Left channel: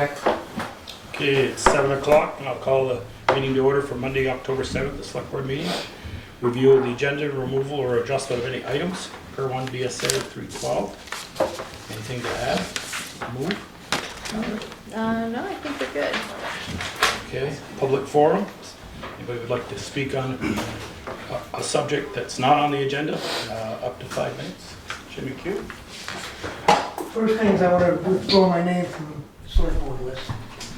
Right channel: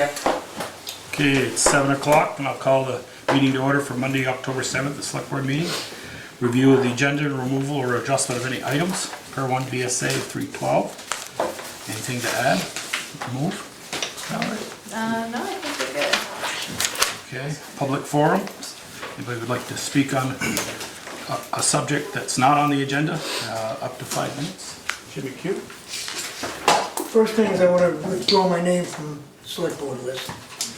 Okay. Okay, it's 7 o'clock, and I'll call the meeting to order for Monday, October 7th, the Select Board meeting. Review of the agenda, removal or adjustment of any items per 1 BSA 312. Anything to add? Move? No, I think we're good. Okay, public forum. Anybody would like to speak on a subject that's not on the agenda? Up to 5 minutes. Jimmy Q. First things, I want to withdraw my name from the select board list.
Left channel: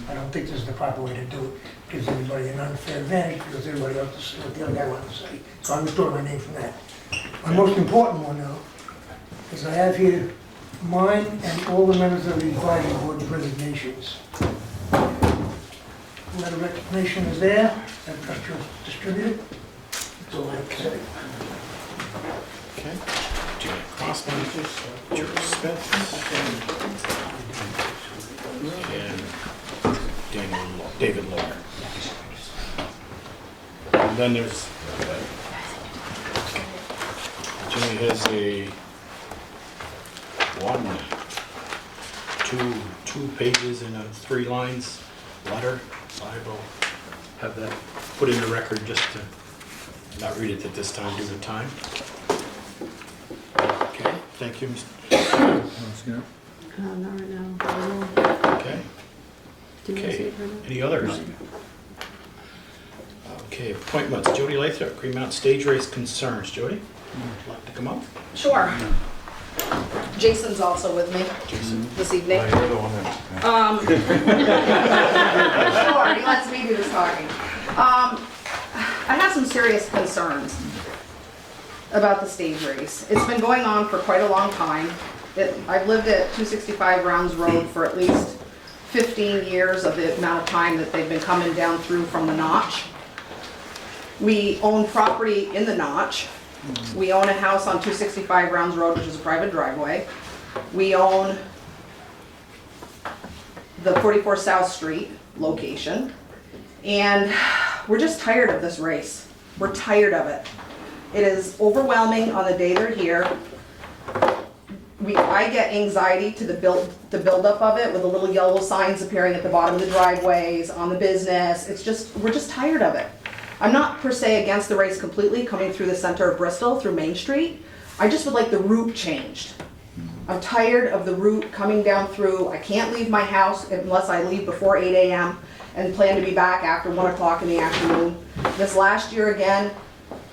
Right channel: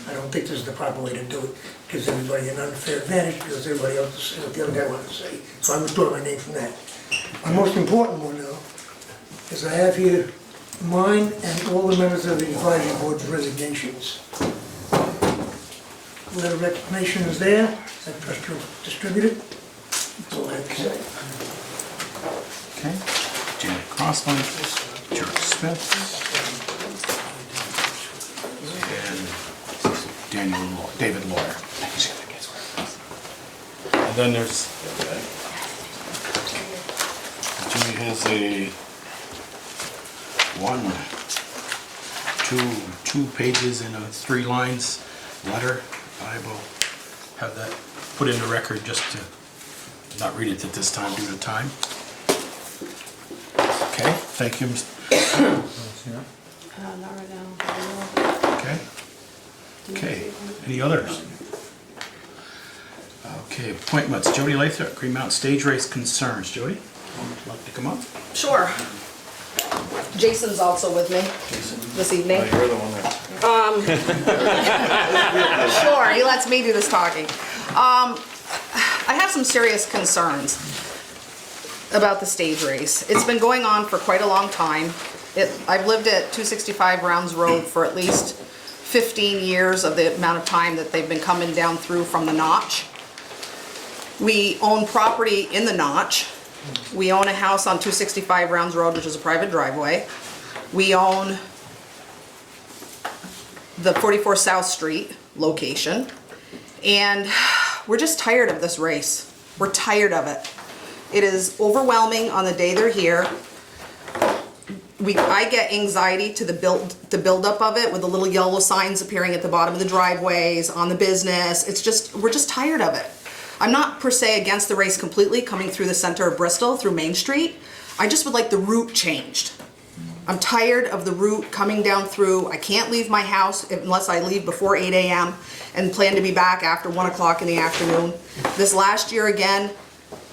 I don't think this is the proper way to do it. Gives everybody an unfair advantage because everybody else to say what the other guy wanted to say. So I withdraw my name from that. My most important one though, is I have here mine and all the members of the advisory board's resignations. Letter of recognition is there, that distributed. That's all I have to say. Okay. Janet Crossman, George Smith, and David Lawyer. And then there's, Jimmy has a two pages and a 3 lines letter. I will have that put in the record just to not read it at this time due to time. Okay, thank you, Mr. Not right now. Okay. Okay, any others? Okay, appointments. Jody Lathrop, Green Mountain Stage Race Concerns. Jody, would you like to come up? Sure. Jason's also with me this evening. You're the one that. Sure, he lets me do this talking. I have some serious concerns about the stage race. It's been going on for quite a long time. I've lived at 265 Rounds Road for at least 15 years of the amount of time that they've been coming down through from the notch. We own property in the notch. We own a house on 265 Rounds Road, which is a private driveway. We own the 44 South Street location. And we're just tired of this race. We're tired of it. It is overwhelming on the day they're here. I get anxiety to the buildup of it with the little yellow signs appearing at the bottom of the driveways, on the business. We're just tired of it. I'm not per se against the race completely coming through the center of Bristol, through Main Street. I just would like the route changed. I'm tired of the route coming down through. I can't leave my house unless I leave before 8 a.m. and plan to be back after 1 o'clock in the afternoon. This last year again,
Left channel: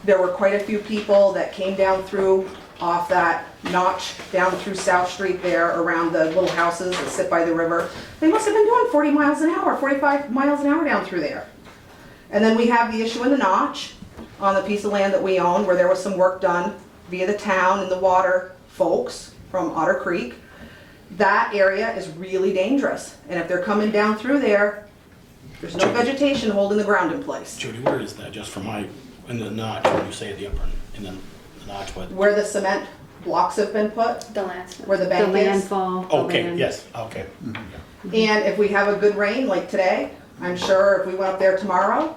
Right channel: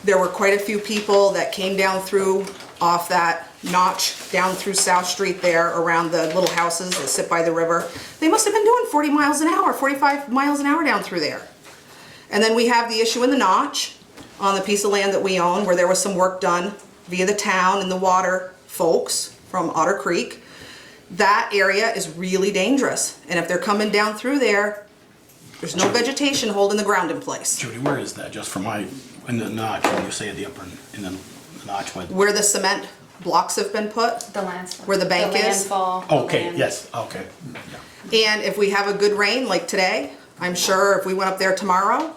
there were quite a few people that came down through off that notch down through South Street there around the little houses that sit by the river. They must have been doing 40 miles an hour, 45 miles an hour down through there. And then we have the issue in the notch on the piece of land that we own where there was some work done via the town and the water folks from Otter Creek. That area is really dangerous. And if they're coming down through there, there's no vegetation holding the ground in place. Jody, where is that? Just for in the notch, when you say the upper, in the notch, Where the cement blocks have been put, The landfall. where the bank is. landfall. Oh, okay, land. yes, okay. And if we have a good rain like today, I'm sure if we went up there tomorrow,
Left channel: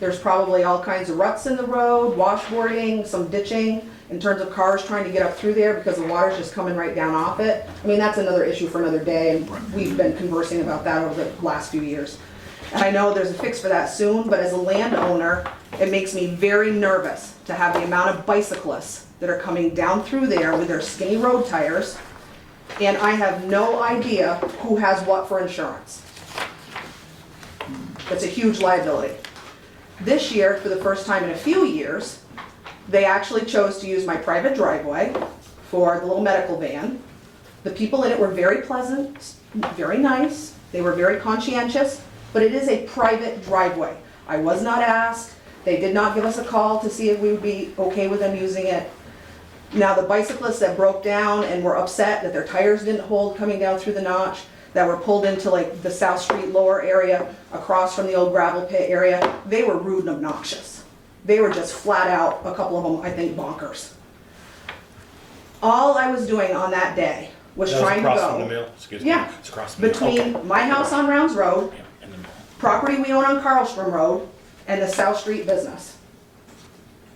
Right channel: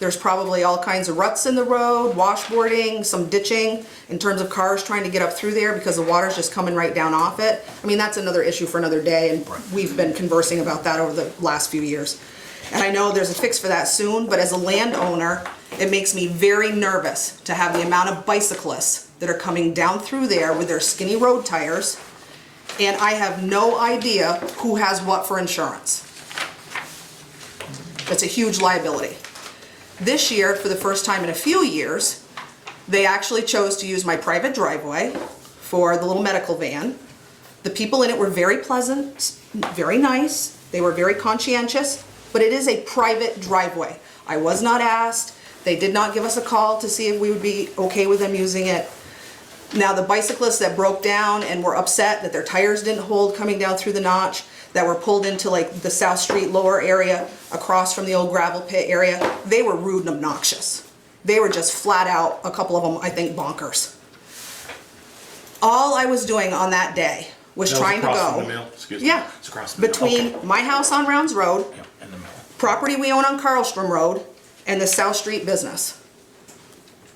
there's probably all kinds of ruts in the road, washboarding, some ditching in terms of cars trying to get up through there because the water's just coming right down off it. I mean, that's another issue for another day, and we've been conversing about that over the last few years. And I know there's a fix for that soon, but as a landowner, it makes me very nervous to have the amount of bicyclists that are coming down through there with their skinny road tires, and I have no idea who has what for insurance. It's a huge liability. This year, for the first time in a few years, they actually chose to use my private driveway for the little medical van. The people in it were very pleasant, very nice, they were very conscientious, but it is a private driveway. I was not asked, they did not give us a call to see if we would be okay with them using it. Now, the bicyclists that broke down and were upset that their tires didn't hold coming down through the notch, that were pulled into like the South Street lower area, across from the old gravel pit area, they were rude and obnoxious. They were just flat out, a couple of them, I think, bonkers. All I was doing on that day was trying to across from the go. mill, excuse me. Yeah, It's across the mill. between Okay. my house on Rounds Road, Yeah, in the middle. property we own on Carlstrom Road, and the South Street business.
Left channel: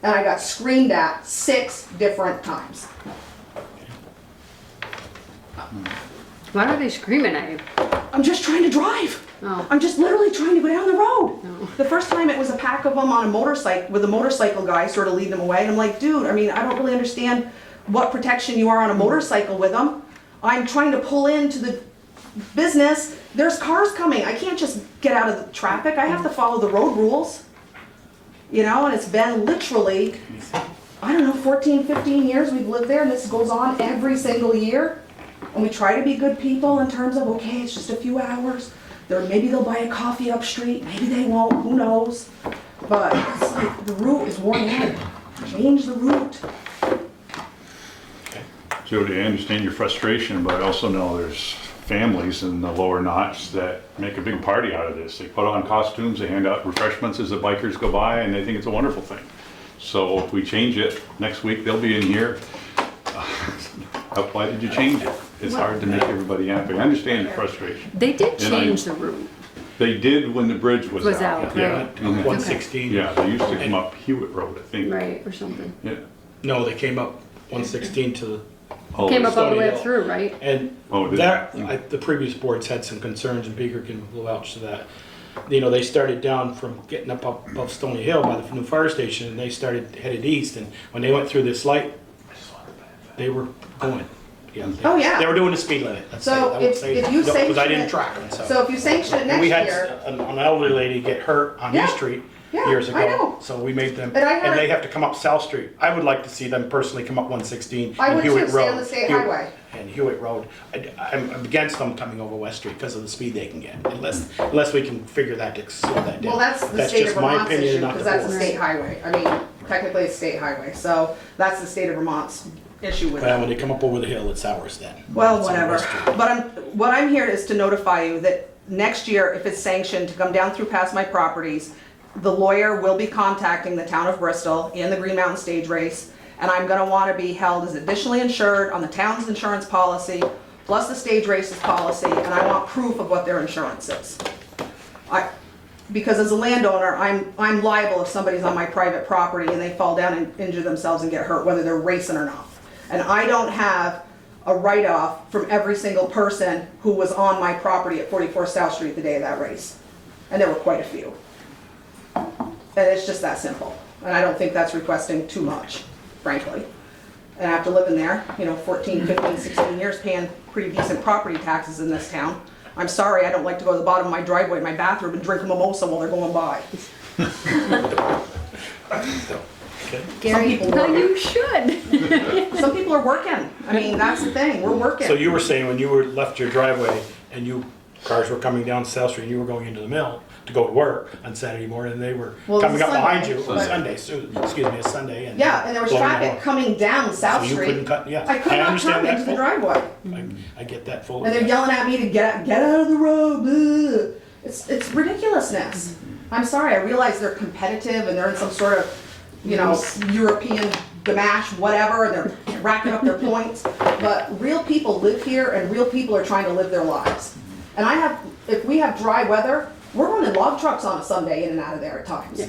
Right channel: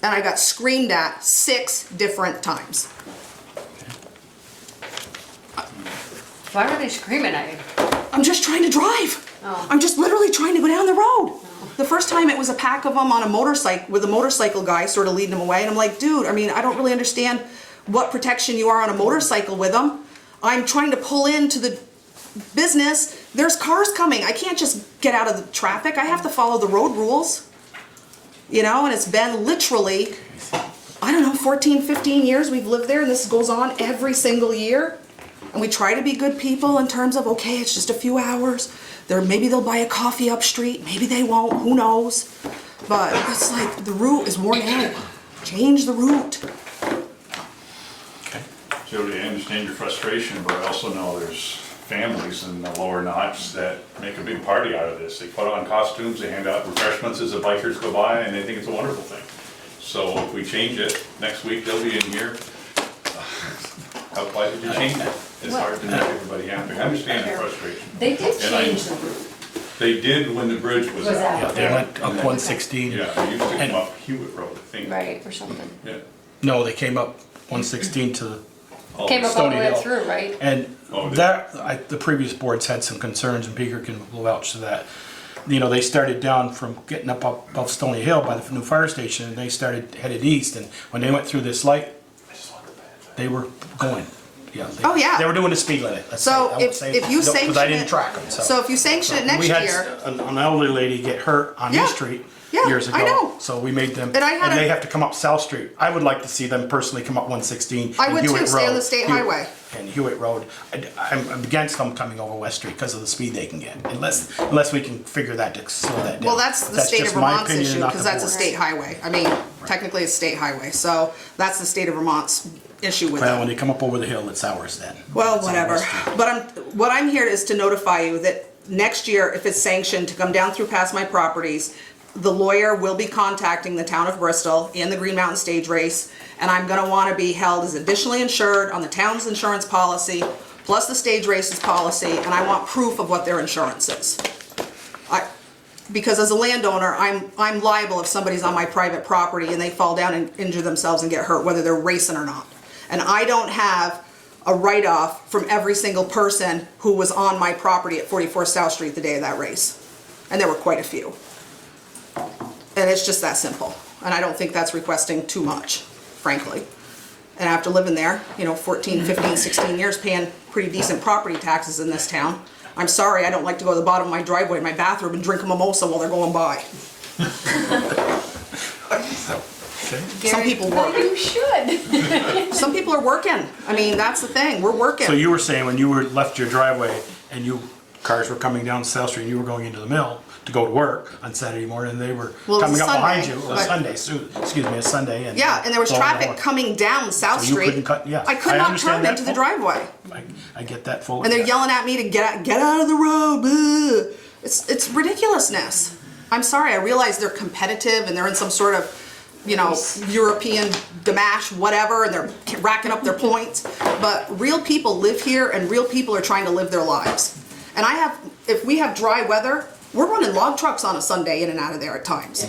And I got screamed at 6 different times. Why were they screaming at you? I'm just trying to drive. Oh. I'm just literally trying to go down the road. The first time it was a pack of them on a motorcycle, with a motorcycle guy sort of leading them away, and I'm like, dude, I mean, I don't really understand what protection you are on a motorcycle with them. I'm trying to pull into the business, there's cars coming, I can't just get out of the traffic, I have to follow the road rules. You know, and it's been literally, I don't know, 14, 15 years we've lived there, and this goes on every single year. And we try to be good people in terms of, okay, it's just a few hours. Maybe they'll buy a coffee up street, maybe they won't, who knows? But it's like, the route is worn out. Change the route. Jody, I understand your frustration, but I also know there's families in the lower notch that make a big party out of this. They put on costumes, they hand out refreshments as the bikers go by, and they think it's a wonderful thing. So if we change it, next week they'll be in here. Why did you change it? It's hard to make everybody happy. I understand your frustration. They did And I- change the route. They did when the bridge was Was out. out. They went up Okay. 116. Yeah, they used to come up Hewitt Road, I think. Right, or something. Yeah. No, they came up 116 to, Oh, Came up all the Stony way Hill. through, right? and Oh, did that, the previous boards had some concerns, and Beaker can vouch to that. You know, they started down from getting up above Stony Hill by the new fire station, and they started headed east, and when they went through this light, they were going. Yeah, Oh, yeah. They were doing the speed limit. let's say. So I would if say, you no, sanction because I didn't it- track them, So if you sanction it next we had year, an elderly lady get hurt on Yeah. East Street Yeah, years ago. I know. So we made them, And I had and a- they have to come up South Street. I would like to see them personally come up 116 I and would Hewitt too, stay on Road. the state Hewitt- highway. And Hewitt Road. I'm against them coming over West Street because of the speed they can get, unless we can figure that to slow that down. well, that's the state of just my Vermont's opinion, issue, not because the that's a board's. state highway. I mean, technically it's a state highway, so that's the state of Vermont's issue with Well, it. when they come up over the hill, it's ours then. Well, It's on whatever. West Street. But what I'm here is to notify you that next year, if it's sanctioned to come down through past my properties, the lawyer will be contacting the town of Bristol and the Green Mountain Stage Race, and I'm gonna wanna be held as additionally insured on the town's insurance policy, plus the stage race's policy, and I want proof of what their insurance is. Because as a landowner, I'm liable if somebody's on my private property and they fall down and injure themselves and get hurt, whether they're racing or not. And I don't have a write-off from every single person who was on my property at 44 South Street the day of that race. And there were quite a few. And it's just that simple. And I don't think that's requesting too much, frankly. And after living there, 14, 15, 16 years, paying pretty decent property taxes in this town, I'm sorry, I don't like to go to the bottom of my driveway in my bathroom and drink a mimosa while they're going by. Okay. Some people No, work. you should. Some people are working. I mean, that's the thing, we're working. So you were saying when you left your driveway and cars were coming down South Street and you were going into the mill to go to work on Saturday morning, and they were Well, it was coming up behind Sunday, you, it was but- Sunday, excuse me, a Sunday. Yeah, and there was blowing the traffic horn. coming down South So you Street. couldn't cut- yeah, I could I not understand turn that into the fully. driveway. I get that fully. And they're yeah. yelling at me to get out of the road. Blah. It's ridiculousness. I'm sorry, I realize they're competitive and they're in some sort of, European Gamache, whatever, and they're racking up their points. But real people live here and real people are trying to live their lives. And if we have dry weather, we're running log trucks on a Sunday in and out of there at times.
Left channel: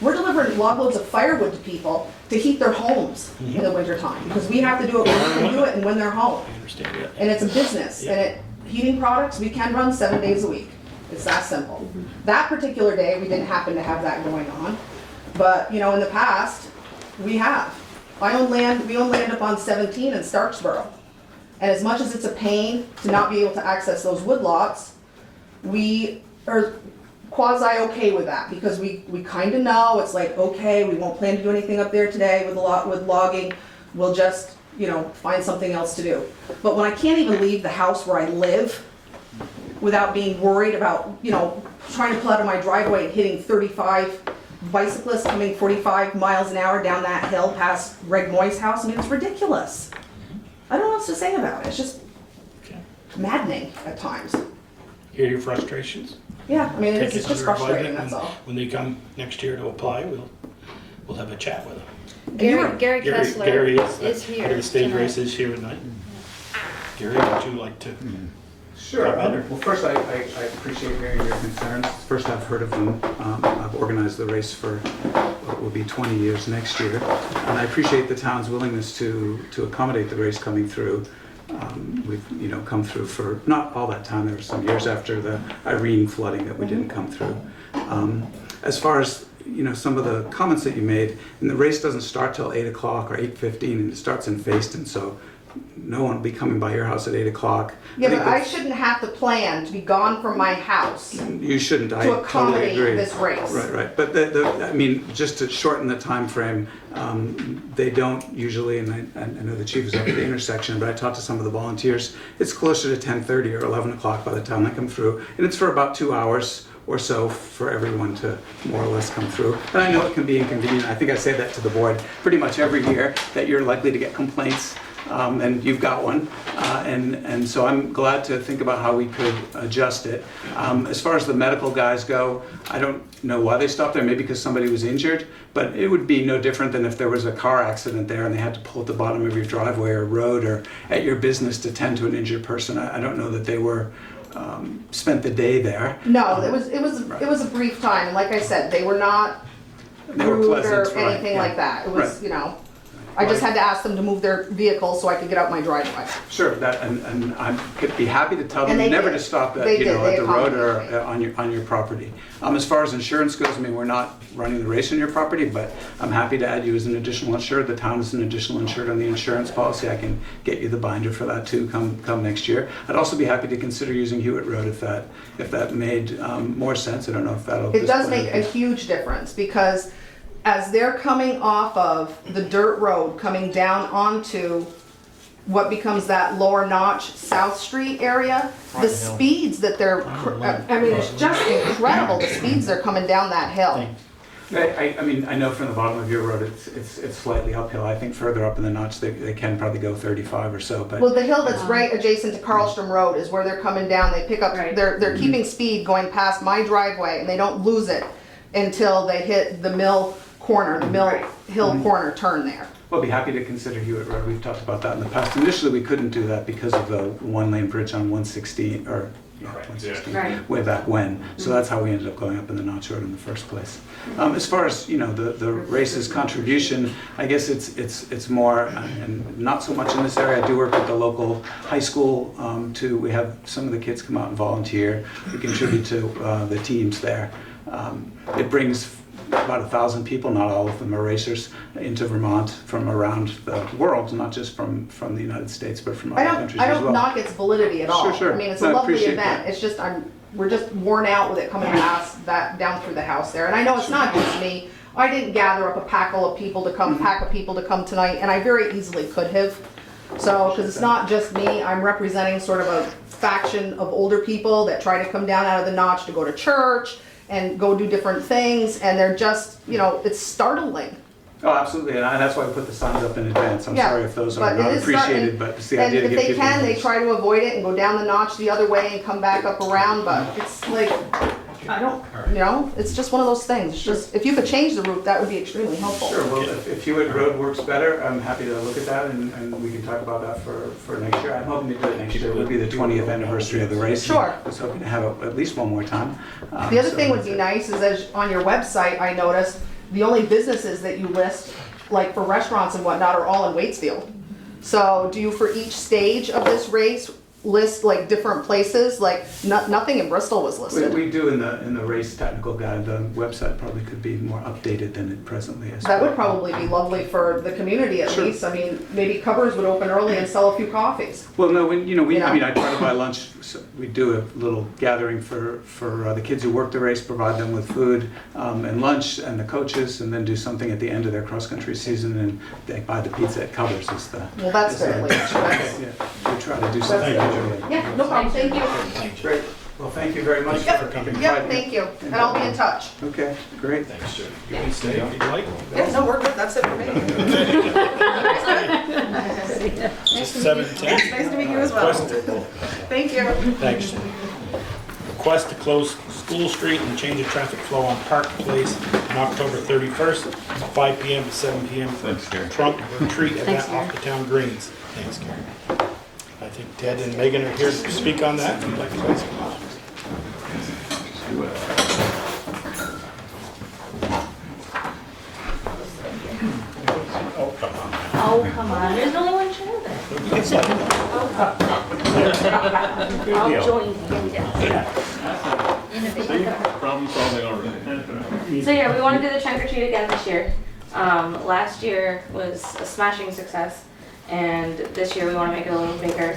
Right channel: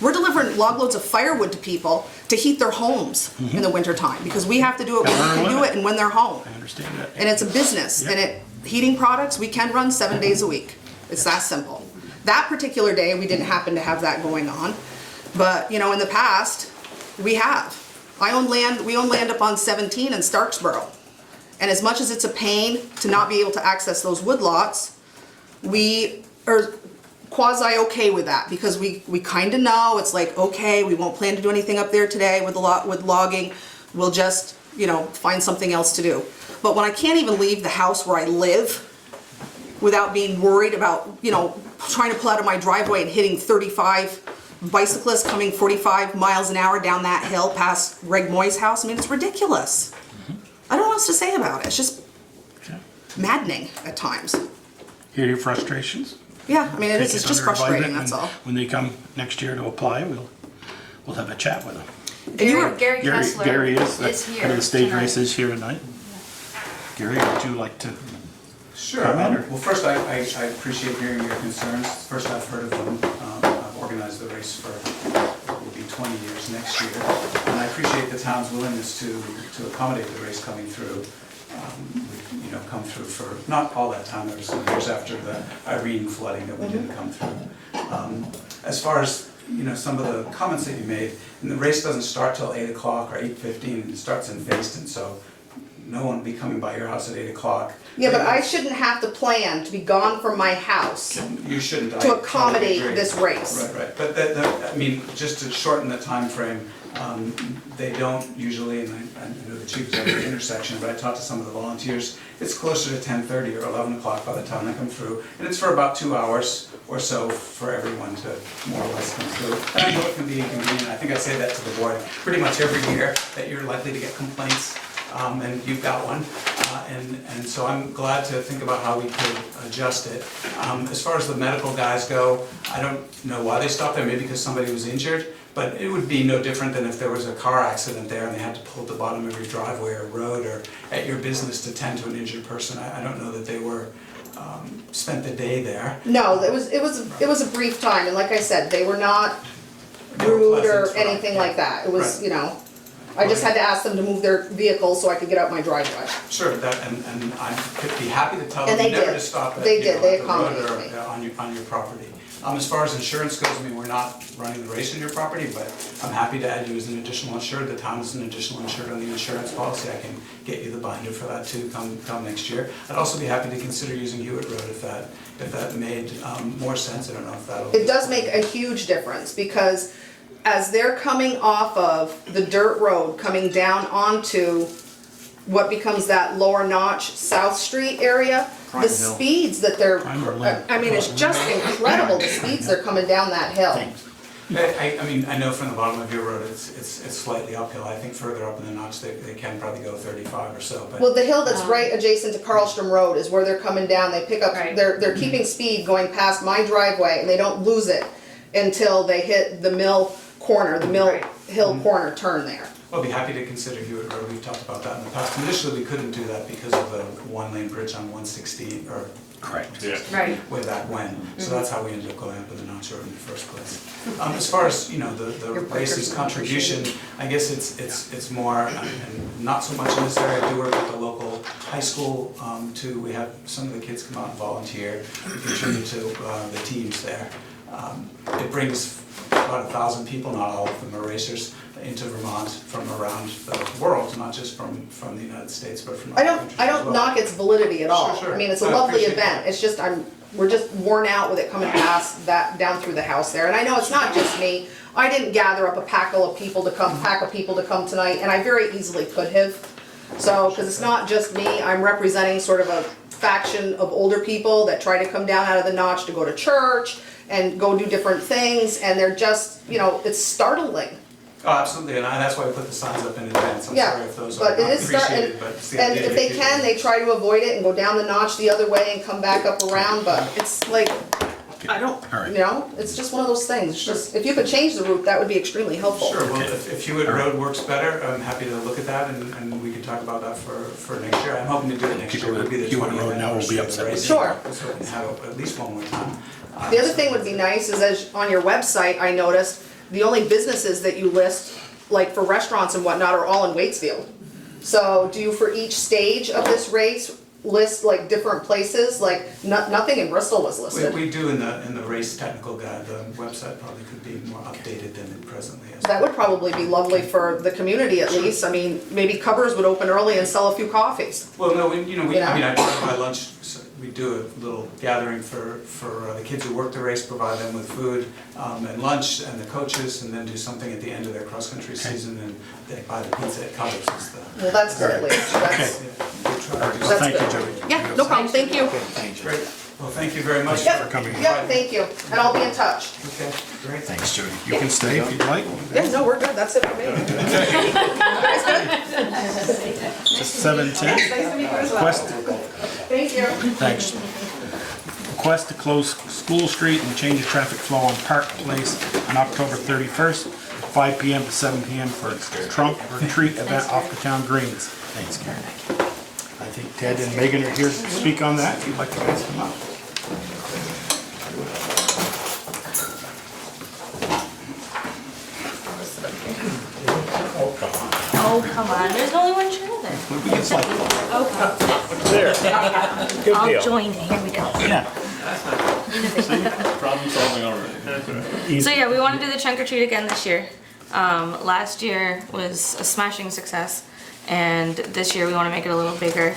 We're delivering log loads of firewood to people to heat their homes in the wintertime, because we have to do it when we can do it and when they're home. I understand that. And it's a business, Yeah. and heating products, we can run 7 days a week. It's that simple. That particular day, we didn't happen to have that going on, but, in the past, we have. We own land up on 17 in Starksboro, and as much as it's a pain to not be able to access those wood lots, we are quasi okay with that, because we kinda know, it's like, okay, we won't plan to do anything up there today with logging, we'll just, find something else to do. But when I can't even leave the house where I live without being worried about, trying to pull out of my driveway and hitting 35 bicyclists coming 45 miles an hour down that hill past Greg Moy's house, I mean, it's ridiculous. I don't know what else to say about it, it's just Okay. maddening at times. Hear your frustrations. Yeah, I mean, Take it's it just under advisement, frustrating, that's and all. When they come next year to apply, we'll have a chat with them. Gary Kessler Gary is here head of the stage tonight. races here tonight. Gary, would you like to? Sure. Comment, or- Well, first, I appreciate hearing your concerns. First I've heard of them. I've organized the race for what will be 20 years next year. And I appreciate the town's willingness to accommodate the race coming through. we've, you know, come through for, not all that time, there were some years after the Irene flooding that we didn't come through. As far as, you know, some of the comments that you made, and the race doesn't start till 8 o'clock or 8:15, and it starts in Facein, so no one will be coming by your house at 8 o'clock. Yeah, but I shouldn't have to plan to be gone from my house You shouldn't. I to totally accommodate agree. this race. Right. But I mean, just to shorten the time frame, they don't usually, and I know the chief is at the intersection, but I talked to some of the volunteers, it's closer to 10:30 or 11 o'clock by the time they come through, and it's for about 2 hours or so for everyone to more or less come through. And I know it can be inconvenient. I think I say that to the board pretty much every year, that you're likely to get complaints, and you've got one. And so I'm glad to think about how we could adjust it. As far as the medical guys go, I don't know why they stopped there, maybe because somebody was injured, but it would be no different than if there was a car accident there and they had to pull at the bottom of your driveway or road or at your business to tend to an injured person. I don't know that they were spent the day there. No, it was a brief time, and like I said, they were not They were rude or pleasant, right, anything yeah. like that. It was, Right. you know, I just had to ask them to move their vehicle so I could get out my driveway. Sure, that, and I'd be happy to tell And them they never did. to stop at, They you did. know, They at the road accommodated me. or on your property. As far as insurance goes, I mean, we're not running the race on your property, but I'm happy to add you as an additional insured. The town is an additional insured on the insurance policy. I can get you the binder for that too, come next year. I'd also be happy to consider using Hewitt Road if that made more sense. I don't know if that'll. It does make a huge difference, because as they're coming off of the dirt road, coming down onto what becomes that lower notch South Street area, the speeds that they're, I mean, it's just incredible, the speeds they're coming down that hill. I mean, I know from the bottom of your road, it's slightly uphill. I think further up in the notch, they can probably go 35 or so, but. Well, the hill that's right adjacent to Carlstrom Road is where they're coming down, they pick up, Right. they're keeping speed going past my driveway, and they don't lose it until they hit the mill corner, the mill Right. hill corner turn there. Well, I'll be happy to consider Hewitt Road. We've talked about that in the past. Initially, we couldn't do that because of the one-lane bridge on 116, or Correct. 116, Right. way back when. So that's how we ended up going up in the Notch Road in the first place. As far as, you know, the race's contribution, I guess it's more, and not so much in this area. I do work at the local high school too. We have some of the kids come out and volunteer, contribute to the teams there. It brings about 1,000 people, not all of them are racers, into Vermont from around the world, not just from the United States, but from other countries I as don't well. knock its validity at all. Sure. I mean, it's No, a I lovely appreciate event. that. It's just, we're just worn out with it coming past that, down through the house there. And I know it's not just me. I didn't gather up a pack of people to come tonight, and I very easily could have. So, because it's not just me, I'm representing sort of a faction of older people that try to come down out of the notch to go to church and go do different things, and they're just, you know, it's startling. Oh, absolutely, and that's why we put the signs up in advance. I'm Yeah, sorry if those are but not it is appreciated, but it's the And idea to if get they people can, they to- try to avoid it and go down the notch the other way and come back up around, but it's like, I don't, All right. you know, it's just one of those things. It's just, if you could change the route, that would be extremely helpful. Sure, well, if Hewitt Road works better, I'm happy to look at that, and we can talk about that for next year. I'm hoping to do it next year. It would be the Hewitt 20th Road now will anniversary be of the up race. Sure. So we can have it at least one more time. The other So thing would be nice is, as on your website, I noticed, the only businesses that you list, like for restaurants and whatnot, are all in Waitsfield. So do you, for each stage of this race, list like different places? Like, nothing in Bristol was listed. We do in the race technical guide. The website probably could be more updated than it presently is. That would probably be lovely for the community at least. I mean, maybe Cupboards would open early and sell a few coffees. Well, no, I You know? mean, I try to buy lunch, so we do a little gathering for the kids who work the race, provide them with food and lunch, and the coaches, and then do something at the end of their cross-country season, and they buy the pizza at Covers is the. Well, that's good at least. That's- We try to do That's something. good. Yeah, no problem, thank you. Great, well, thank you very much Yep. for coming. Yep, thank you, and I'll be in touch. Okay, great. Thanks, Jody. You can stay if you'd like. Yeah, no, we're good, that's it for me. Just 7:10. Nice to meet you as well. Request, Thank you. thanks. Request to close School Street and change the traffic flow on Park Place on October 31st, 5 PM to 7 PM for trunk or treat event off the town greens. Thanks, Karen. I think Ted and Megan are here to speak on that. If you'd like to guys come up. Oh, come on. Oh, come on, there's only one chair there. it's like, I'll join, here we go. Problem solving already. So yeah, we want to do the trunk or treat again this year. Last year was a smashing success, and this year we want to make it a little bigger.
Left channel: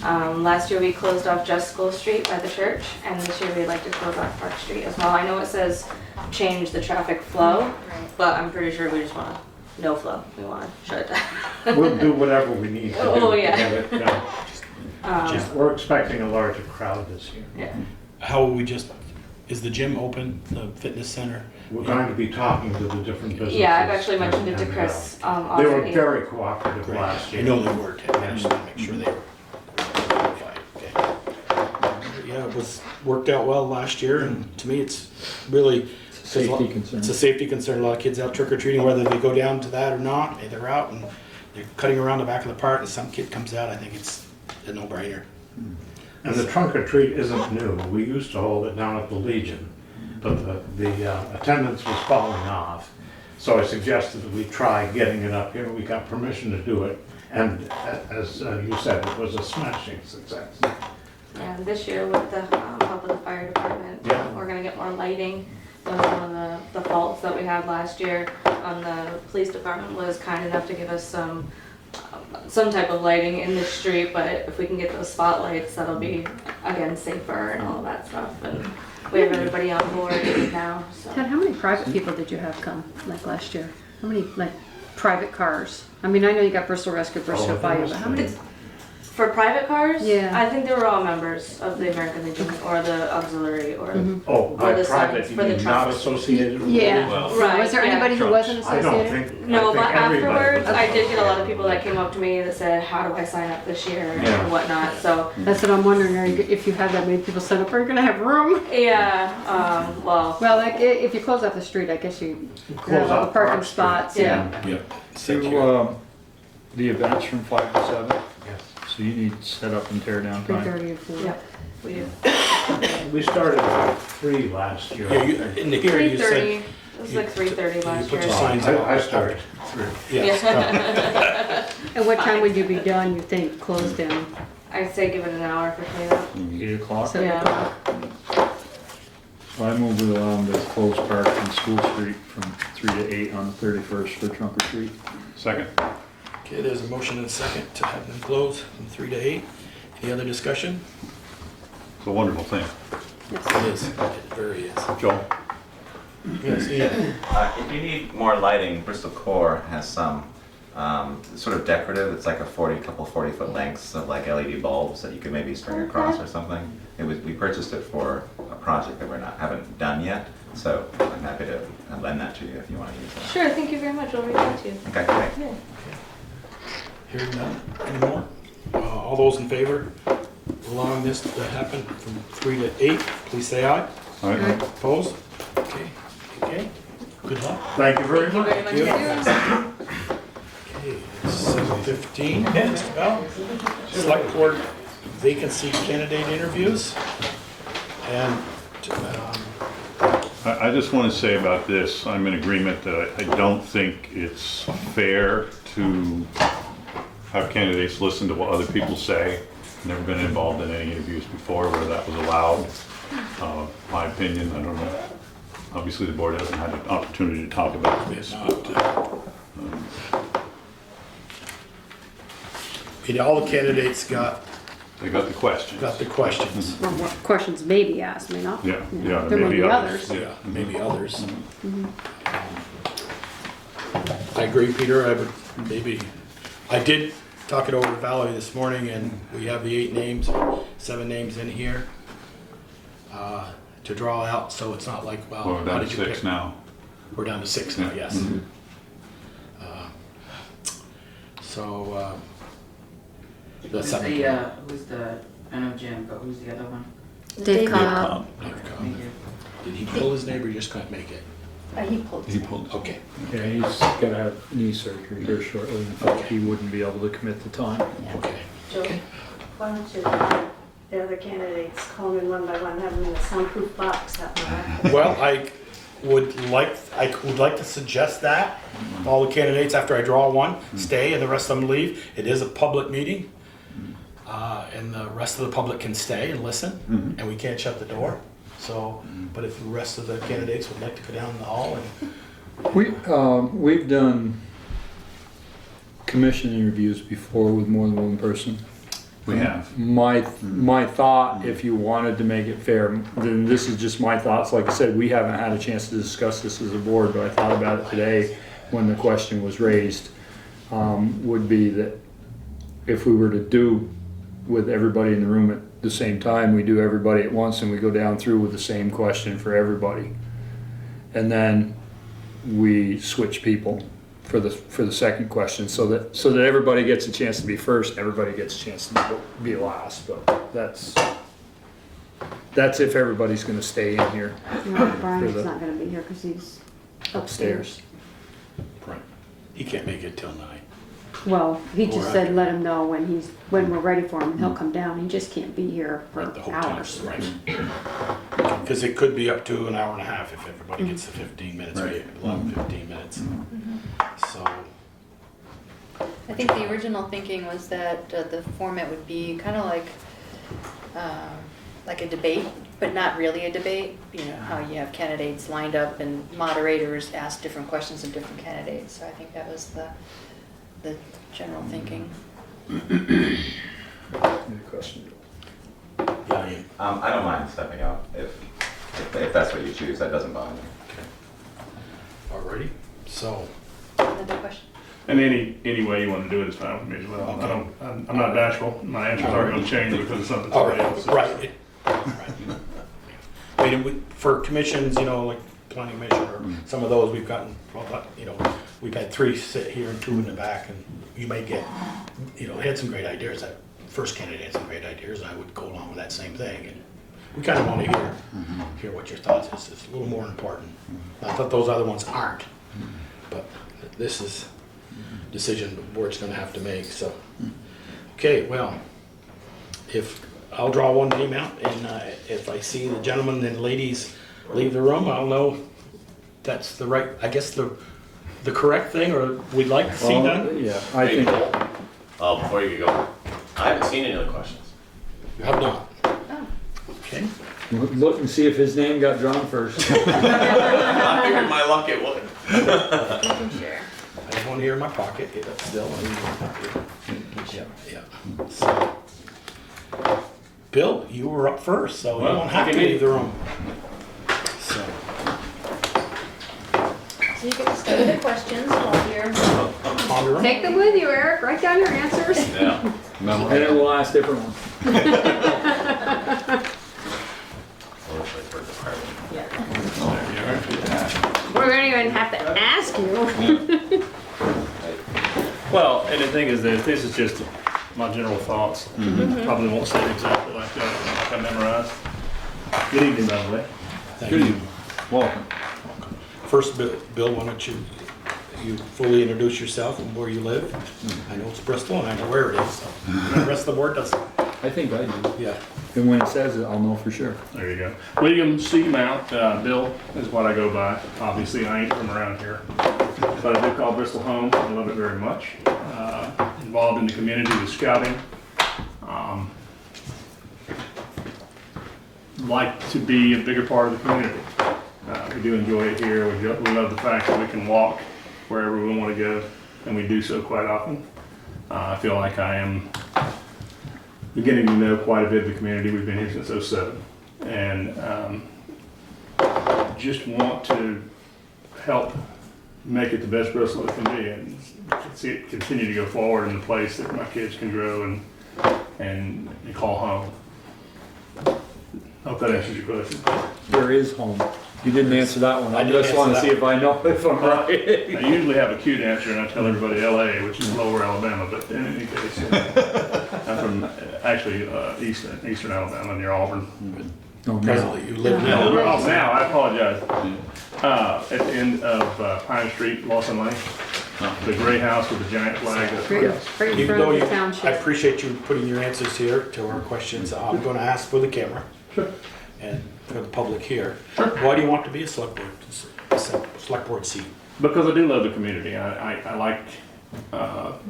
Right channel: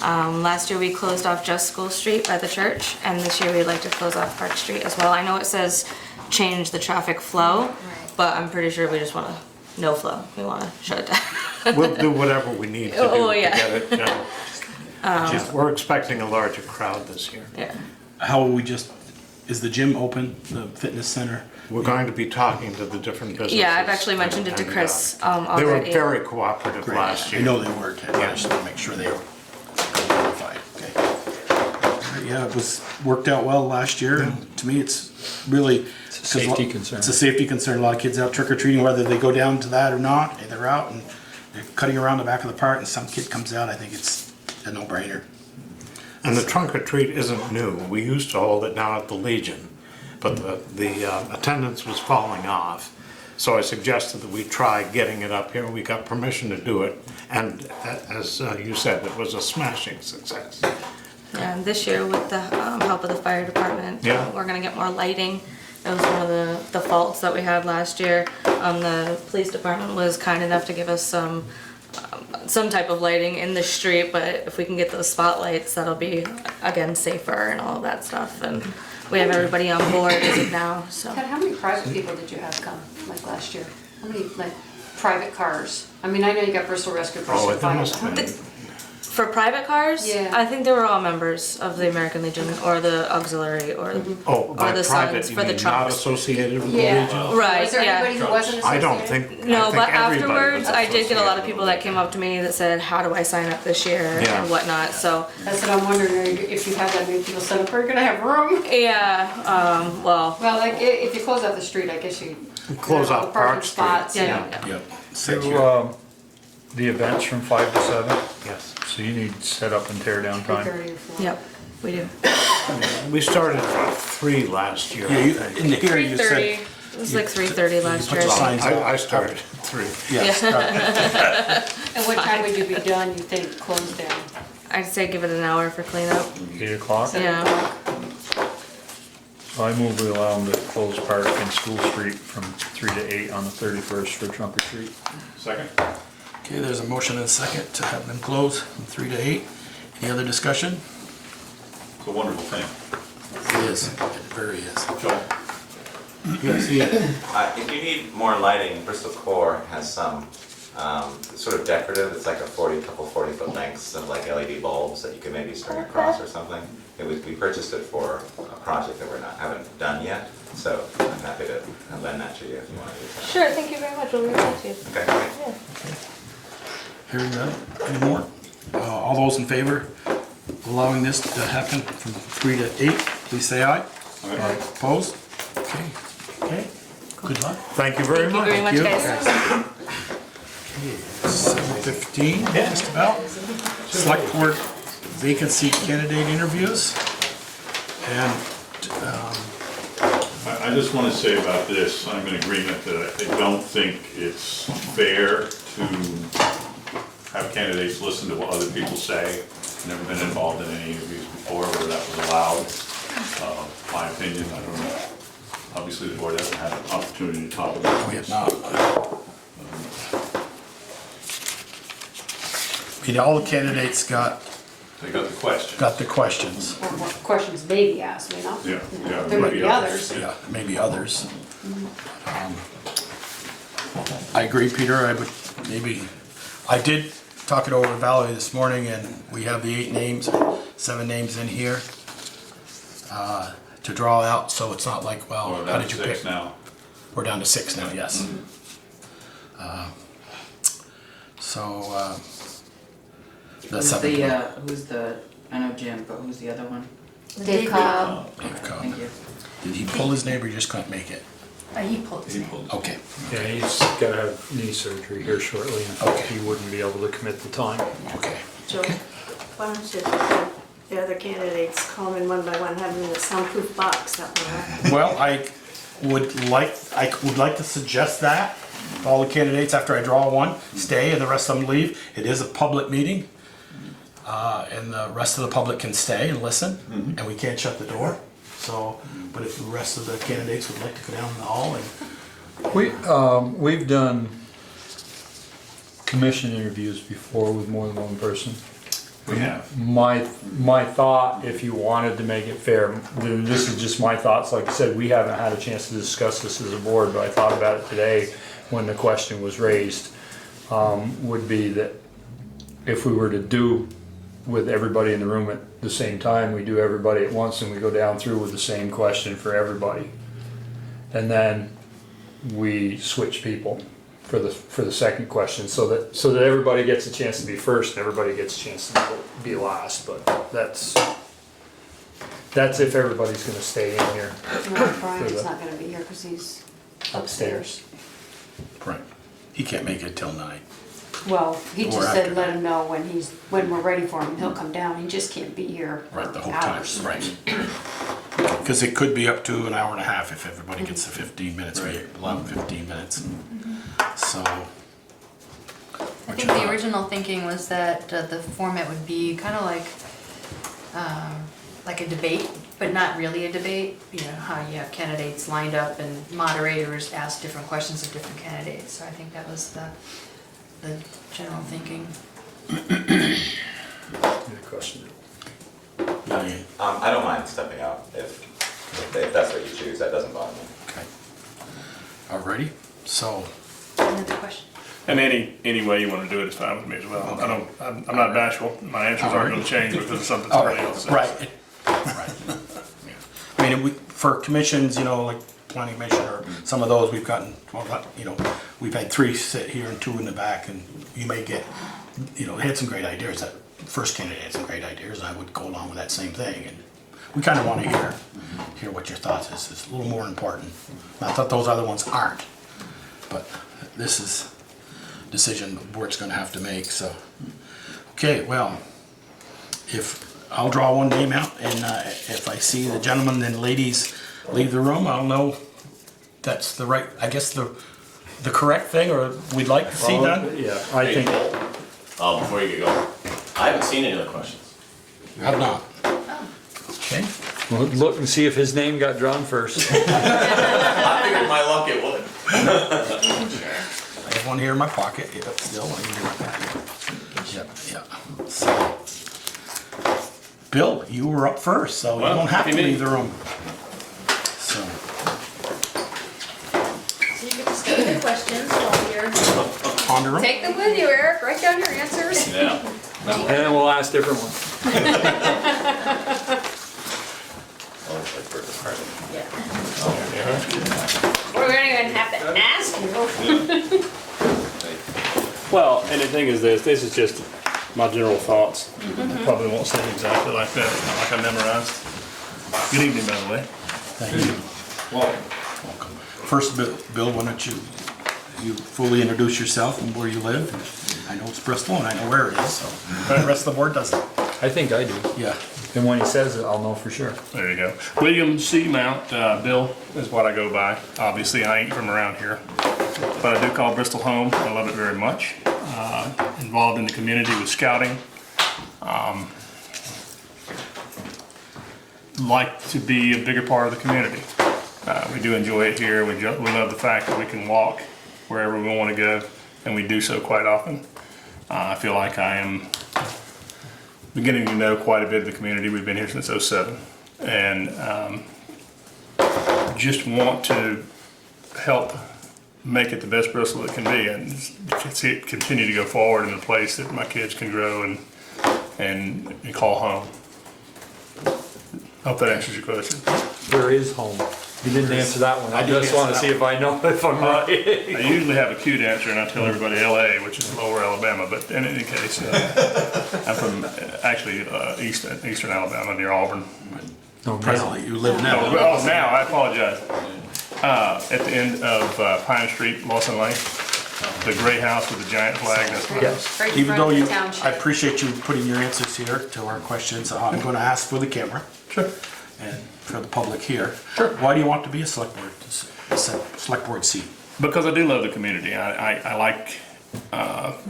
Last year we closed off just School Street by the church, and this year we'd like to close off Park Street as well. I know it says change the traffic flow, but I'm pretty sure we just want to no flow. We want to shut it down. We'll do whatever we need to do. Oh, to yeah. get it done. We're expecting a larger crowd this year. Yeah. how we just, is the gym open, the fitness center? We're going to be talking to the different businesses. Yeah, I've actually mentioned it to and, Chris They already. were very cooperative Great. last I year. know they were, Ted. I just want to make sure they were qualified. Okay. Yeah, it was, worked out well last year, and to me, it's really. It's a safety concern. It's a safety concern. A lot of kids out trick or treating, whether they go down to that or not, they're out and they're cutting around the back of the park, and some kid comes out. I think it's a no-brainer. And the trunk or treat isn't new. We used to hold it down at the Legion, but the attendance was falling off. So I suggested that we try getting it up here. We got permission to do it, and as you said, it was a smashing success. And this year, with the help of the fire department, Yeah. we're gonna get more lighting. It was one of the faults that we had last year. The police department was kind enough to give us some type of lighting in the street, but if we can get those spotlights, that'll be, again, safer and all of that stuff. And we have everybody on board as of now, so. Ted, how many private people did you have come, like last year? How many, like, private cars? I mean, I know you got Bristol Rescue, Bristol Oh, there Fire, must but how have many? been. For private cars, Yeah. I think they were all members of the American Legion or the auxiliary or. Oh, by the private, signs you for the mean not trucks. associated with the Yeah. Legion? Right, Was there yeah. anybody who wasn't I associated? don't think. No, I but think everybody afterwards, was I did get a lot of associated people with that came up to me that said, how do I sign up this year Yeah. and whatnot, so. That's what I'm wondering, if you have that many people set up, are you gonna have room? Yeah, well, Well, like, if you close off the street, I guess you Close have all the off parking Park Street. spots, yeah. Yep. Do, the events from 5 to 7, Yes. so you need set up and tear down time. 3:30 or 4. yep, we do. We started about 3 last year. Yeah, you, in the hearing you 3:30, said. it was like 3:30 last put year. the signs up. I started at 3. Yes. And what time would you be done, you think, closed in? I'd say give it an hour for cleanup. 8 o'clock. Yeah. So I move we allow them to close Park and School Street from 3 to 8 on the 31st for trunk or treat. Second? Okay, there's a motion and a second to have them close from 3 to 8. Any other discussion? It's a wonderful thing. It is. It very is. Joe? You guys see it? If you need more lighting, Bristol Core has some sort of decorative. It's like a 40-foot lengths of like LED bulbs that you could maybe string across or something. We purchased it for a project that haven't done yet, so I'm happy to lend that to you if you want to use that. Sure, thank you very much, we'll reach out to you. Okay, great. Yeah. Hearing none anymore? All those in favor of allowing this to happen from 3 to 8, please say aye. All right. Opposed? Okay. Okay. Good luck. Thank you very Thank you much. very much, you. guys. Okay, 7:15, just about. Select Board vacancy candidate interviews. And I just want to say about this, I'm in agreement that I don't think it's fair to have candidates listen to what other people say. Never been involved in any interviews before where that was allowed. My opinion, I don't know. Obviously, the board hasn't had an opportunity to talk about we this. have not. I mean, all the candidates got They got the questions. the questions. Or more questions may be asked, may not. Yeah, yeah, There may be others. Yeah, maybe others. I agree, Peter, I did talk it over with Valerie this morning, and we have the 7 names in here to draw out, so it's not like, well, Or how about did you pick? 6 now. We're down to 6 now, yes. So, the 7. Who's the, I know Jim, but who's the other one? Dave Cobb. Dave Cobb. Thank you. Did he pull his name or he just couldn't make it? He pulled. Okay. Yeah, he's gonna have knee surgery here shortly, and Okay. he wouldn't be able to commit the time. Okay. Joe, why don't you, the other candidates, call them in one by one, have them in a soundproof box, that one. Well, I would like to suggest that all the candidates, after I draw one, stay and the rest of them leave. It is a public meeting, and the rest of the public can stay and listen, and we can't shut the door. So, but if the rest of the candidates would like to go down the hall and We've done commission interviews before with more than one person. We have. My thought, if you wanted to make it fair, then this is just my thoughts. Like I said, we haven't had a chance to discuss this as a board, but I thought about it today when the question was raised. Would be that if we were to do with everybody in the room at the same time, we do everybody at once and we go down through with the same question for everybody. And then we switch people for the second question so that everybody gets a chance to be first, everybody gets a chance to be last, but that's if everybody's gonna stay in here. Brian's not gonna be here because he's upstairs. right, he can't make it till 9. Well, he Or just said after. let him know when we're ready for him, he'll come down, he just can't be here for Right, the whole time, hours. right. Because it could be up to an hour and a half if everybody gets the 15 minutes, Right. 11, 15 minutes. So, I think the original thinking was that the format would be kind of like a debate, but not really a debate. You know, how you have candidates lined up and moderators ask different questions of different candidates. So I think that was the general thinking. Any question? yeah, yeah, I don't mind stepping out if that's what you choose. That doesn't bother me. okay. Alrighty, so, Another question? I mean, any way you want to do it is fine with me as well. I'm not bashful. My answers aren't going to change because of something somebody else says. right. Right. I mean, for commissions, you know, like planning commission or some of those, we've gotten, well, you know, we've had 3 sit here and 2 in the back, and you may get, you know, had some great ideas. That first candidate had some great ideas, and I would go along with that same thing. And we kind of want to hear what your thoughts is. It's a little more important. Not that those other ones aren't, but this is a decision the board's going to have to make. So, okay, well, if I'll draw one name out, and if I see the gentlemen and ladies leave the room, I'll know that's the right, I guess the correct thing, or we'd like to see done. Yeah, I think, Before you go, I haven't seen any other questions. You have not. okay. Well, look and see if his name got drawn first. I figured my luck it would. I have one here in my pocket. It's still in my pocket. Yeah. So, Bill, you were up first, so you don't have to leave the room. So, So you get to study the questions while you're. ponder them. Take them with you, Eric, write down your answers. Yeah. And then we'll ask different ones. We're gonna even have to ask you. Well, and the thing is this is just my general thoughts. Probably won't say it exactly like that. I memorized. Good evening, by the way. Thank you. Welcome. First, Bill, why don't you fully introduce yourself and where you live? I know it's Bristol, and I know where it is, so the rest of the board doesn't. I think I do. Yeah. And when he says it, I'll know for sure. There you go. William C. Mount, Bill is what I go by. Obviously, I ain't from around here, but I do call Bristol home. I love it very much. Involved in the community with scouting. Like to be a bigger part of the community. We do enjoy it here. We love the fact that we can walk wherever we want to go, and we do so quite often. I feel like I am beginning to know quite a bit of the community. We've been here since '07, and just want to help make it the best Bristol it can be, and see it continue to go forward in a place that my kids can grow and call home. Hope that answers your question. Where is home? You didn't answer that one. I just want to see if I know if I'm right. I usually have a cute answer, and I tell everybody LA, which is lower Alabama, but in any case, I'm from actually eastern Alabama near Auburn. Presently, you live No, now. now, I apologize. At the end of Pine Street, Lawson Lane, the gray house with the giant flag. Right in Even front though of you, the township. I appreciate you putting your answers here to our questions. I'm going to ask for the camera. Sure. And for the public here. Why do you want to be a select board seat? Because I do love the community. I like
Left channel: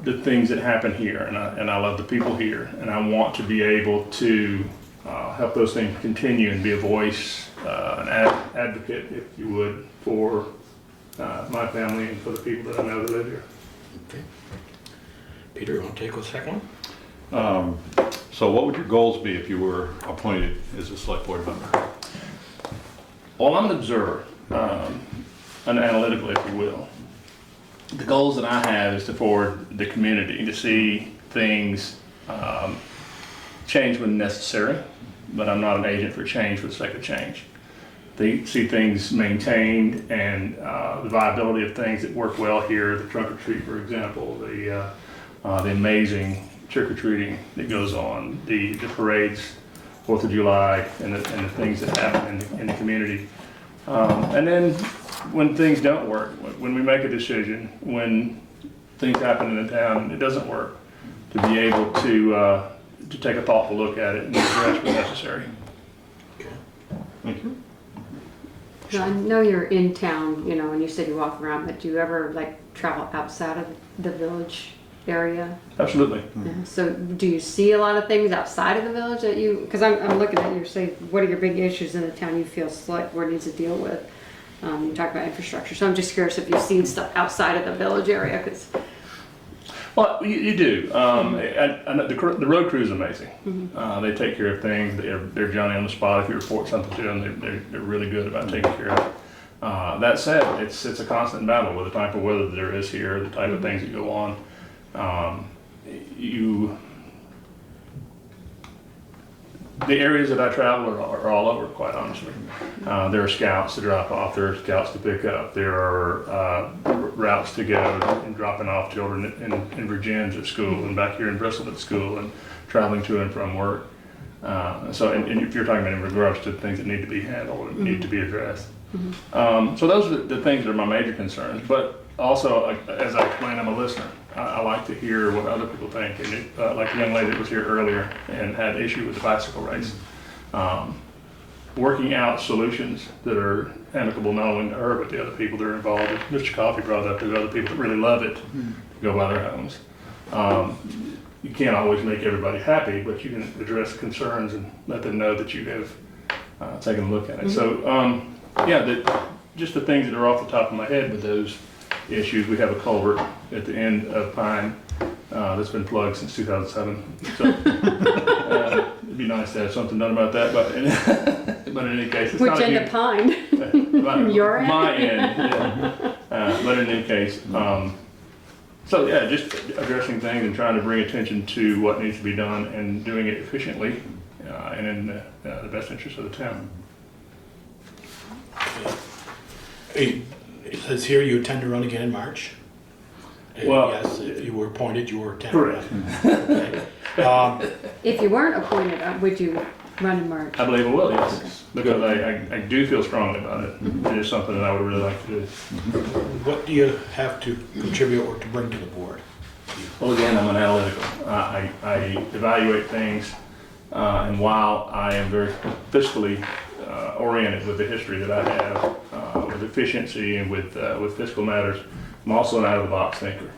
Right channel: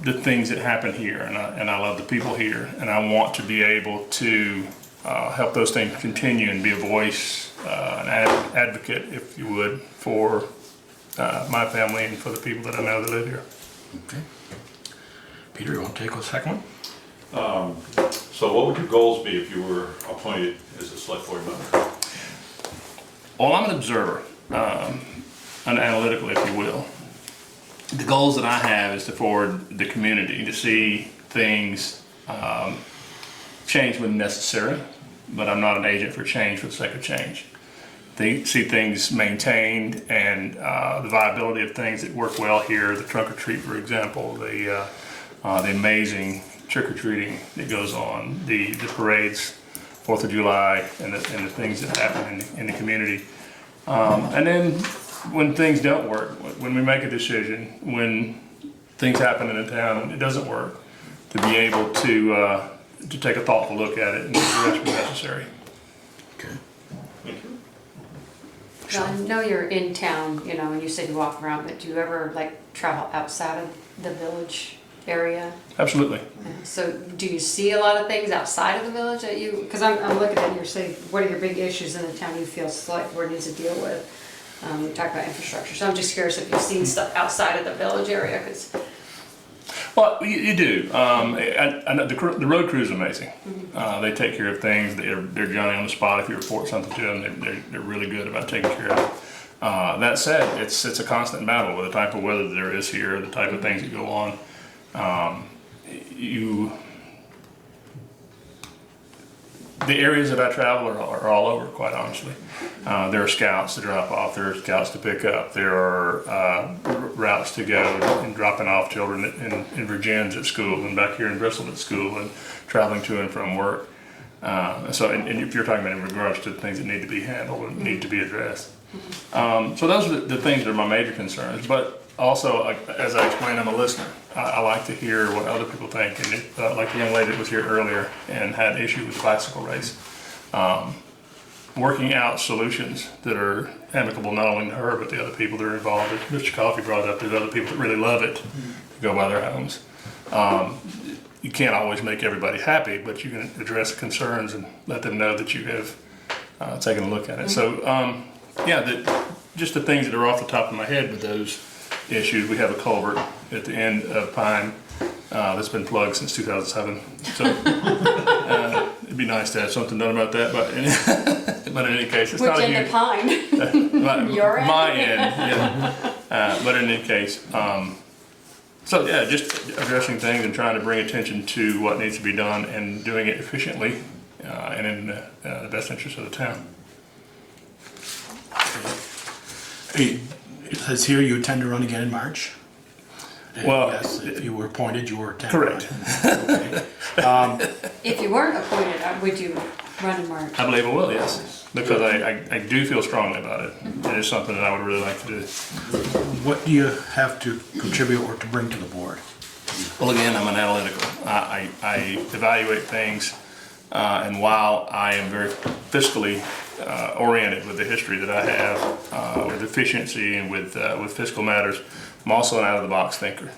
the things that happen here, and I love the people here, and I want to be able to help those things continue and be a voice, an advocate, if you would, for my family and for the people that I know that live here. Okay. Peter, you want to take a second? So what would your goals be if you were appointed as a select board member? Well, I'm an observer, an analytical, if you will. The goals that I have is to forward the community, to see things change when necessary, but I'm not an agent for change for the sake of change. They see things maintained and the viability of things that work well here, the trunk or treat, for example, the amazing trick-or-treating that goes on, the parades, 4th of July, and the things that happen in the community. And then when things don't work, when we make a decision, when things happen in the town, it doesn't work, to be able to take a thoughtful look at it and address what's necessary. Okay. Thank you. Now, I know you're in town, you know, and you said you walk around, but do you ever like travel outside of the village area? Absolutely. So do you see a lot of things outside of the village that you, because I'm looking at your say, what are your big issues in the town you feel select board needs to deal with? You talk about infrastructure, so I'm just curious if you've seen stuff outside of the village area, because. Well, you do. I know the road crew is amazing. They take care of things. They're Johnny on the spot. If you report something to them, they're really good about taking care of it. That said, it's a constant battle with the type of weather that there is here, the type of things that go on. The areas that I travel are all over, quite honestly. There are scouts to drop off, there are scouts to pick up, there are routes to go and dropping off children in Virginia's at school and back here in Bristol at school and traveling to and from work. So, and if you're talking about in regards to things that need to be handled and need to be addressed. So those are the things that are my major concerns, but also, as I explained, I'm a listener. I like to hear what other people think, and like the young lady that was here earlier and had an issue with the bicycle race. Working out solutions that are amicable not only to her, but the other people that are involved. Mr. Coffey brought up there's other people that really love it to go by their homes. You can't always make everybody happy, but you can address concerns and let them know that you have taken a look at it. So, yeah, just the things that are off the top of my head with those issues. We have a culvert at the end of Pine that's been plugged since 2007. So it'd be nice to have something done about that. But in any case, it's Which not a end huge. of Pine? Your end? My end, yeah. But in any case, so yeah, just addressing things and trying to bring attention to what needs to be done and doing it efficiently and in the best interest of the town. Hey, it says here you intend to run again in March? Well, yes, if you were appointed, you were correct. Okay. If you weren't appointed, would you run in March? I believe I will, yes, because I do feel strongly about it. It is something that I would really like to do. What do you have to contribute or to bring to the board? Well, again, I'm an analytical. I evaluate things, and while I am very fiscally oriented with the history that I have, with efficiency and with fiscal matters, I'm also an out-of-the-box thinker.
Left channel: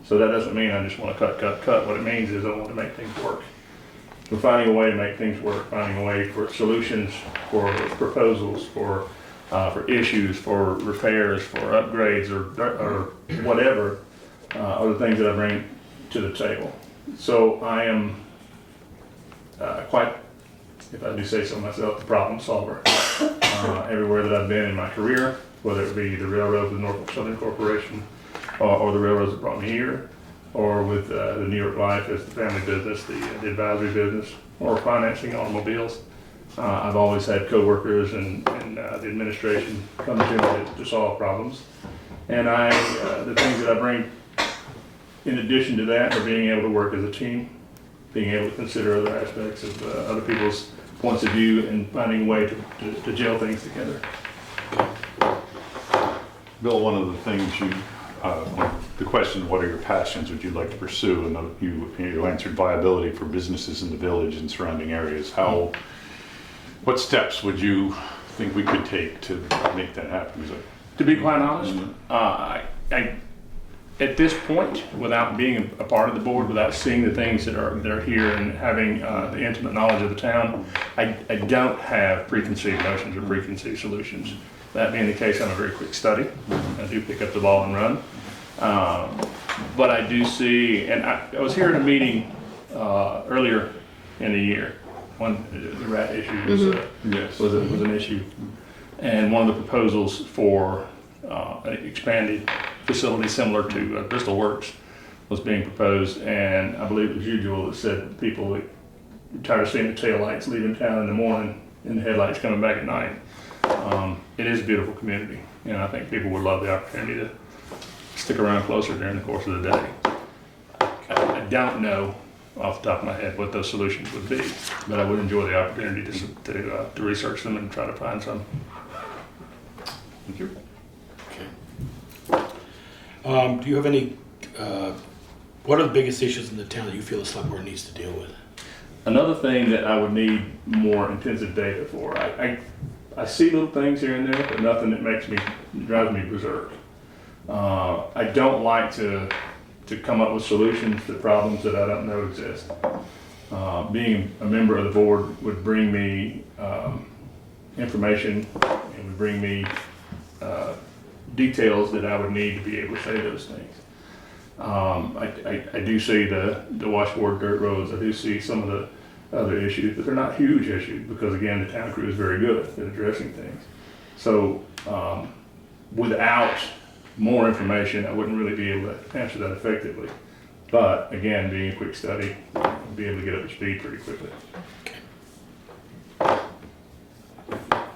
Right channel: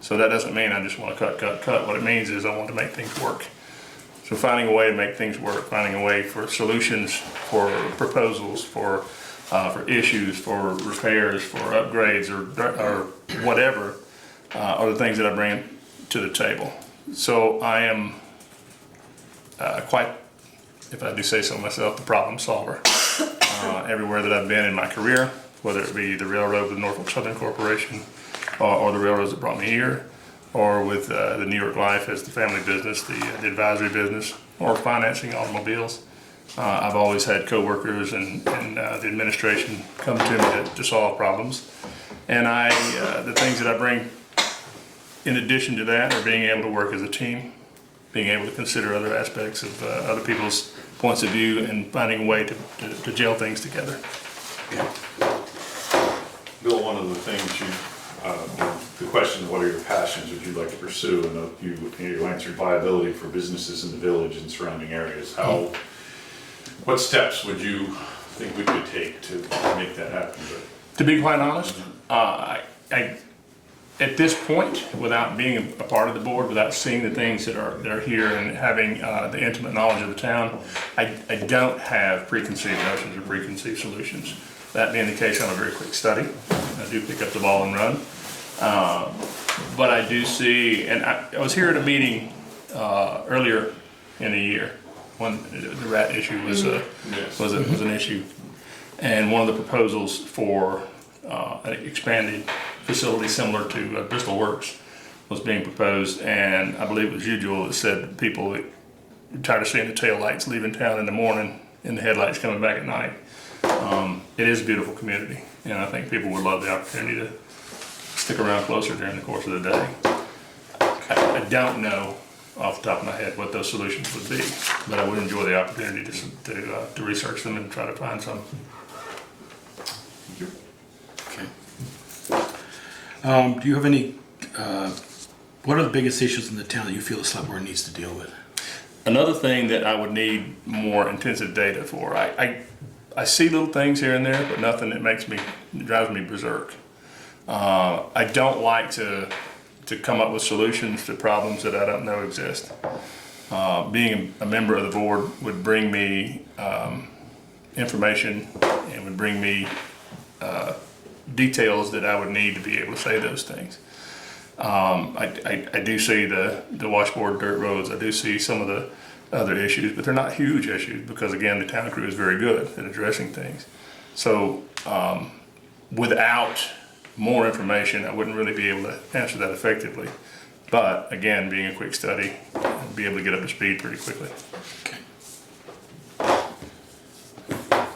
So that doesn't mean I just want to cut. What it means is I want to make things work. So finding a way to make things work, finding a way for solutions, for proposals, for issues, for repairs, for upgrades, or whatever, are the things that I bring to the table. So I am quite, if I do say so myself, the problem solver. Everywhere that I've been in my career, whether it be the railroad with Norfolk Southern Corporation, or the railroads that brought me here, or with the New York Life as the family business, the advisory business, or financing automobiles. I've always had coworkers and the administration come to me to solve problems. And the things that I bring in addition to that are being able to work as a team, being able to consider other aspects of other people's points of view and finding a way to gel things together. Bill, one of the things the question, what are your passions would you like to pursue? And you answered viability for businesses in the village and surrounding areas. What steps would you think we could take to make that happen? To be quite honest, I At this point, without being a part of the board, without seeing the things that are here and having the intimate knowledge of the town, I don't have preconceived notions or preconceived solutions. That being the case, I'm a very quick study. I do pick up the ball and run. But I do see, and I was here at a meeting earlier in the year when the rat issue was an issue. And one of the proposals for an expanded facility similar to Bristol Works was being proposed, and I believe it was usual that said that people that are tired of seeing the tail lights leaving town in the morning and the headlights coming back at night. It is a beautiful community, and I think people would love the opportunity to stick around closer during the course of the day. I don't know off the top of my head what those solutions would be, but I would enjoy the opportunity to research them and try to find some. Thank you. Okay. Do you have any, what are the biggest issues in the town that you feel the select board needs to deal with? Another thing that I would need more intensive data for, I see little things here and there, but nothing that drives me berserk. I don't like to come up with solutions to problems that I don't know exist. Being a member of the board would bring me information and would bring me details that I would need to be able to say those things. I do see the washboard dirt roads, I do see some of the other issues, but they're not huge issues because again, the town crew is very good at addressing things. So without more information, I wouldn't really be able to answer that effectively. But again, being a quick study, I'll be able to get up to speed pretty quickly. Okay.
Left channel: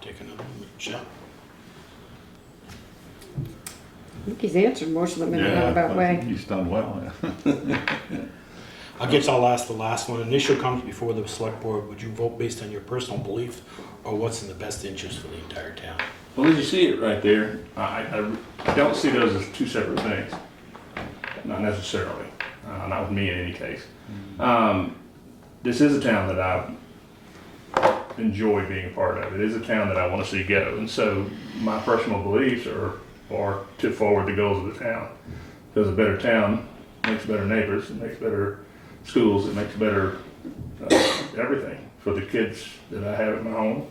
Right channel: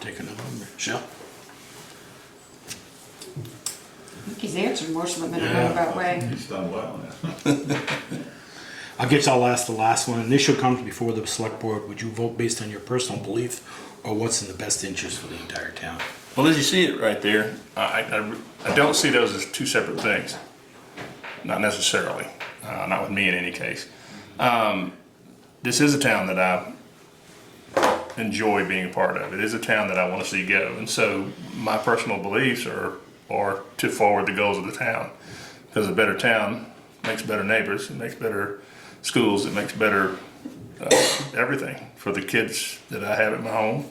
Take another one, Michelle. I think he's answered most of them in a roundabout way. He's done well, yeah. I guess I'll ask the last one. An issue comes before the select board. Would you vote based on your personal belief or what's in the best interest for the entire town? Well, as you see it right there, I don't see those as two separate things. Not necessarily. Not with me in any case. This is a town that I enjoy being a part of. It is a town that I want to see go. And so my personal beliefs are to forward the goals of the town. Because a better town makes better neighbors, it makes better schools, it makes better everything for the kids that I have at my home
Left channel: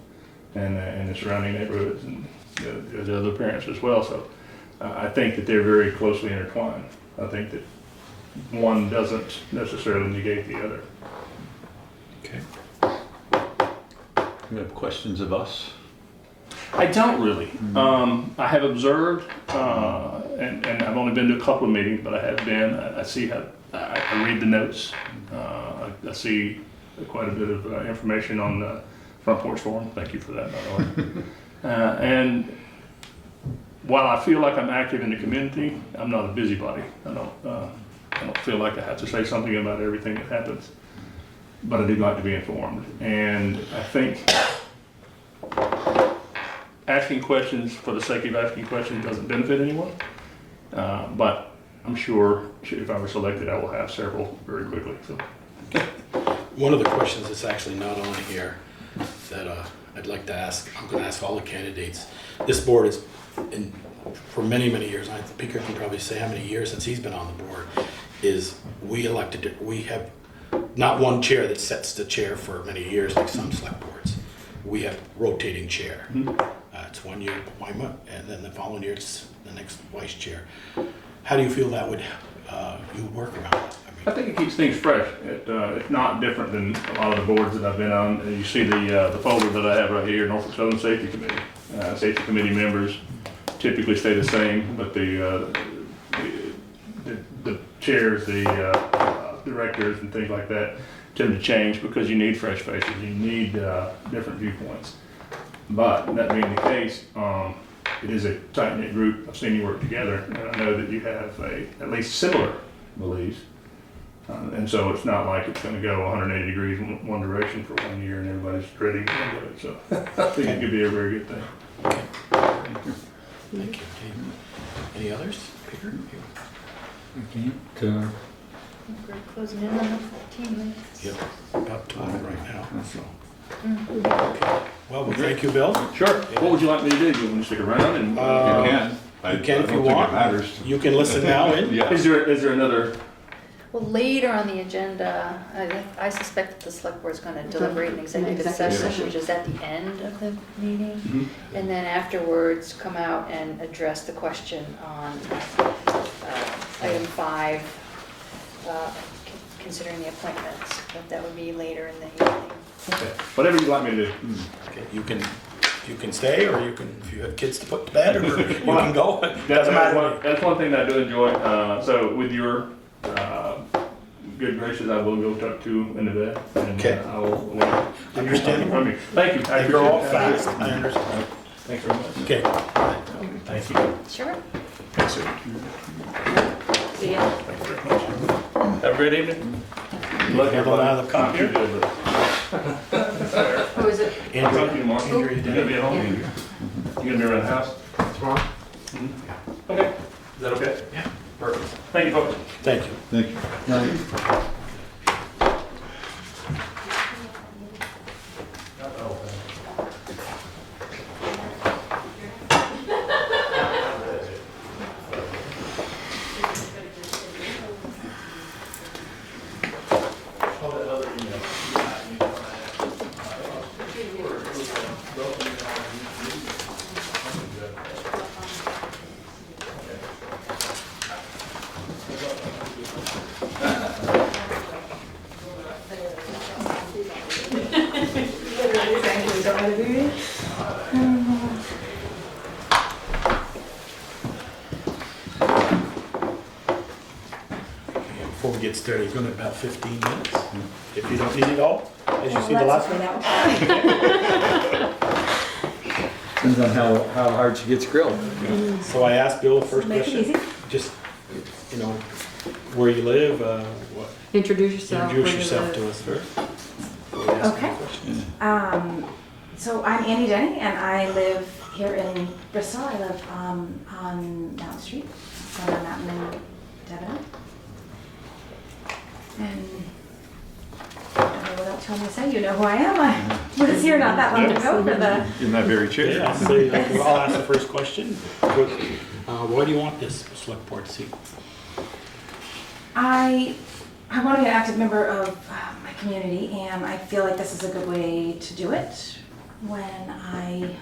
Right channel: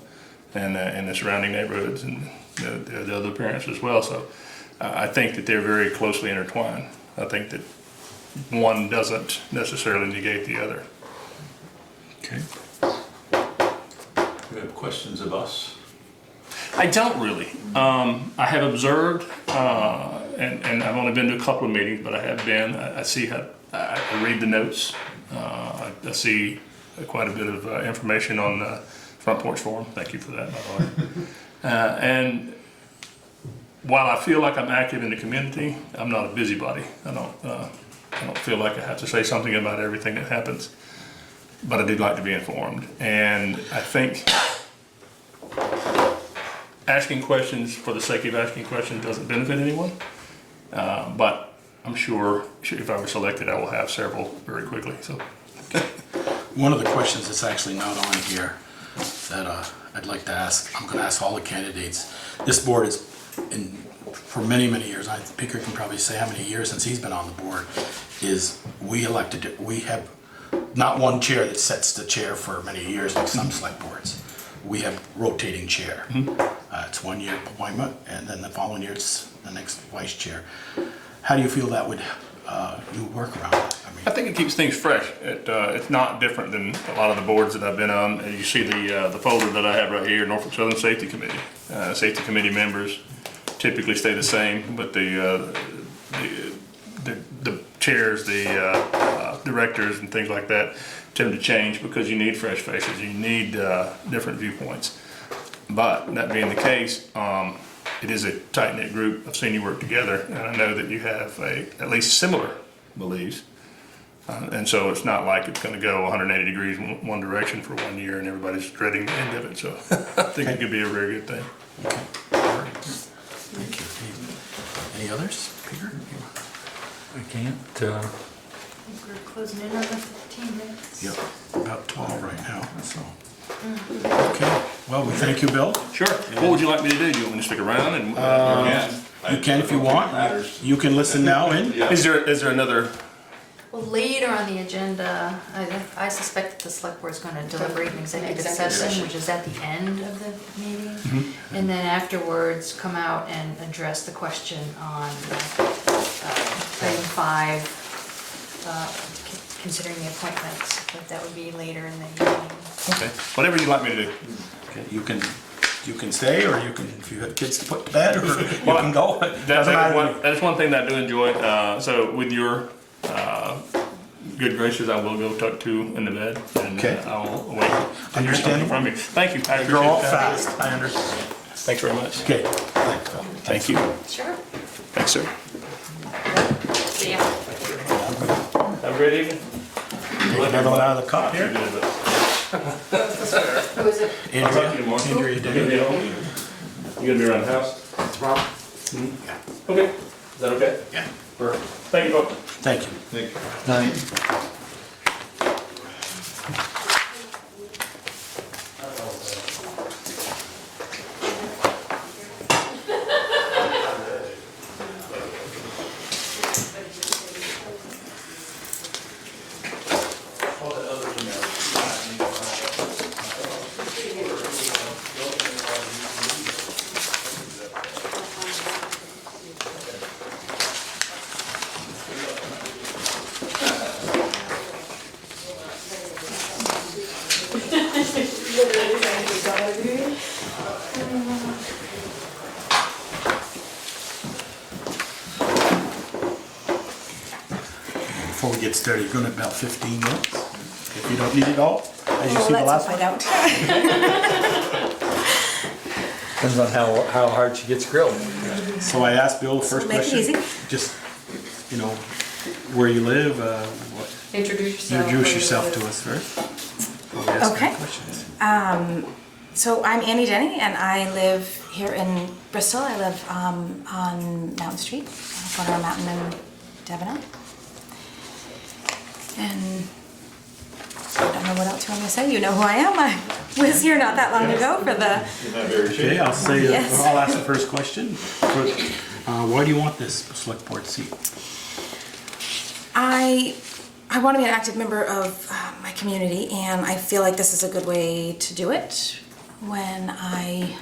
and the surrounding neighborhoods and the other parents as well. So I think that they're very closely intertwined. I think that one doesn't necessarily negate the other. Okay. You have questions of us? I don't really. I have observed, and I've only been to a couple of meetings, but I have been. I see how I read the notes. I see quite a bit of information on the Front Porch Forum. Thank you for that, by the way. And while I feel like I'm active in the community, I'm not a busybody. I don't feel like I have to say something about everything that happens, but I do like to be informed. And I think asking questions for the sake of asking questions doesn't benefit anyone, but I'm sure if I were selected, I will have several very quickly. So, One of the questions that's actually not on here that I'd like to ask, I'm going to ask all the candidates. This board is, for many, many years, I think Peter can probably say how many years since he's been on the board, is we have not one chair that sets the chair for many years like some select boards. We have rotating chair. It's 1 year appointment, and then the following year it's the next vice chair. How do you feel that would you work around that? I think it keeps things fresh. It's not different than a lot of the boards that I've been on. You see the folder that I have right here, Norfolk Southern Safety Committee. Safety Committee members typically stay the same, but the chairs, the directors and things like that tend to change because you need fresh faces, you need different viewpoints. But that being the case, it is a tight-knit group. I've seen you work together, and I know that you have at least similar beliefs. And so it's not like it's going to go 180 degrees in one direction for 1 year and everybody's dreading the end of it. So I think it could be a very good thing. Okay. Thank you. Any others? Peter? I can't. We're closing in on the 15 minutes. Yep, about 12 right now, so. Okay, well, we thank you, Bill. Sure. What would you like me to do? You want me to stick around? And You can. You can if you I don't think it want. matters. You can listen now and Yeah. Is there another, Well, later on the agenda, I suspect that the select board's gonna deliberate an executive Executive session, session. which is at the end of the meeting. Mm-hmm. And then afterwards, come out and address the question on item 5, considering the appointments, but that would be later in the evening. okay, whatever you'd like me to do. you can stay, or you can, if you have kids to put to bed, or you can go. Doesn't matter. That's one thing that I do enjoy. So with your good gracious, I will go tuck 2 in the bed, and Okay. I will wait to hear something Understandable. from you. Thank you. I They appreciate grow up it. fast, I understand. Thanks very much. Okay, thank you. Sure. Thanks, sir. See ya. Have a great evening. Another one out of the cup here. Who is it? I'll talk to you tomorrow. Andrea, You gonna be at home? You gonna be around the house? Okay, is that okay? Yeah. Perfect. Thank you, folks. Thank you. Thank you. Before we get started, you're gonna have about 15 minutes, if you don't need it all, as you see the last one. Depends on how hard she gets grilled. So I asked Bill the first Make it question, easy. just, where you live, Introduce yourself. introduce where you yourself live. to us first. before we ask any Okay. questions. So I'm Annie Denny, and I live here in Bristol. I live on Mountain Street, corner of Mountain and Debenham. And I don't know what else you want me to say. You know who I am. I was here not that long ago for the. In that very Okay, chair. I'll say, Yes. I'll ask the first question. Why do you want this select board seat? I want to be an active member of my community, and I feel like this is a good way to do it. When I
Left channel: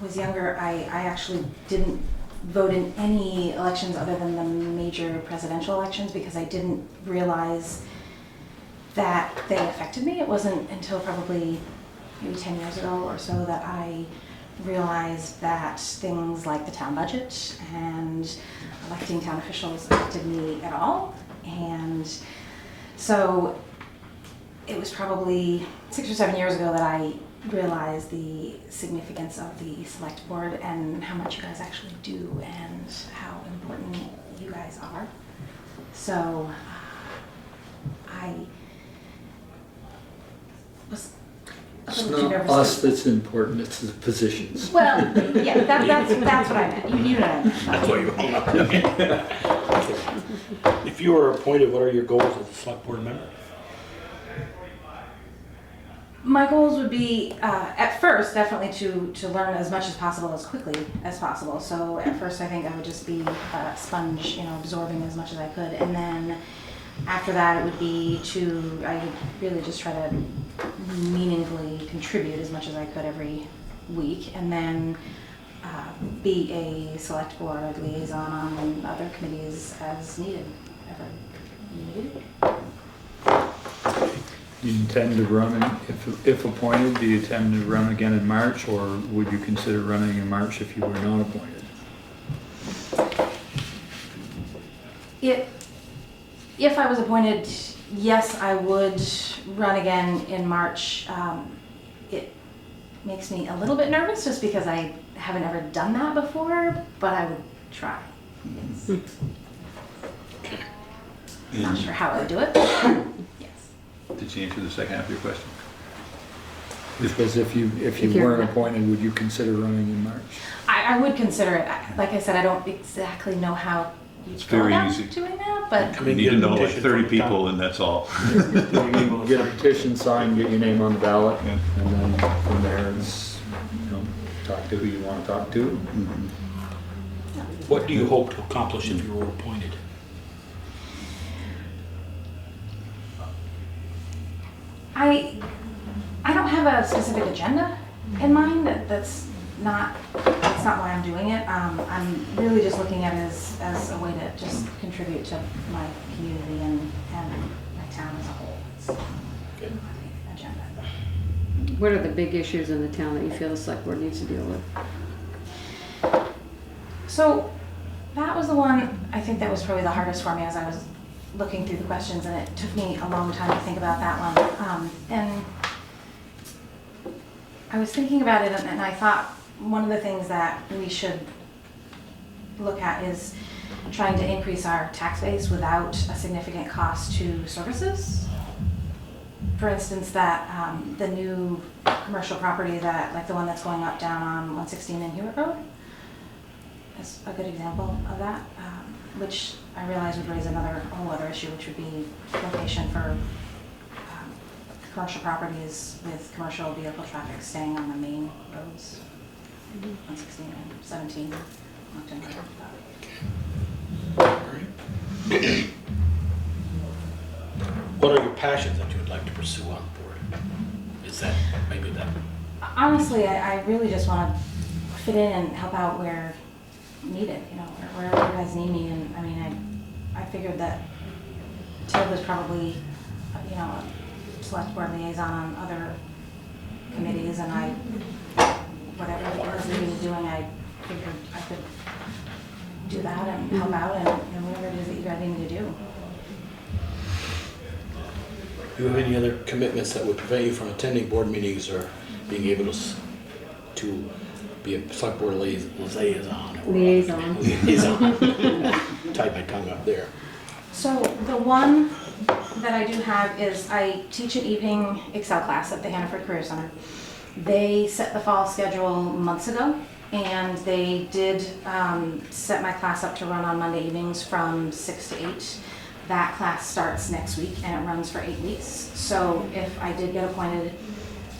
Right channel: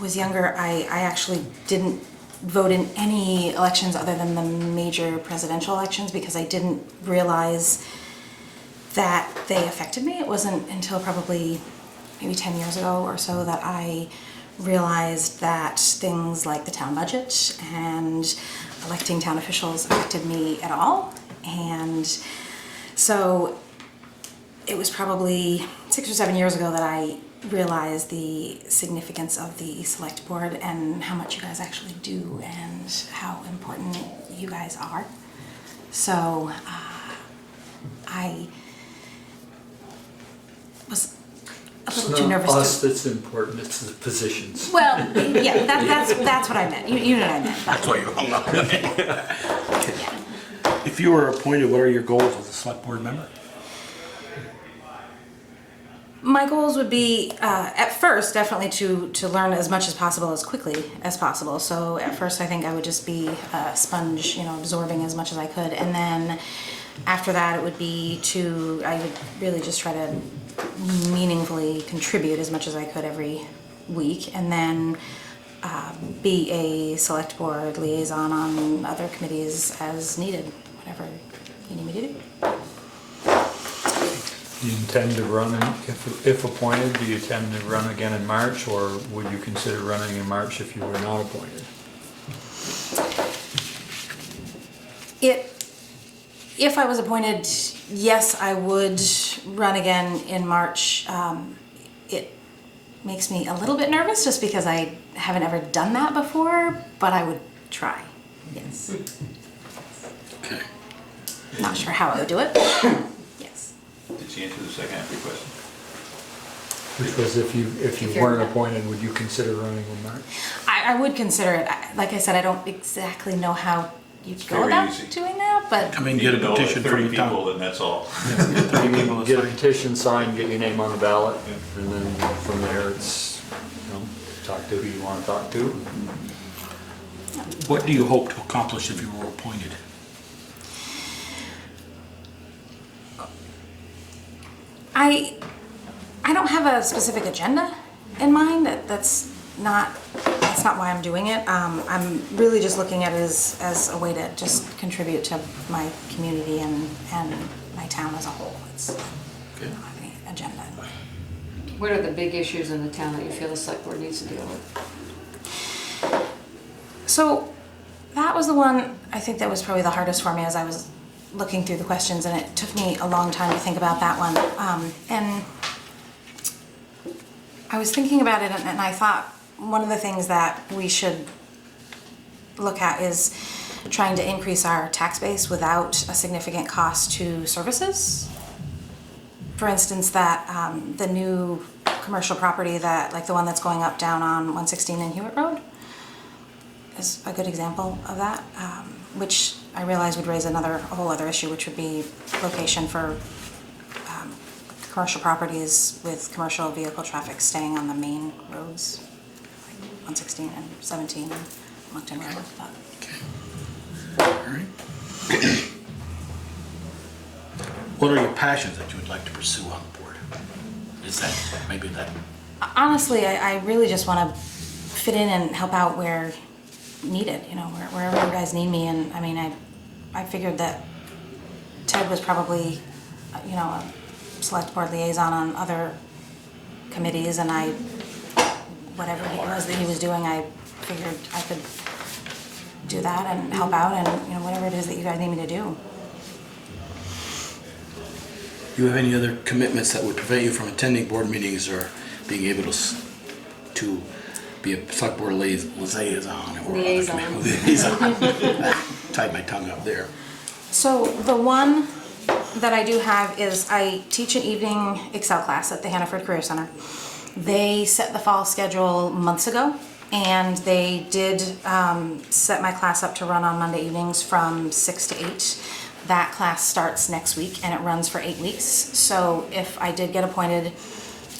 was younger, I actually didn't vote in any elections other than the major presidential elections because I didn't realize that they affected me. It wasn't until probably maybe 10 years ago or so that I realized that things like the town budget and electing town officials affected me at all. And so it was probably 6 or 7 years ago that I realized the significance of the select board and how much you guys actually do and how important you guys are. So I was a little too nervous. Us that's important, it's the positions. Well, yeah, that's what I meant. You know what I meant. That's why you hung up. If you were appointed, what are your goals as a select board member? My goals would be, at first, definitely to learn as much as possible, as quickly as possible. So at first, I think I would just be a sponge, absorbing as much as I could. And then after that, it would be I would really just try to meaningfully contribute as much as I could every week. And then be a select board liaison on other committees as needed, whatever you need me to do. Do you intend to run, if appointed, do you intend to run again in March, or would you consider running in March if you were not appointed? If I was appointed, yes, I would run again in March. It makes me a little bit nervous just because I haven't ever done that before, but I would try, yes. Okay. Not sure how I would do it. Yes. Did she answer the second half of your question? Which was if you weren't appointed, would you consider running in March? I would consider it. Like I said, I don't exactly know how you'd go very about easy. doing that, but Come in, You get a need to know like petition 30 from the town. people, and that's all. 30 people, get a petition signed, get your name on the ballot, and then from there it's, talk to who you want to talk to. What do you hope to accomplish if you were appointed? I don't have a specific agenda in mind. That's not why I'm doing it. I'm really just looking at it as a way to just contribute to my community and my town as a whole. It's Okay. not the agenda. What are the big issues in the town that you feel the select board needs to deal with? So that was the one I think that was probably the hardest for me as I was looking through the questions, and it took me a long time to think about that one. And I was thinking about it, and I thought one of the things that we should look at is trying to increase our tax base without a significant cost to services. For instance, that the new commercial property that, like the one that's going up down on 116 and Hewitt Road, is a good example of that, which I realize would raise a whole other issue, which would be location for commercial properties with commercial vehicle traffic staying on the main roads, 116 and 17, Moncton Road. All right. What are your passions that you would like to pursue on the board? Is that maybe that? Honestly, I really just want to fit in and help out where needed, wherever you guys need me. And I mean, I figured that Ted was probably, a select board liaison on other committees, and whatever it was that he was doing, I figured I could do that and help out, and whatever it is that you guys need me to do. Do you have any other commitments that would prevent you from attending board meetings or being able to be a select board liaison? Tied my tongue up there. So the one that I do have is I teach an evening Excel class at the Hannaford Career Center. They set the fall schedule months ago, and they did set my class up to run on Monday evenings from 6 to 8. That class starts next week and it runs for 8 weeks. So if I did get appointed,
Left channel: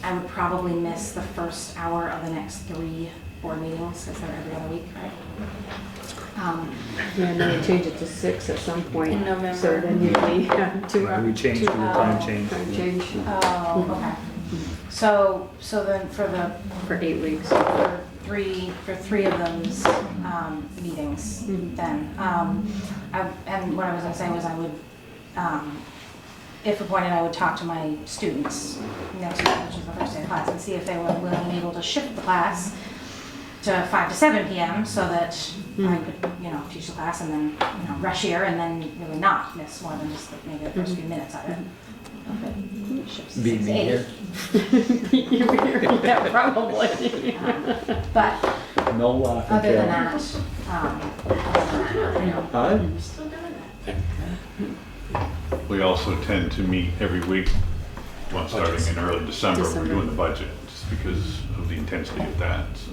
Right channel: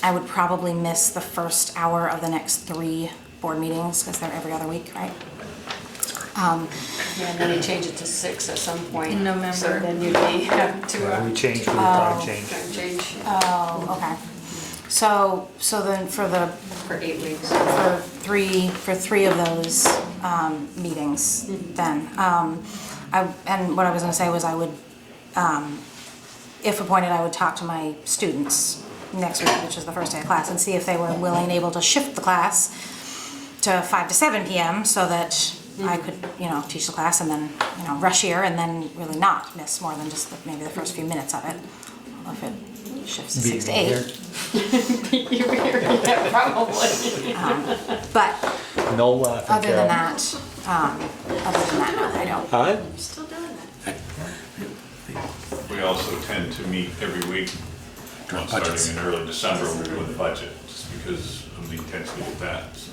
I would probably miss the first hour of the next 3 board meetings because they're every other week, right? Yeah, then you change it to 6 at some point. In November. So then you'd be having to. We changed, time change. Time change. Oh, okay. So then For 8 weeks. for three of those meetings, then and what I was going to say was I would, if appointed, I would talk to my students next week, which is the first day of class, and see if they were willing and able to shift the class to 5 to 7 p.m. so that I could, teach the class and then, rush here and then really not miss more than just maybe the first few minutes of it. If it shifts to 6 to 8. You'll be here, yeah, probably. But No laughing. other than that, I don't. I'm still doing that. We also tend to meet every week, starting in early December, we're doing the budget, just because of the intensity of that. So,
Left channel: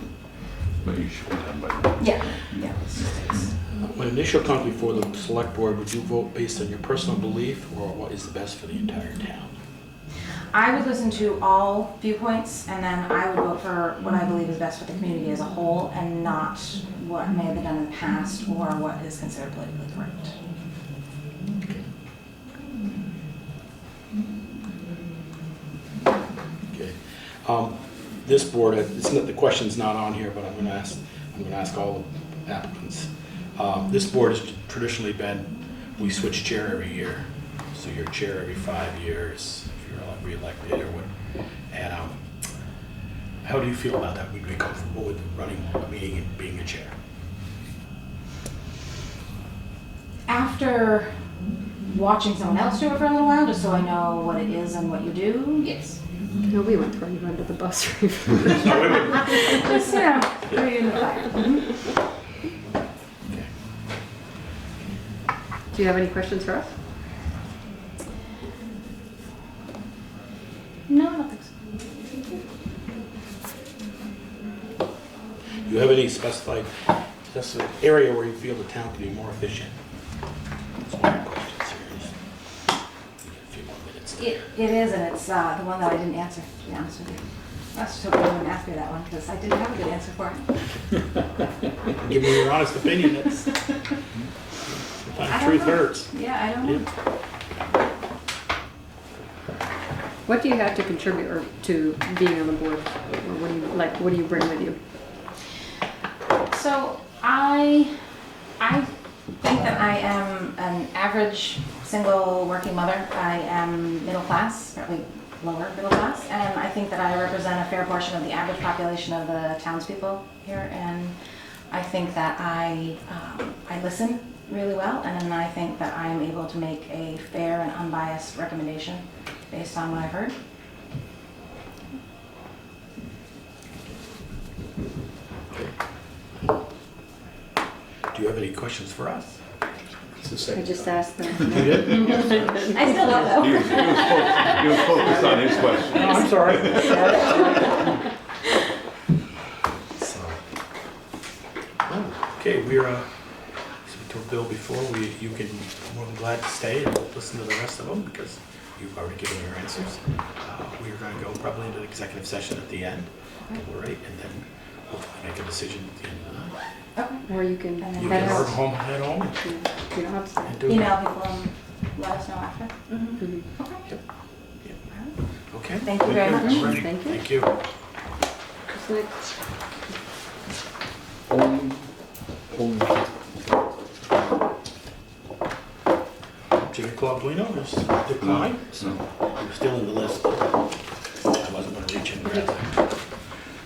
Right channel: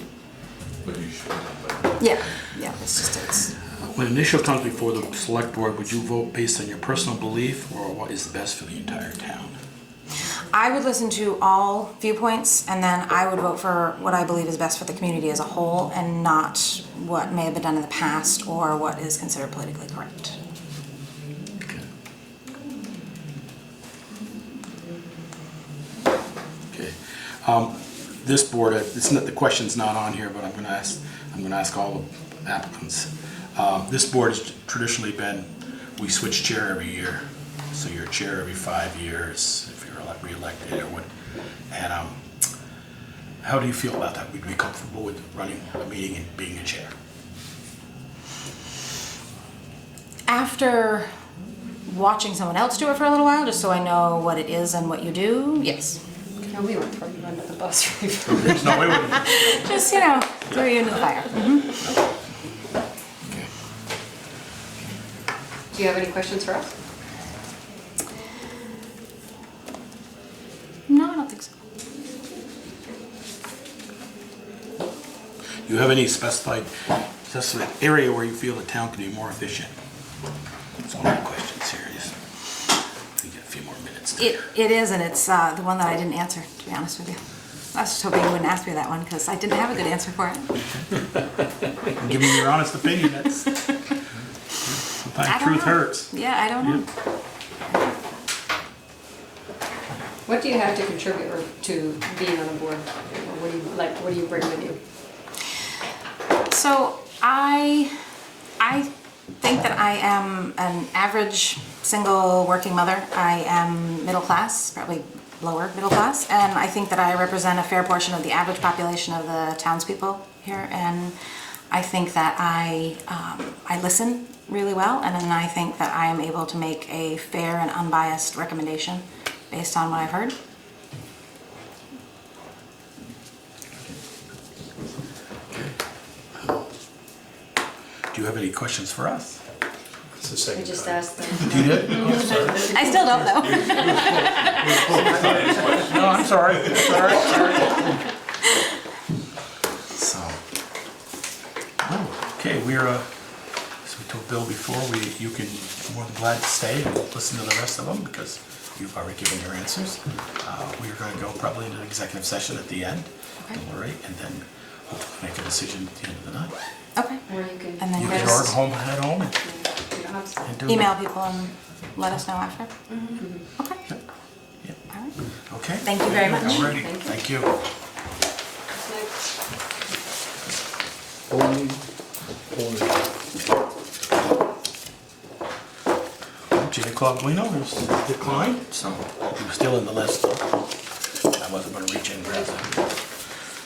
but you should be done by then. Yeah, it's When initial come before the select board, would you vote based on your personal belief or what is the best for the entire town? I would listen to all viewpoints, and then I would vote for what I believe is best for the community as a whole, and not what may have been done in the past or what is considered politically correct. Okay. This board, it's not, the question's not on here, but I'm going to ask all the applicants. This board has traditionally been, we switch chair every year. So you're chair every 5 years if you're re-elected or what. And how do you feel about that? Would you be comfortable with running a meeting and being a chair? After watching someone else do it for a little while, just so I know what it is and what you do, yes. No, we went from under the bus. No, we wouldn't. Just, throw you into the fire. Okay. Do you have any questions for us? No, I don't think so. Do you have any specified area where you feel the town could be more efficient? That's one of the questions here. We get a few more minutes. It is, and it's the one that I didn't answer, to be honest with you. I was just hoping you wouldn't ask me that one because I didn't have a good answer for it. give me your honest opinion. That's sometimes truth hurts. Yeah, I don't know. What do you have to contribute or to being on the board? Or what do you like? What do you bring with you? So I think that I am an average single working mother. I am middle class, probably lower middle class, and I think that I represent a fair portion of the average population of the townspeople here. And I think that I listen really well, and then I think that I am able to make a fair and unbiased recommendation based on what I've heard. Do you have any questions for us? I just asked them. You did? I still don't know. Focus on his question. No, I'm sorry. So, okay, we're, as we told Bill before, you can, more than glad to stay and listen to the rest of them because you've already given your answers. We're going to go probably into executive session at the end, all right, and then we'll make a decision at the end of the night. Okay. Or you can. And then You can Chris- order home, head home, You don't have to. and do it. Email people and let us know after. Mm-hmm. Okay. Yep. All right. Okay. Thank you very much. I'm ready. Thank you. Thank you. Junior Club Lino is declined, so he was still in the list. I wasn't gonna reach in and grab him.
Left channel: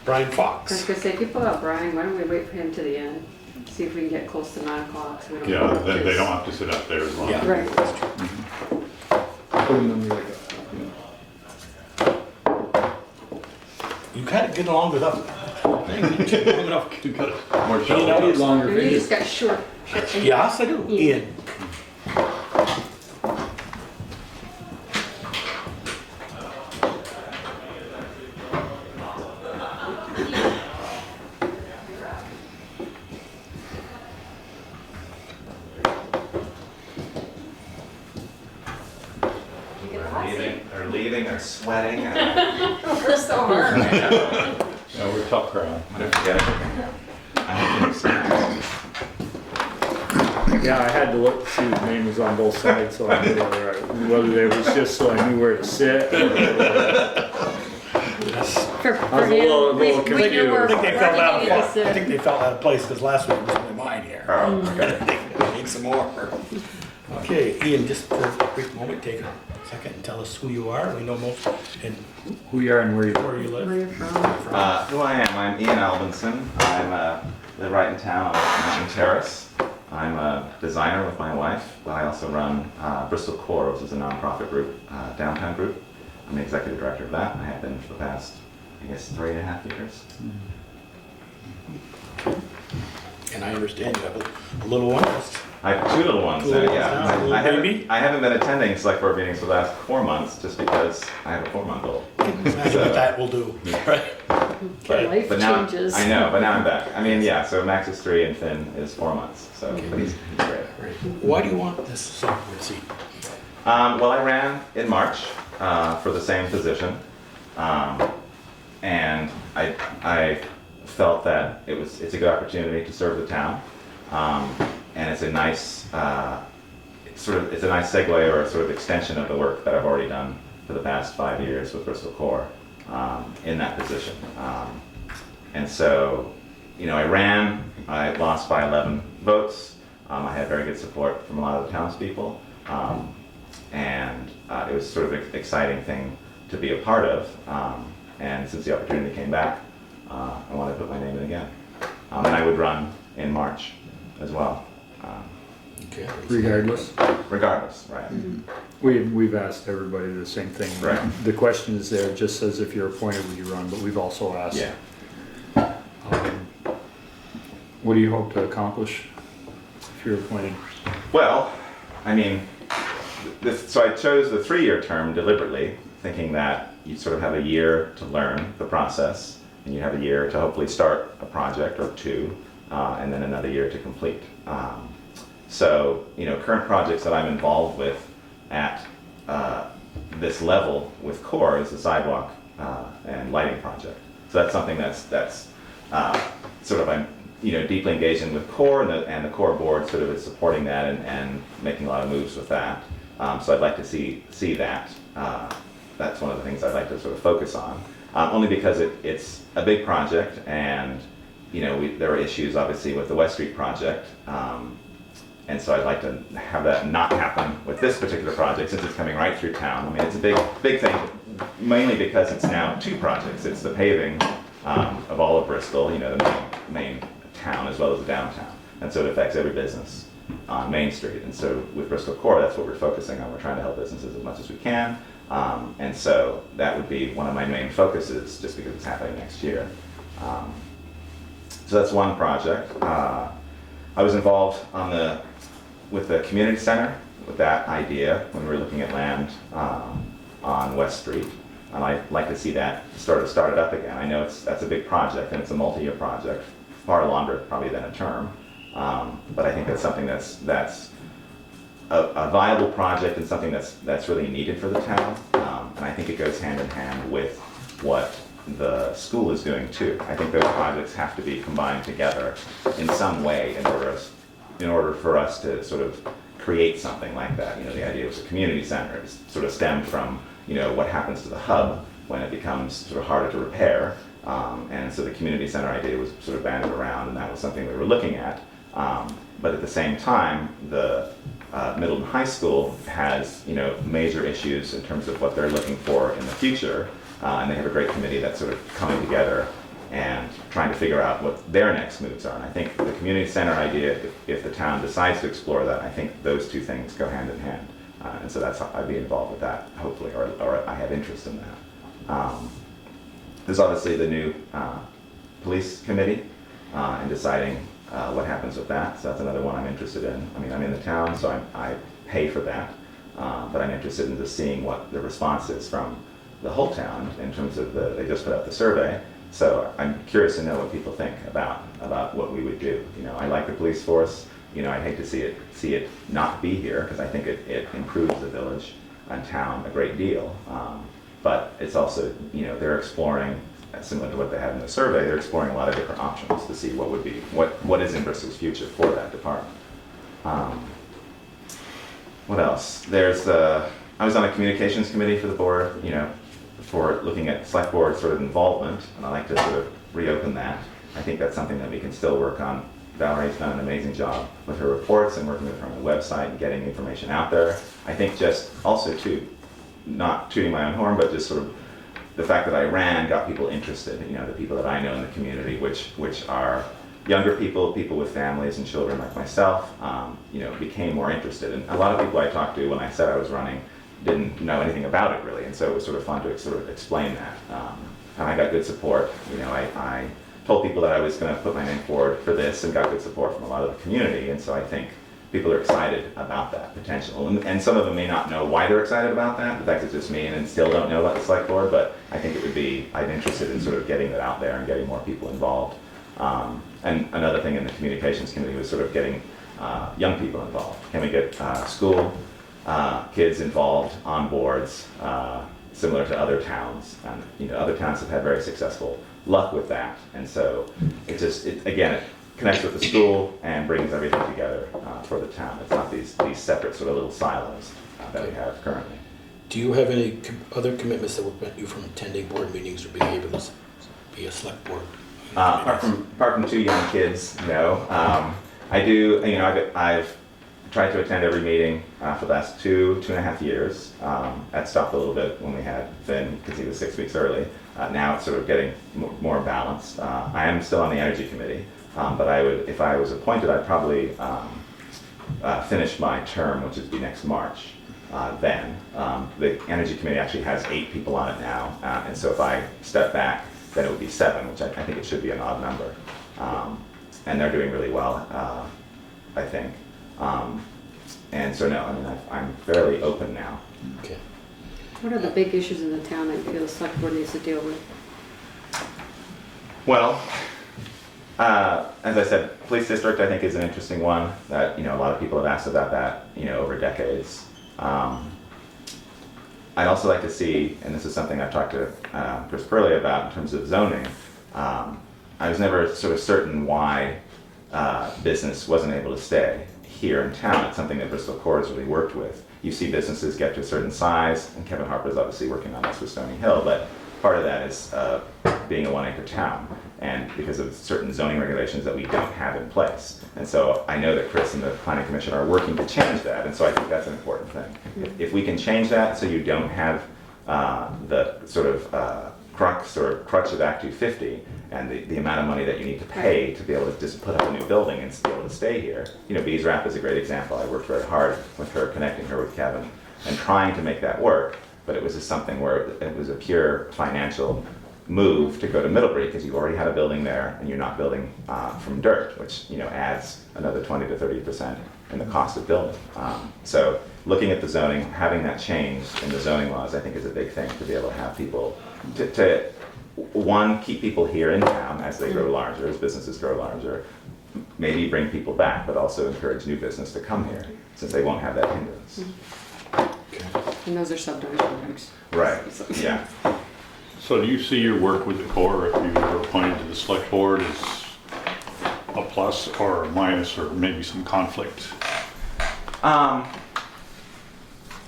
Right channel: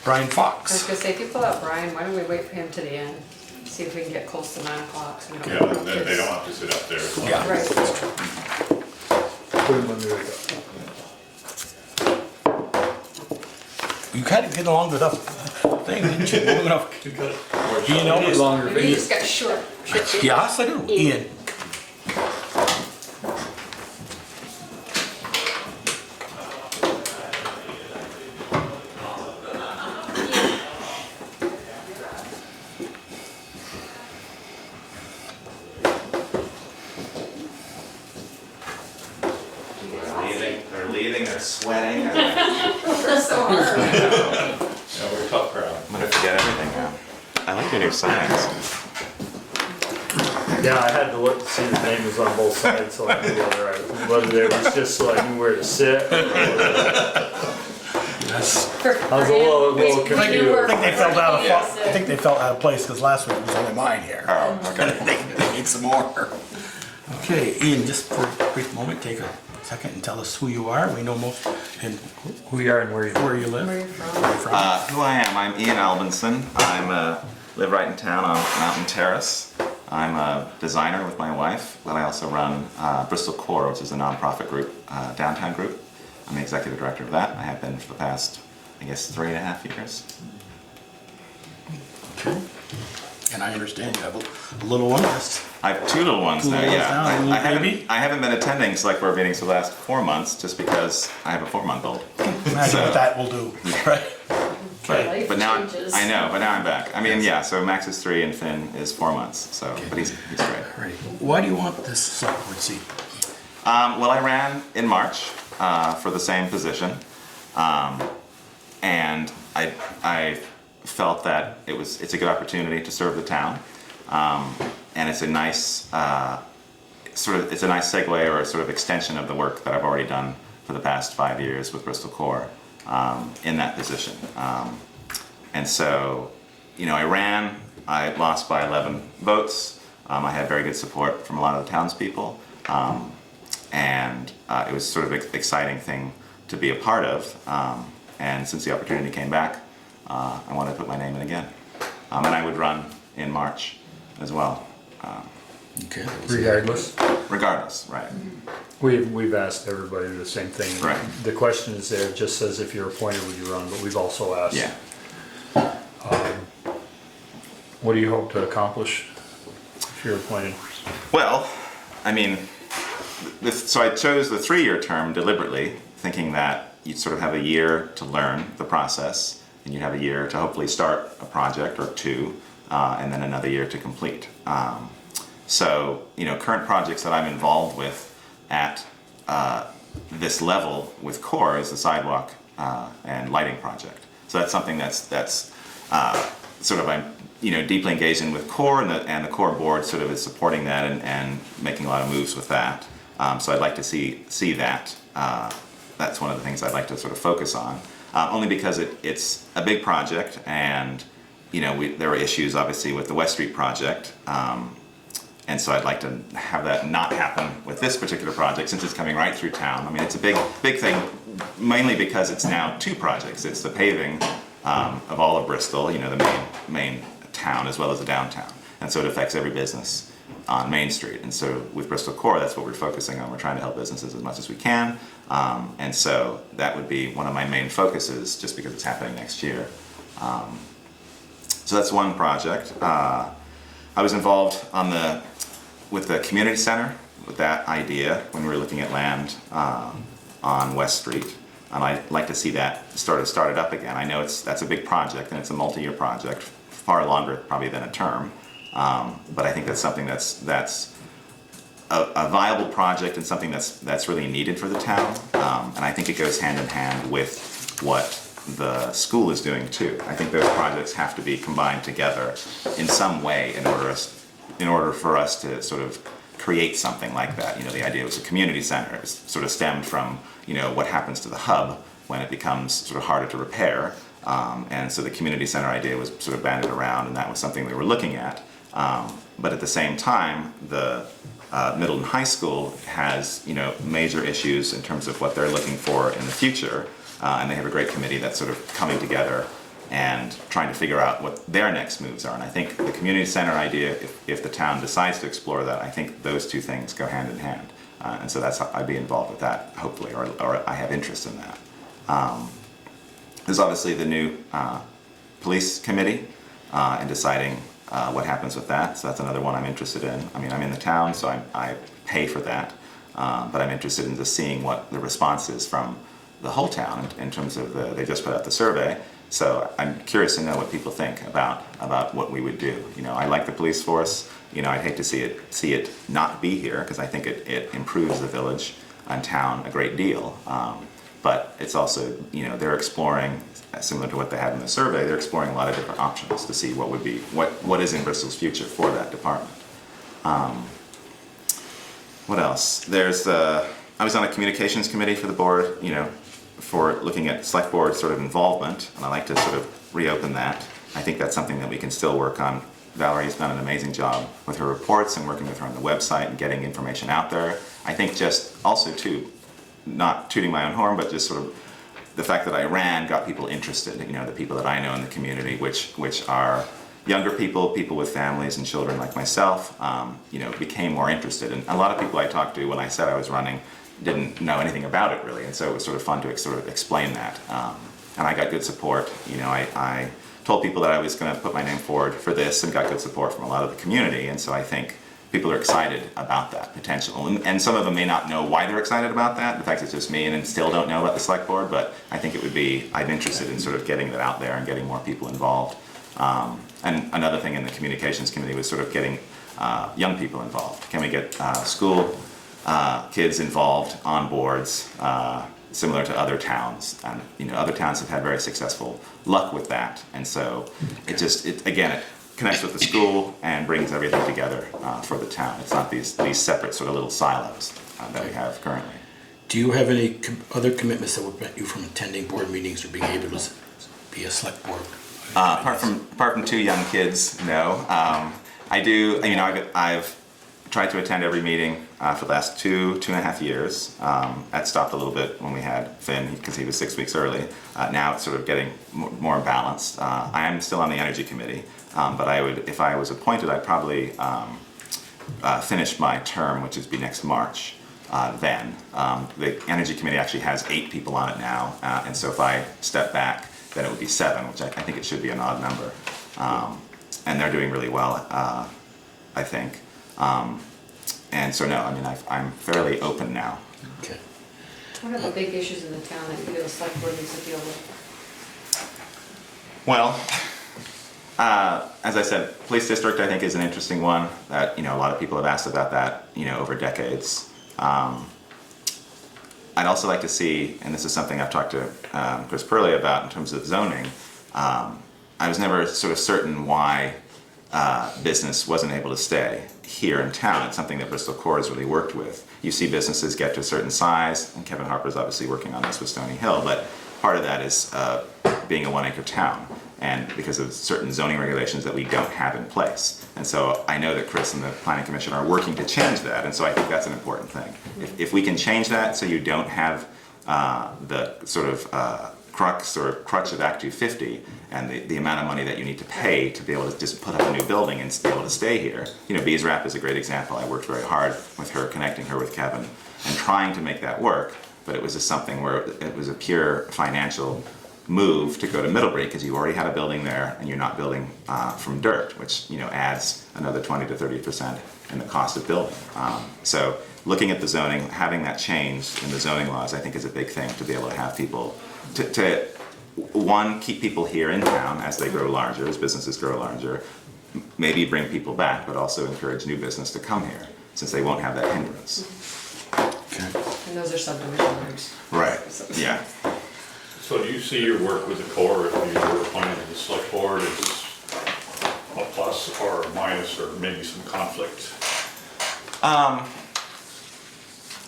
Brian I was Fox. gonna say, if you pull out Brian, why don't we wait for him to the end? See if we can get close to 9 o'clock. So we don't Yeah, have they don't have to sit up there as long. Yeah. Right. You kind of get along with that thing, didn't you? Long enough to cut it. More You jello. know, longer. You just got short. Yes, I do. Ian. They're leaving, they're sweating. We're so hard. No, we're a tough crowd. I'm gonna forget everything now. I hope you look signs. Yeah, I had to look to see the names on both sides, so I knew whether there was just so I knew where to sit. I was a little confused. I think they felt out of place. I think they felt out of place because last week was only mine here. They need some more. Okay, Ian, just for a quick moment, take a second and tell us who you are. We know most and Who you are and where you live. where you live. Where you from? Who I am, I'm Ian Albinson. Live right in town on Mountain Terrace. I'm a designer with my wife, but I also run Bristol Core, which is a nonprofit group, downtown group. I'm the executive director of that. I have been for the past, I guess, 3.5 years. And I understand you have a little one. That's I have 2 little ones Two now, little ones yeah. now, a little I baby? haven't been attending Selectboard meetings for the last 4 months just because I have a 4-month-old. imagine what that will do. Right. Life But now, changes. I know, but now I'm back. I mean, yeah, so Max is 3 and Finn is 4 months, so, but he's great. All right. Why do you want this select board seat? Well, I ran in March for the same position, and I felt that it's a good opportunity to serve the town, and it's a nice it's a nice segue or a sort of extension of the work that I've already done for the past 5 years with Bristol Core in that position, and so I ran. I lost by 11 votes. I had very good support from a lot of the townspeople. And it was sort of an exciting thing to be a part of. And since the opportunity came back, I wanted to put my name in again. And I would run in March as well. Okay. Regardless. Regardless, right. We've asked everybody the same thing. Right. The question is there, it just says if you're appointed, would you run? But we've also asked. Yeah. What do you hope to accomplish if you're appointed? Well, I mean, so I chose the 3-year term deliberately, thinking that you'd sort of have a year to learn the process, and you'd have a year to hopefully start a project or 2, and then another year to complete. So, current projects that I'm involved with at this level with CORE is the sidewalk and lighting project. So that's something that's sort of deeply engaged in with core, and the core board sort of is supporting that and making a lot of moves with that. So I'd like to see that. That's one of the things I'd like to sort of focus on, only because it's a big project, and there are issues obviously with the West Street project, and so I'd like to have that not happen with this particular project since it's coming right through town. I mean, it's a big thing, mainly because it's now two projects. It's the paving of all of Bristol, the main town as well as the downtown, and so it affects every business on Main Street. And so with Bristol Core, that's what we're focusing on. We're trying to help businesses as much as we can, and so that would be one of my main focuses, just because it's happening next year. So that's one project. I was involved with the community center with that idea when we were looking at land on West Street, and I'd like to see that started up again. I know that's a big project, and it's a multi-year project, far longer probably than a term, but I think that's something that's a viable project and something that's really needed for the town, and I think it goes hand in hand with what the school is doing too. I think those projects have to be combined together in some way in order for us to sort of create something like that. The idea was a community center. It sort of stemmed from what happens to the hub when it becomes sort of harder to repair, and so the community center idea was sort of banded around, and that was something we were looking at. But at the same time, the middle and high school has major issues in terms of what they're looking for in the future. And they have a great committee that's sort of coming together and trying to figure out what their next moves are. And I think the community center idea, if the town decides to explore that, I think those two things go hand in hand. And so that's how I'd be involved with that, hopefully, or I have interest in that. There's obviously the new police committee and deciding what happens with that. So that's another one I'm interested in. I mean, I'm in the town, so I pay for that. But I'm interested in just seeing what the response is from the whole town in terms of they just put out the survey, so I'm curious to know what people think about what we would do. I like the police force. I'd hate to see it not be here, because I think it improves the village and town a great deal. But it's also they're exploring, similar to what they had in the survey, they're exploring a lot of different options to see what is in Bristol's future for that department. What else? I was on a communications committee for the board, for looking at Selectboard sort of involvement, and I'd like to sort of reopen that. I think that's something that we can still work on. Valerie's done an amazing job with her reports and working with her on the website and getting information out there. I think just also too, not tooting my own horn, but just sort of the fact that I got people interested, the people that I know in the community, which are younger people with families and children like myself, became more interested. And a lot of people I talked to when I said I was running didn't know anything about it really, and so it was sort of fun to sort of explain that. And I got good support. I told people that I was going to put my name forward for this, and got good support from a lot of the community, and so I think people are excited about that potential. And some of them may not know why they're excited about that. In fact, it's just me, and still don't know about the select board, but I think I'm interested in sort of getting that out there and getting more people involved. And another thing in the communications committee was sort of getting young people involved. Can we get school kids involved on boards, similar to other towns? Other towns have had very successful luck with that, and so it connects with the school and brings everything together for the town. It's not these separate sort of little silos that we have currently. Do you have any other commitments that would prevent you from attending board meetings or being able to be a select board? Apart from two young kids, no. I do. I've tried to attend every meeting for the last two and a half years. I'd stopped a little bit when we had Finn because he was 6 weeks early. Now it's sort of getting more balanced. I am still on the energy committee, but if I was appointed, I'd probably finish my term, which would be next March. Then the energy committee actually has 8 people on it now, and so if I step back, then it would be 7, which I think it should be an odd number. And they're doing really well, I think. And so no, I'm fairly open now. Okay. What are the big issues in the town that the select board needs to deal with? Well, as I said, police district I think is an interesting one that a lot of people have asked about that over decades. I'd also like to see, and this is something I've talked to Chris Purley about in terms of zoning. I was never sort of certain why business wasn't able to stay here in town. It's something that Bristol Core has really worked with. You see businesses get to a certain size, and Kevin Harper's obviously working on this with Stony Hill, but part of that is being a 1-acre town, and because of certain zoning regulations that we don't have in place. And so I know that Chris and the Planning Commission are working to change that, and so I think that's an important thing. If we can change that so you don't have the sort of crux or crutch of Act 250 and the amount of money that you need to pay to be able to just put up a new building and be able to stay here. You know, Bees Rap is a great example. I worked very hard with her, connecting her with Kevin and trying to make that work, but it was just something where it was a pure financial move to go to Middlebury because you already had a building there and you're not building from dirt, which, you know, adds another 20 to 30% in the cost of building. So looking at the zoning, having that change in the zoning laws, I think is a big thing to be able to have people, to one, keep people here in town as they grow larger, as businesses grow larger, maybe bring people back, but also encourage new business to come here since they won't have that hindrance. Okay. And those are subdivision regs. Right, yeah. So do you see your work with the core, if you're appointed to the select board, as a plus or a minus or maybe some conflict? I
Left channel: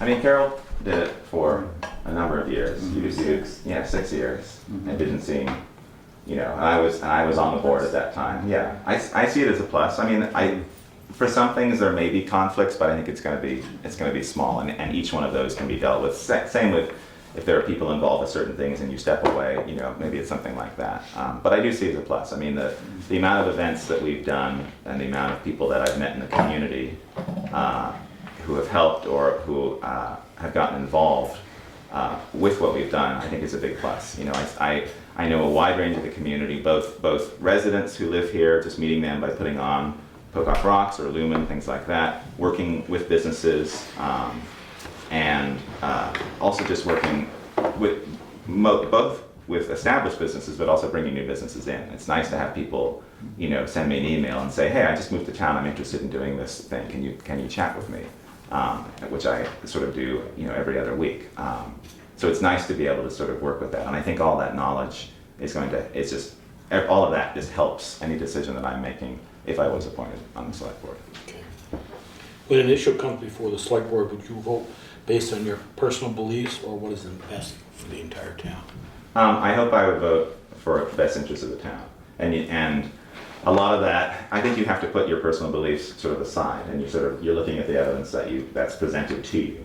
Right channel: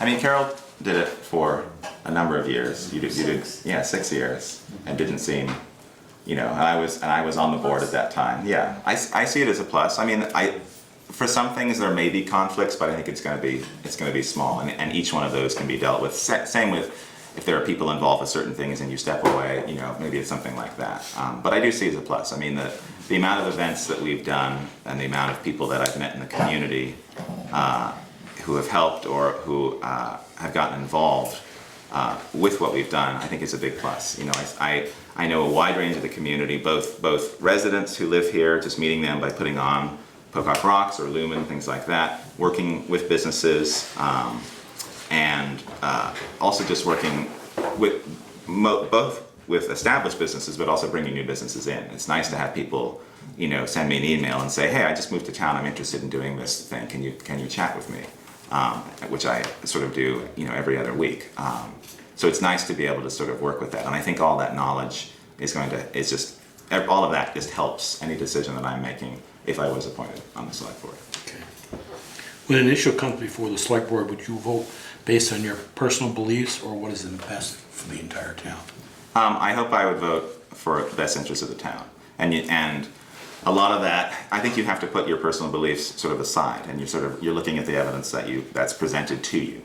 mean, Carol did it for a number of years. You did, yeah, 6 years, and didn't seem, you know. And I was on the board at that time. Yeah, I see it as a plus. I mean, for some things there may be conflicts, but I think it's going to be small, and each one of those can be dealt with. Same with if there are people involved with certain things and you step away, you know, maybe it's something like that. But I do see it as a plus. I mean, the amount of events that we've done and the amount of people that I've met in the community who have helped or who have gotten involved with what we've done, I think is a big plus. You know, I know a wide range of the community, both residents who live here, just meeting them by putting on Pocock Rocks or Lumen, things like that, working with businesses, and also just working with both with established businesses, but also bringing new businesses in. It's nice to have people, you know, send me an email and say, hey, I just moved to town, I'm interested in doing this thing, can you chat with me? Which I sort of do, you know, every other week. So it's nice to be able to sort of work with that, and I think all that knowledge all of that just helps any decision that I'm making if I was appointed on the select board. Okay. When an issue comes before the select board, would you vote based on your personal beliefs or what is in the best for the entire town? I hope I would vote for the best interest of the town, and a lot of that, I think you have to put your personal beliefs sort of aside, and you're looking at the evidence that's presented to you,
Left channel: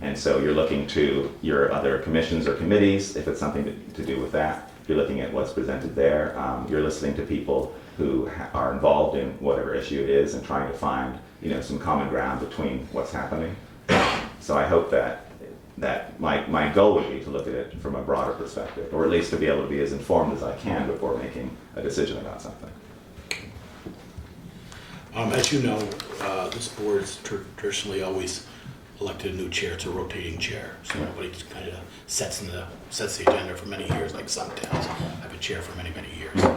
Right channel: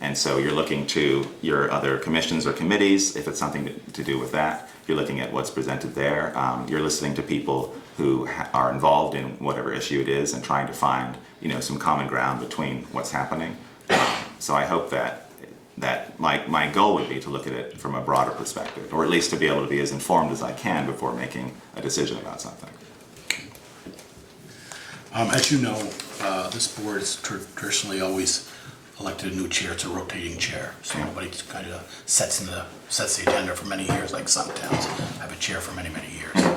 and so you're looking to your other commissions or committees if it's something to do with that. You're looking at what's presented there. You're listening to people who are involved in whatever issue it is and trying to find, you know, some common ground between what's happening. So I hope that my goal would be to look at it from a broader perspective, or at least to be able to be as informed as I can before making a decision about something. As you know, this board has traditionally always elected a new chair. It's a rotating chair, so nobody kind of sets the agenda for many years, like some towns have a chair for many, many years.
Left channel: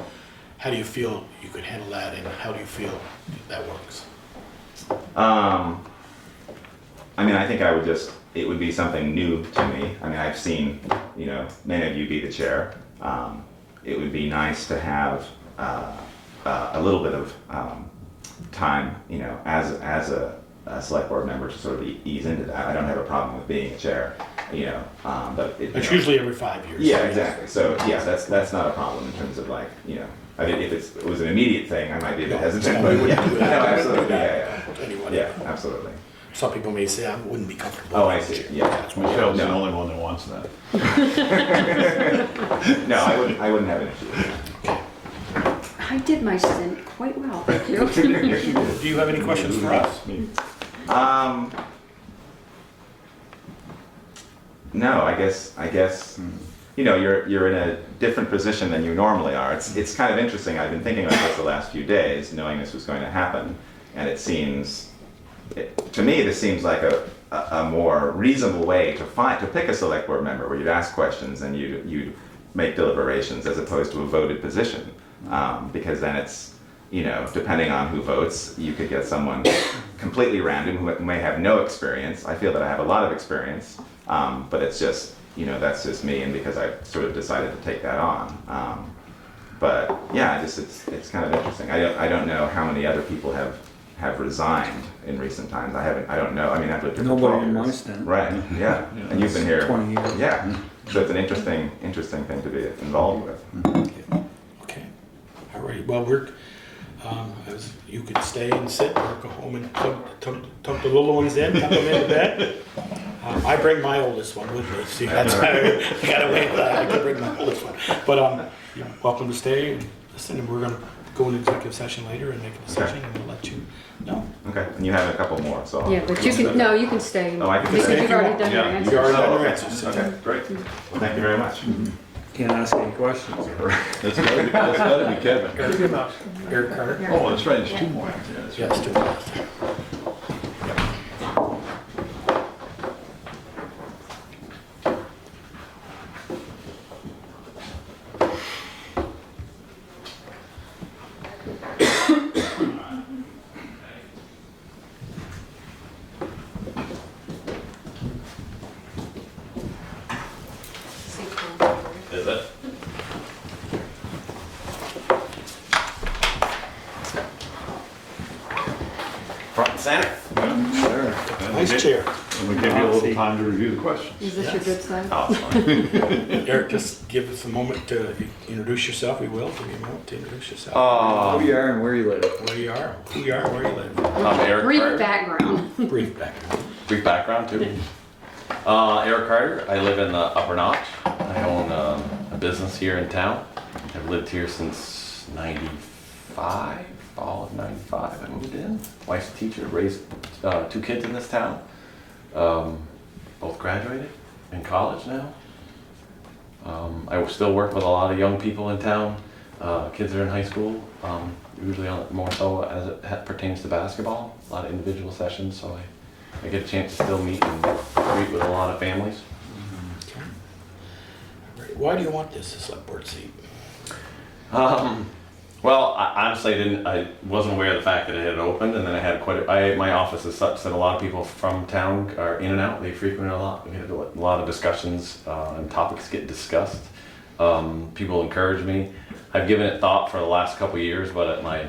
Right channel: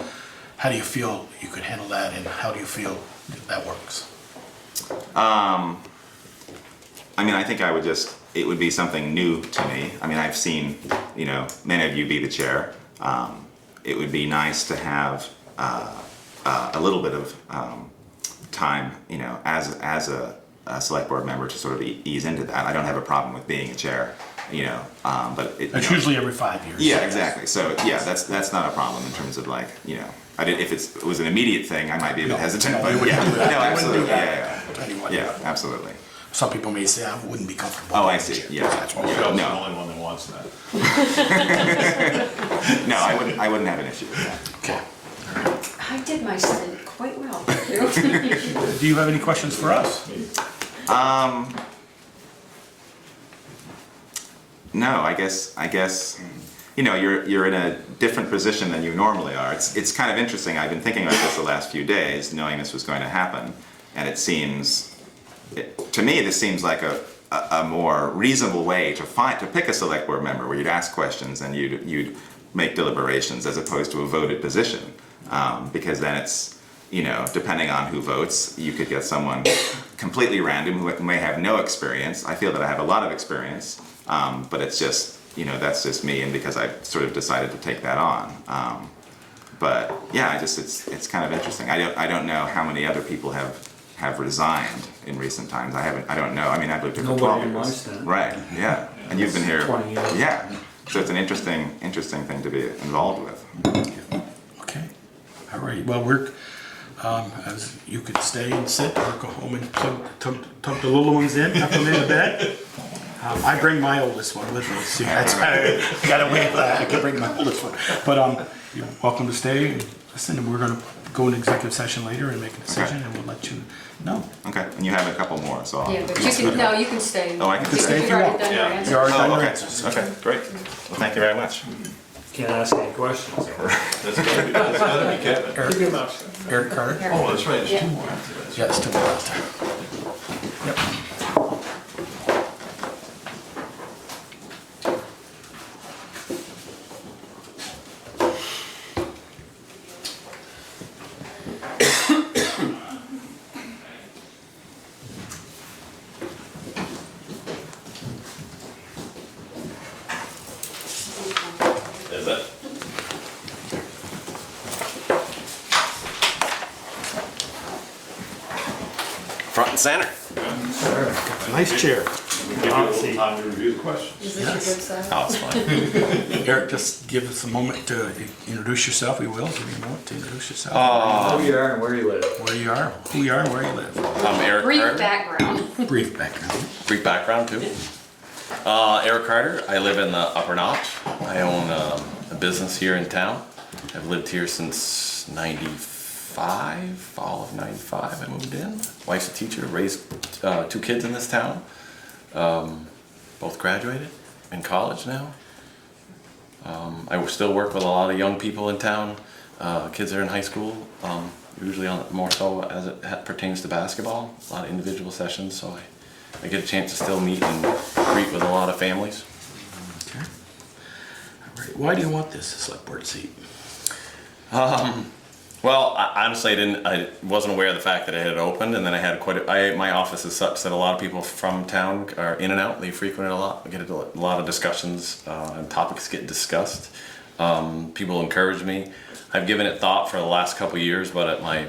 How do you feel you could handle that, and how do you feel that works? I mean, I think it would be something new to me. I mean, I've seen, you know, many of you be the chair. It would be nice to have a little bit of time, you know, as a select board member to sort of ease into that. I don't have a problem with being a chair, you know, but it's usually every 5 years. Yeah, exactly. So yeah, that's not a problem in terms of, like, you know, if it was an immediate thing, I might be a bit hesitant, but yeah, no, absolutely, yeah, absolutely. Some people may say I wouldn't be comfortable. Oh, I see. Yeah, That's why Phil's the only one that wants that. No, I wouldn't have an issue with that. I did my stint quite well. Do you have any questions for us? No, I guess you know, you're in a different position than you normally are. It's kind of interesting. I've been thinking about this the last few days, knowing this was going to happen, and to me this seems like a more reasonable way to pick a select board member, where you'd ask questions and you'd make deliberations as opposed to a voted position, because then it's, you know, depending on who votes, you could get someone completely random who may have no experience. I feel that I have a lot of experience, but it's just, you know, that's just me, and because I sort of decided to take that on. But yeah, it's kind of interesting. I don't know how many other people have resigned in recent times. I don't know. I mean, I've lived here for 12 Nobody in my years. stand. Right. Yeah. And you've been here. 20 years. Yeah. So it's an interesting thing to be involved with. Okay, all right, well, as you could stay and sit, or go home and tuck the little ones in, tuck them in the bed. I bring my oldest one with me, see, that's why I gotta wait for that, I can bring my oldest one. But, you're welcome to stay, and listen, and we're gonna go into executive session later and make a decision, and we'll let you know. Okay. And you have a couple more, so I'll. Yeah, but you can stay. Oh, I can Because stay you've if you already want. done your Yeah. answers. You already done your answers. Okay, great. Well, thank you very much. Can't ask any questions. That's gotta be Kevin. Eric Carter? Oh, that's right, there's Yeah. two more. Yeah, it's 2 hours there. Yep. Is it? Front and center. Nice chair. And we give you a little time to review the questions. Is this your good side? Oh, it's fine. Eric, just give us a moment to introduce yourself, we will, give you a moment to introduce yourself. Who you are and where you live. Where you are, who you are, and where you live. I'm Eric Brief Carter. background. Brief background. Brief background too. Eric Carter. I live in the Upper Notch. I own a business here in town. I've lived here since '95, fall of '95. I moved in. Wife's a teacher. Raised 2 kids in this town. Both graduated in college now. I still work with a lot of young people in town. Kids that are in high school. Usually more so as it pertains to basketball. A lot of individual sessions, so I get a chance to still meet and greet with a lot of families. Okay. All right. Why do you want this select board seat? Well, honestly, I wasn't aware of the fact that it had opened, and then I had my office is such that a lot of people from town are in and out. They frequent it a lot. We get a lot of discussions, and topics get discussed. People encourage me. I've given it thought for the last couple of years, but I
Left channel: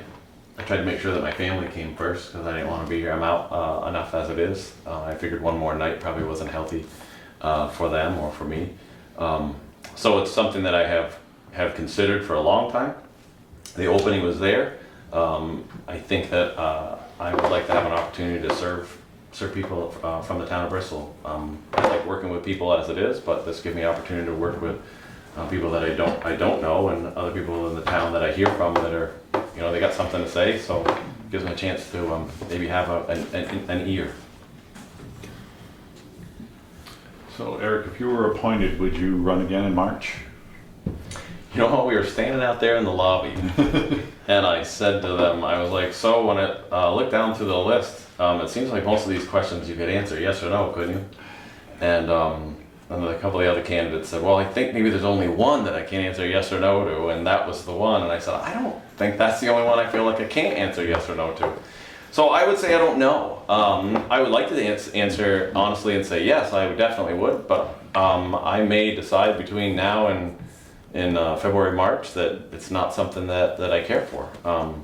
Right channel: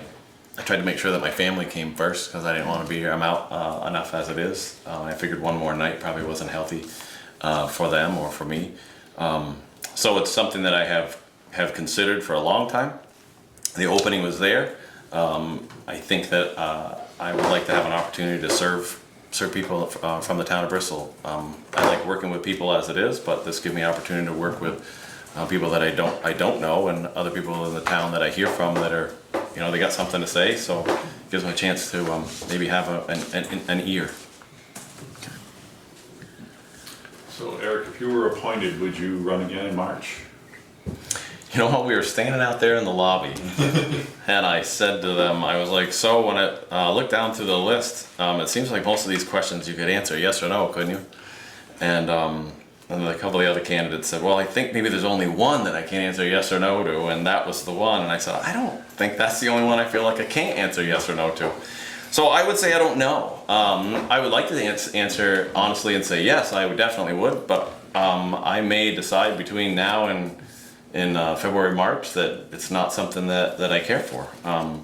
tried to make sure that my family came first because I didn't want to be here. I'm out enough as it is. I figured one more night probably wasn't healthy for them or for me. So it's something that I have considered for a long time. The opening was there. I think that I would like to have an opportunity to serve people from the town of Bristol. I like working with people as it is, but this gives me an opportunity to work with people that I don't know, and other people in the town that I hear from that are, they got something to say. So it gives me a chance to maybe have an ear. So Eric, if you were appointed, would you run again in March? You know what, we were standing out there in the lobby, and I said to them, I was like, so when I looked down through the list, it seems like most of these questions you could answer yes or no, couldn't you? And a couple of the other candidates said, well, I think maybe there's only one that I can't answer yes or no to, and that was the one. And I said, I don't think that's the only one I feel like I can't answer yes or no to. So I would say I don't know. I would like to answer honestly and say yes, I definitely would, but I may decide between now and in February, March, that it's not something that I care for.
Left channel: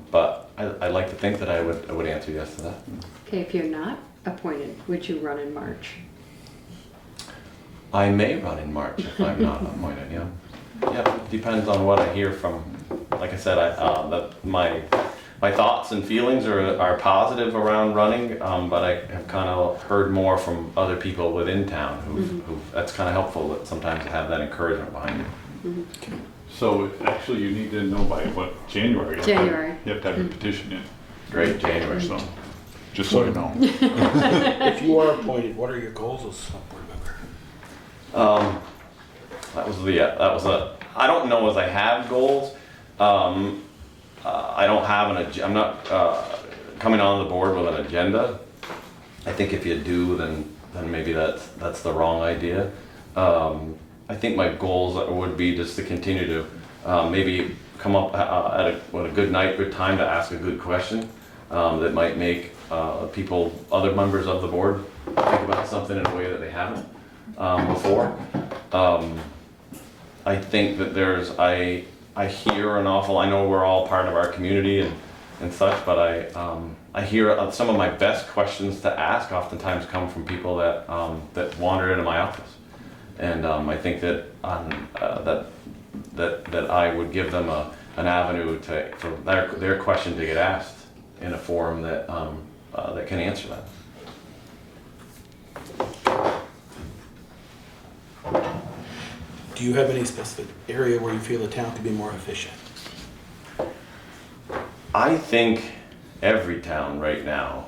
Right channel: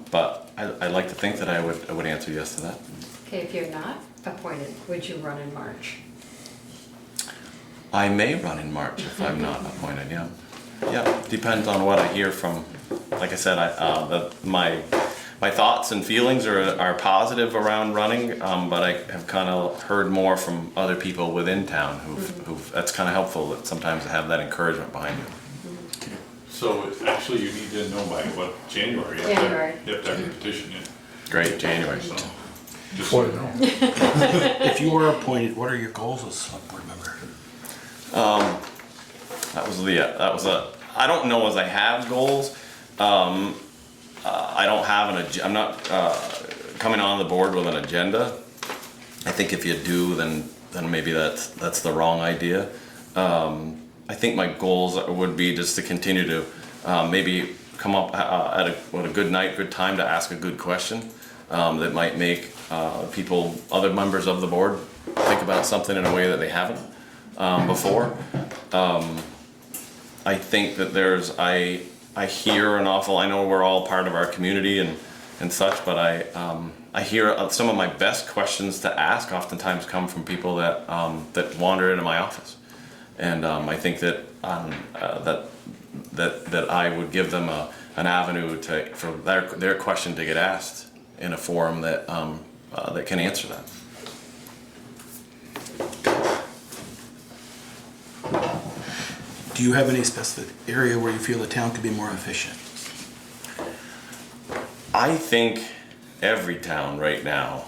But I'd like to think that I would answer yes to that. Okay, if you're not appointed, would you run in March? I may run in March if I'm not appointed, yeah. Yeah, depends on what I hear from, like I said, my thoughts and feelings are positive around running, but I have kind of heard more from other people within town who've that's kind of helpful that sometimes to have that encouragement behind you. So actually you need to know by what, January? January. You have to have a petition in. Great, January. So, just so you know. If you are appointed, what are your goals as a select board member? I don't know as I have goals. I don't have I'm not coming on the board with an agenda. I think if you do, then maybe that's the wrong idea. I think my goals would be just to continue to maybe come up at a good time to ask a good question that might make other members of the board think about something in a way that they haven't before. I think that I I hear an awful, I know we're all part of our community and such, but I hear some of my best questions to ask oftentimes come from people that wander into my office. And I think that that I would give them an avenue for their question to get asked in a forum that can answer that. Do you have any specific area where you feel the town could be more efficient? I think every town right now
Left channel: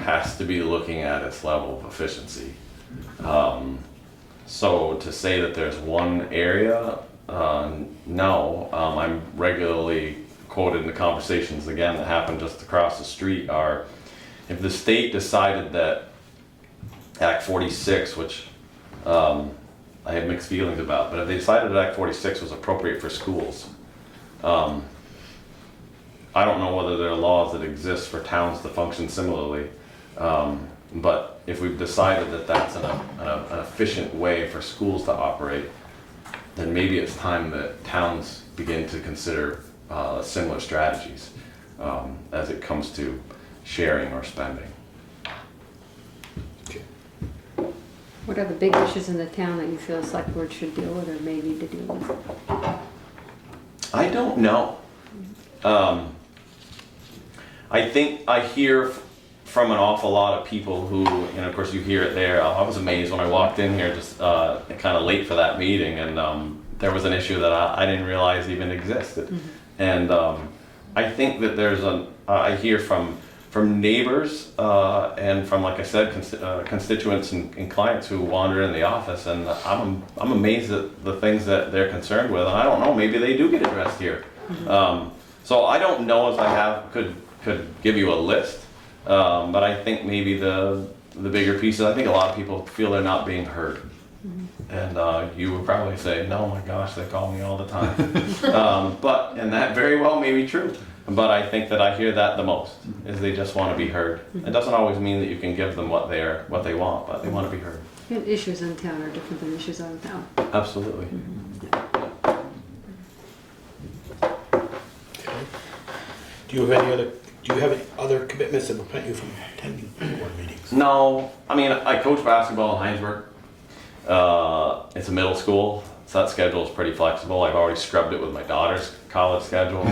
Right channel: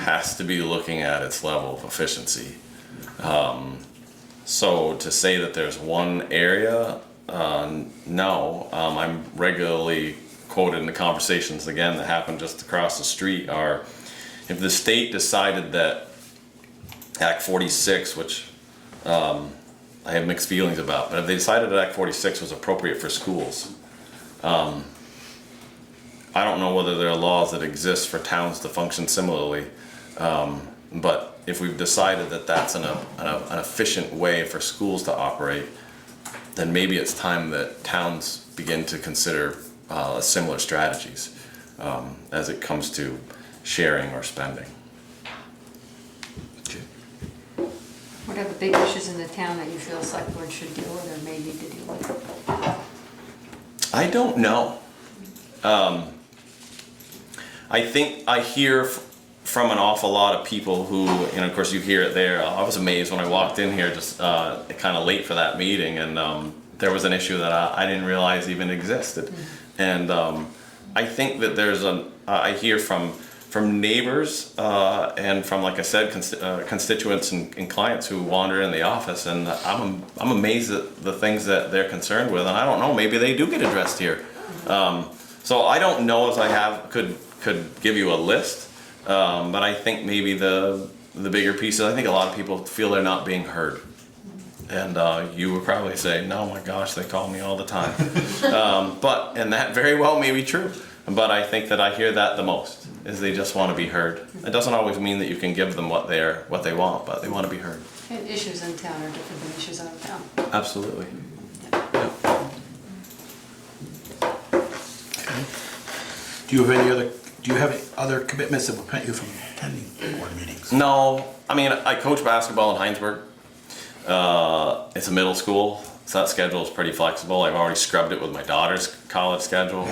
has to be looking at its level of efficiency. So to say that there's one area, no. I'm regularly quoted in the conversations again that happen just across the street are, if the state decided that Act 46, which I have mixed feelings about, but if they decided that Act 46 was appropriate for schools, I don't know whether there are laws that exist for towns to function similarly, but if we've decided that that's an efficient way for schools to operate, then maybe it's time that towns begin to consider similar strategies as it comes to sharing or spending. What are the big issues in the town that you feel the select board should deal with or may need to deal with? I don't know. I think I hear from an awful lot of people who, and of course you hear it there. I was amazed when I walked in here just kind of late for that meeting, and there was an issue that I didn't realize even existed. And I think that there's I hear from neighbors and from, like I said, constituents and clients who wander in the office, and I'm amazed at the things that they're concerned with, and I don't know, maybe they do get addressed here. So I don't know if I could give you a list, but I think maybe the bigger piece is I think a lot of people feel they're not being heard. And you would probably say, no, my gosh, they call me all the time. And that very well may be true. But I think that I hear that the most, is they just want to be heard. It doesn't always mean that you can give them what they want, but they want to be heard. Issues in town are different than issues out of town. Absolutely. Okay. Do you have any other commitments that will prevent you from attending board meetings? No, I mean, I coach basketball in Heinsberg. It's a middle school, so that schedule is pretty flexible. I've already scrubbed it with my daughter's college schedule.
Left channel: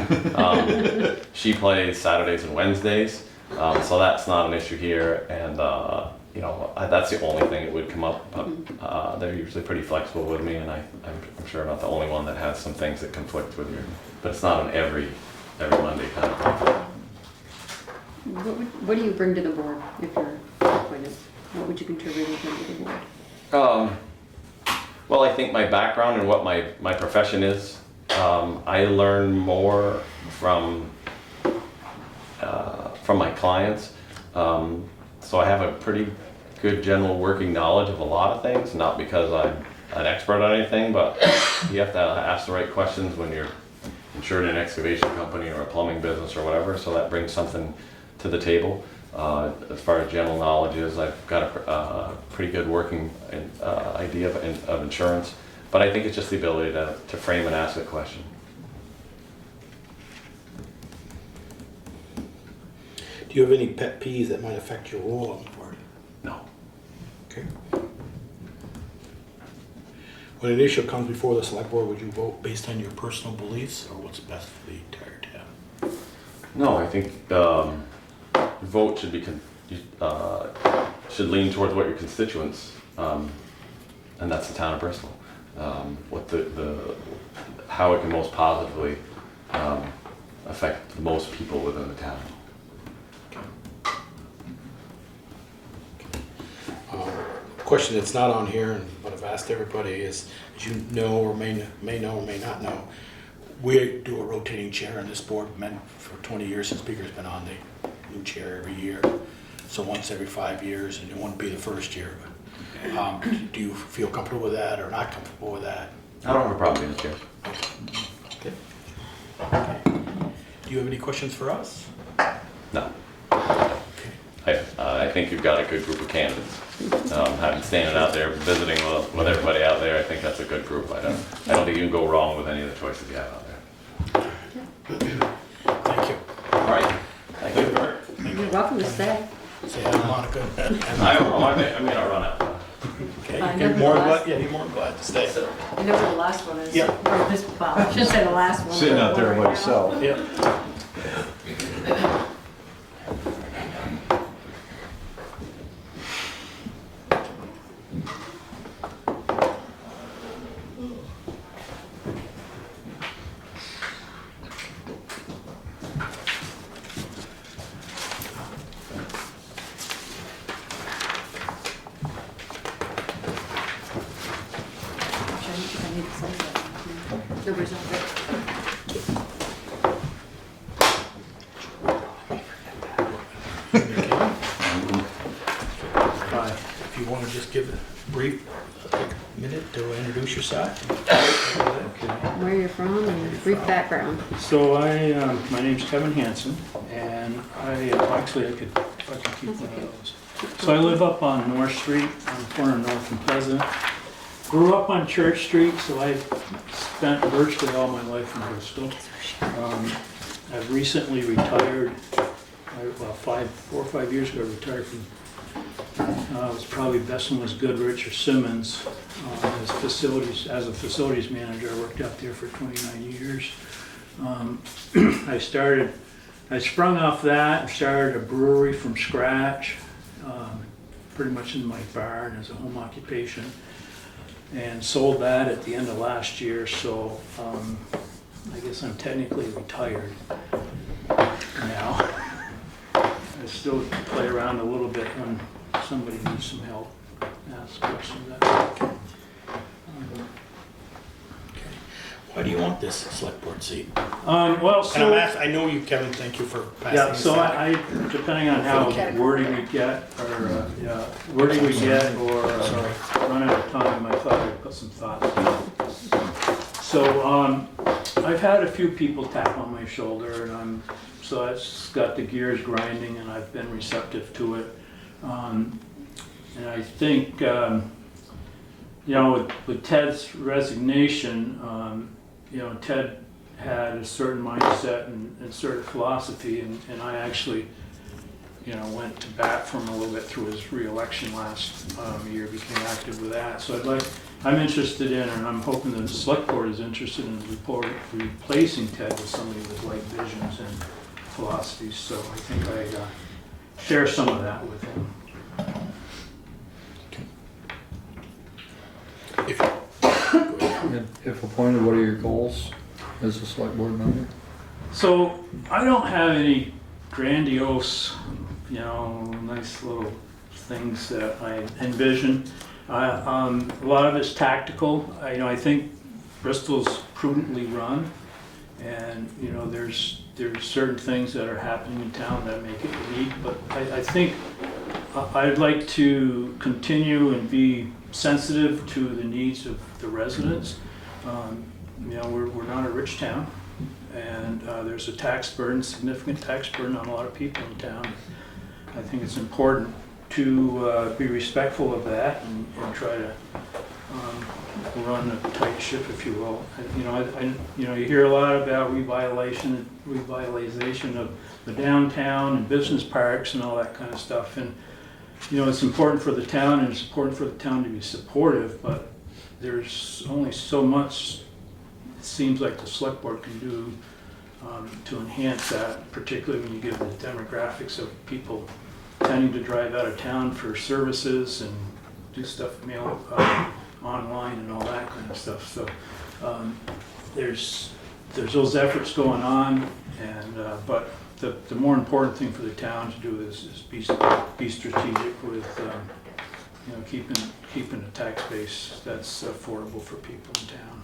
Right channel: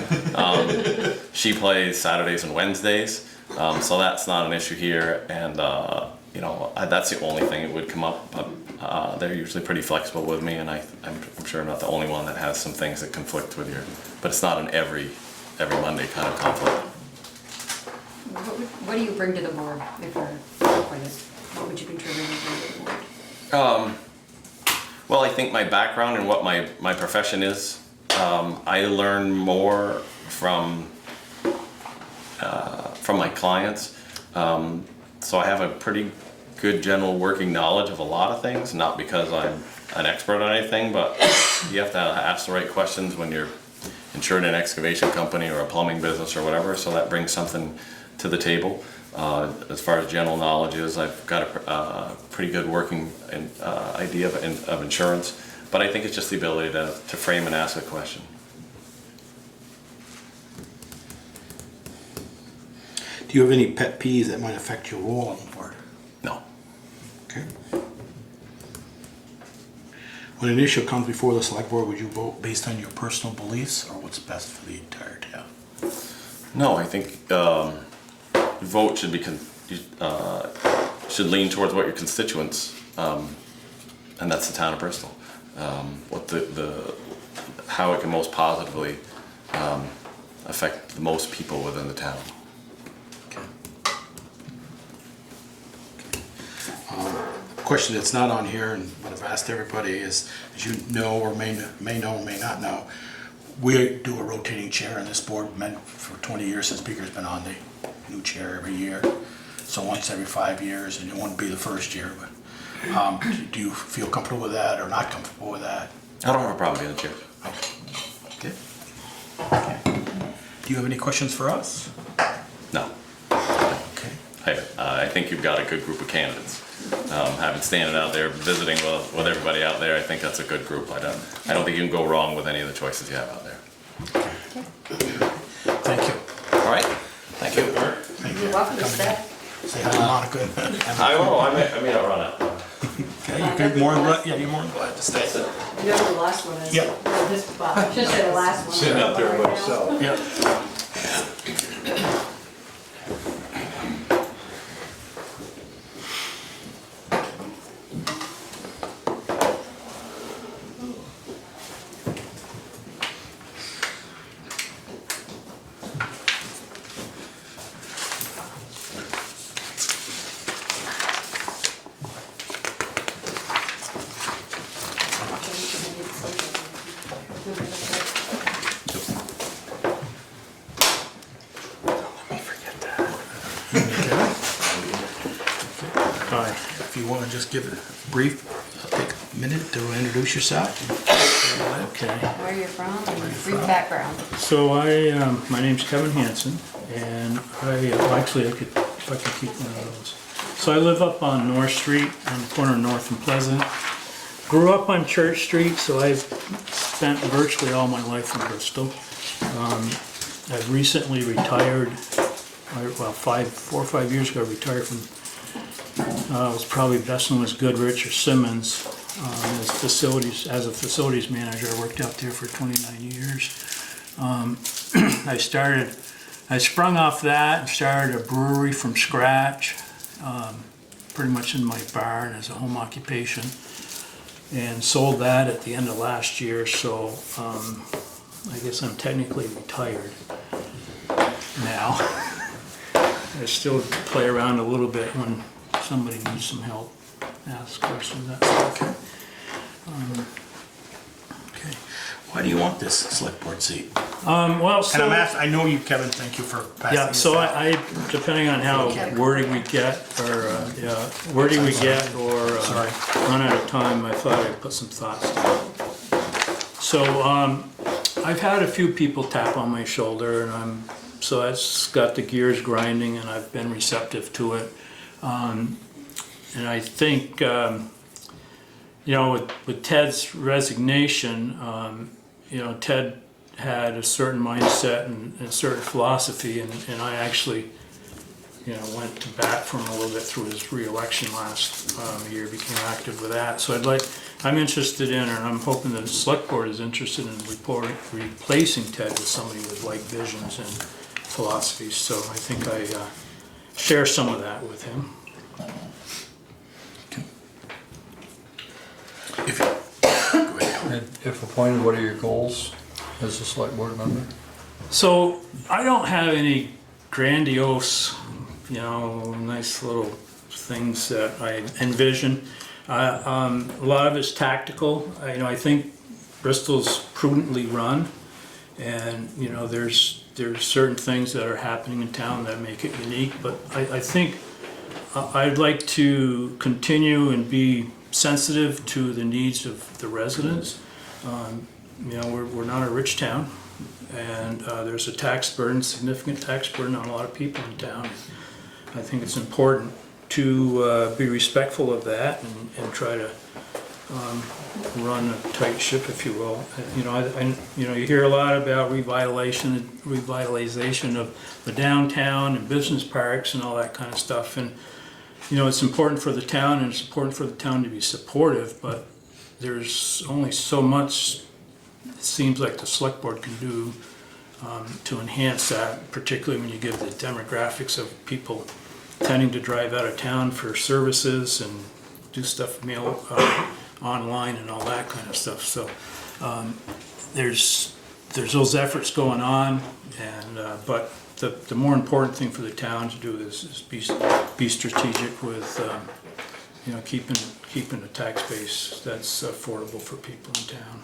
She plays Saturdays and Wednesdays, so that's not an issue here. And that's the only thing that would come up. But they're usually pretty flexible with me, and I'm sure I'm not the only one that has some things that conflict with you. But it's not an every Monday kind of conflict. What do you bring to the board if you're appointed? What would you contribute to the board? Well, I think my background and what my profession is, I learn more from my clients. So I have a pretty good general working knowledge of a lot of things, not because I'm an expert on anything, but you have to ask the right questions when you're insured in an excavation company or a plumbing business or whatever, so that brings something to the table. As far as general knowledge is, I've got a pretty good working idea of insurance, but I think it's just the ability to frame and ask a question. Do you have any pet peeves that might affect your role on the board? No. Okay. When an issue comes before the select board, would you vote based on your personal beliefs or what's best for the entire town? No, I think vote should be should lean towards what your constituents, and that's the town of Bristol. What how it can most positively affect the most people within the town. Question that's not on here, and what I've asked everybody is, as you know or may know or may not know, we do a rotating chair on this board. For 20 years, the speaker's been on the new chair every year. So once every 5 years, and it won't be the first year. But do you feel comfortable with that or not comfortable with that? I don't have a problem with the chair. Okay. Okay. Do you have any questions for us? No. Okay. I think you've got a good group of candidates. Having standing out there, visiting with everybody out there, I think that's a good group. I don't think you can go wrong with any of the choices you have out there. Thank you. All right, thank you. You're welcome to stay. Say hi to Monica. I will, I may not run out. Okay, you're more than glad, yeah, you're more than glad to stay. You know who the last one is? Yeah. Or this, I should say the last one. Sitting out there by himself. Yeah. If you want to just give a brief, take a minute to introduce yourself. Okay. Where you're from and brief background. So my name's Kevin Hansen, and actually I could keep one of those. So I live up on North Street, on the corner of North and Pleasant. Grew up on Church Street, so I've spent virtually all my life in Bristol. I've recently retired, well, 4 or 5 years ago, I retired from, it was probably best known as Goodrich or Simmons, as a facilities manager. I worked out there for 29 years. I sprung off that and started a brewery from scratch, pretty much in my barn as a home occupation, and sold that at the end of last year, so I guess I'm technically retired now. I still play around a little bit when somebody needs some help, ask questions, that stuff. Okay. Why do you want this select board seat? Well, so... And I know you, Kevin, thank you for passing Yeah, this so out. I depending on how wordy we get, or, run out of time, I thought I'd put some thoughts down. So, I've had a few people tap on my shoulder, and so that's got the gears grinding, and I've been receptive to it. And I think, with Ted's resignation, Ted had a certain mindset and a certain philosophy, and I actually, went to bat for him a little bit through his re-election last year, became active with that. So I'm interested in, and I'm hoping that the select board is interested in replacing Ted with somebody with like visions and philosophies. So I think I share some of that with him. If appointed, what are your goals as a select board member? So I don't have any grandiose, nice little things that I envision. A lot of it's tactical. I think Bristol's prudently run, and there's certain things that are happening in town that make it unique. But I think I'd like to continue and be sensitive to the needs of the residents. We're not a rich town, and there's a tax burden, significant tax burden on a lot of people in town. I think it's important to be respectful of that and try to run a tight ship, if you will. You hear a lot about revitalization of the downtown and business parks and all that kind of stuff. And it's important for the town, and it's important for the town to be supportive, but there's only so much it seems like the select board can do to enhance that, particularly when you give the demographics of people tending to drive out of town for services and do stuff mail online and all that kind of stuff. So there's those efforts going on, and but the more important thing for the town to do is be strategic with keeping a tax base that's affordable for people in town.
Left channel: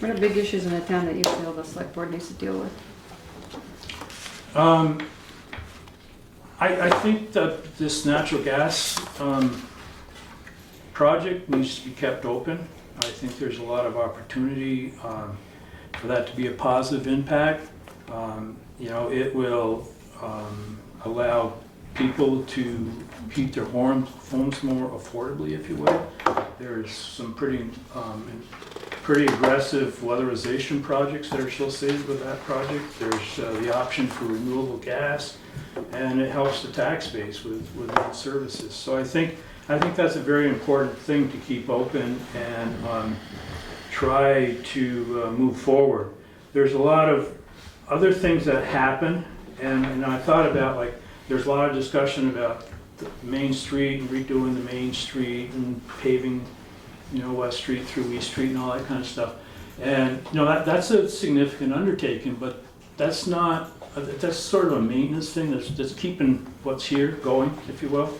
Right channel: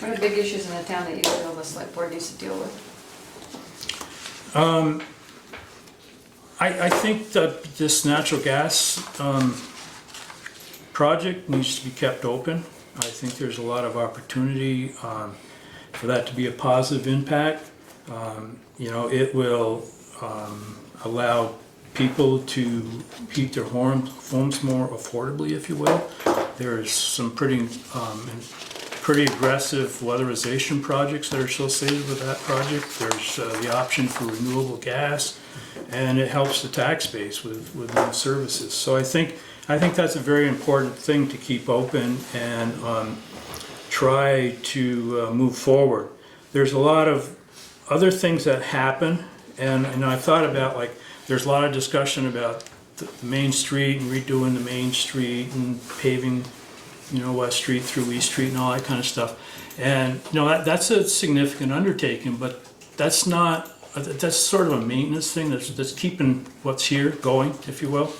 What are big issues in the town that you feel the select board needs to deal with? I think that this natural gas project needs to be kept open. I think there's a lot of opportunity for that to be a positive impact. It will allow people to heat their homes more affordably, if you will. There's some pretty aggressive weatherization projects that are associated with that project. There's the option for renewable gas, and it helps the tax base with new services. So I think that's a very important thing to keep open and try to move forward. There's a lot of other things that happen, and I thought about, like, there's a lot of discussion about the Main Street and redoing the Main Street and paving, West Street through East Street and all that kind of stuff. And, that's a significant undertaking, but that's sort of a maintenance thing that's keeping what's here going, if you will,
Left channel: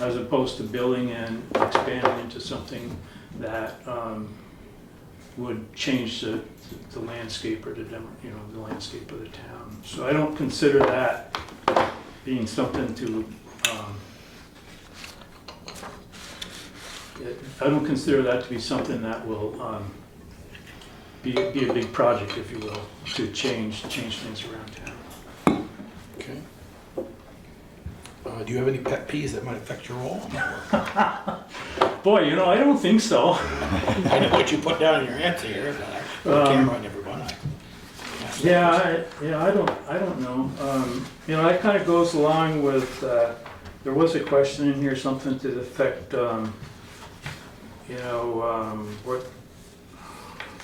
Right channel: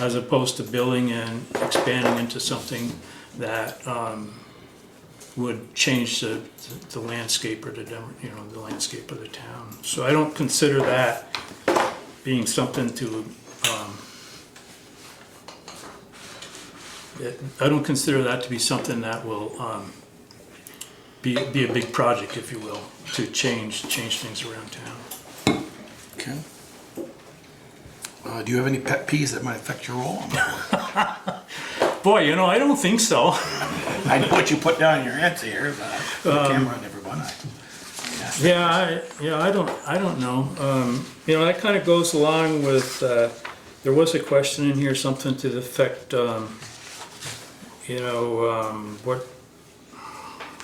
as opposed to building and expanding into something that would change the landscape or the landscape of the town. So I don't consider that being something to, I don't consider that to be something that will be a big project, if you will, to change things around town. Okay. Do you have any pet peeves that might affect your role? Boy, I don't think so. I know what you put down in your answer here, but on camera I never run. I don't know. That kind of goes along with, there was a question in here, something to the effect,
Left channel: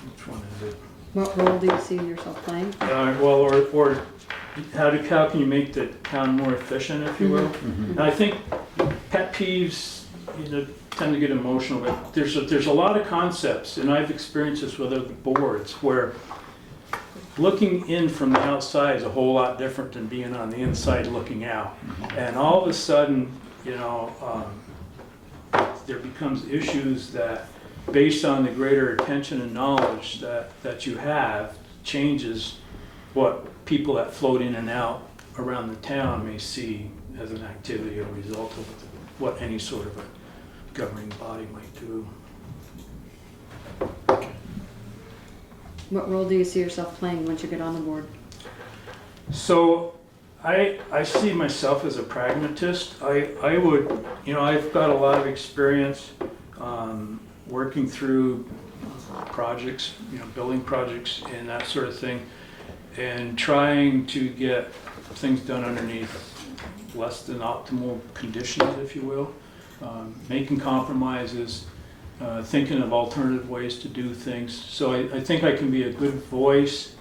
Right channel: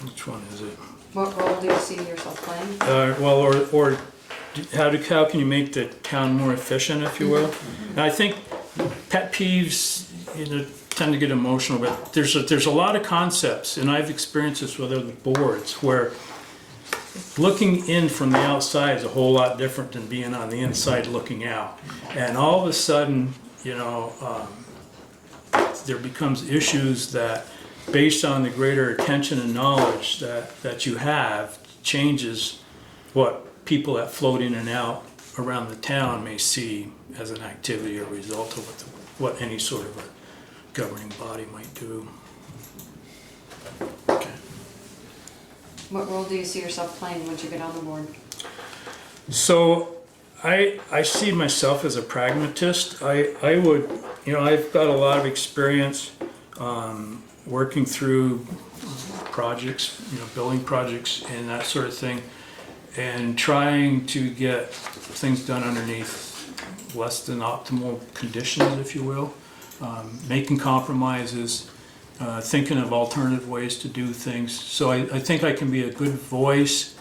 which one is it? What role do you see yourself playing? Or how can you make the town more efficient, if you will? And I think pet peeves, tend to get emotional, but there's a lot of concepts, and I've experienced this with other boards, where looking in from the outside is a whole lot different than being on the inside looking out. And all of a sudden, there becomes issues that, based on the greater attention and knowledge that you have, changes what people that float in and out around the town may see as an activity or result of what any sort of a governing body might do. Okay. What role do you see yourself playing once you get on the board? So I see myself as a pragmatist. I would, I've got a lot of experience working through projects, building projects and that sort of thing, and trying to get things done underneath less than optimal conditions, if you will, making compromises, thinking of alternative ways to do things. So I think I can be a good voice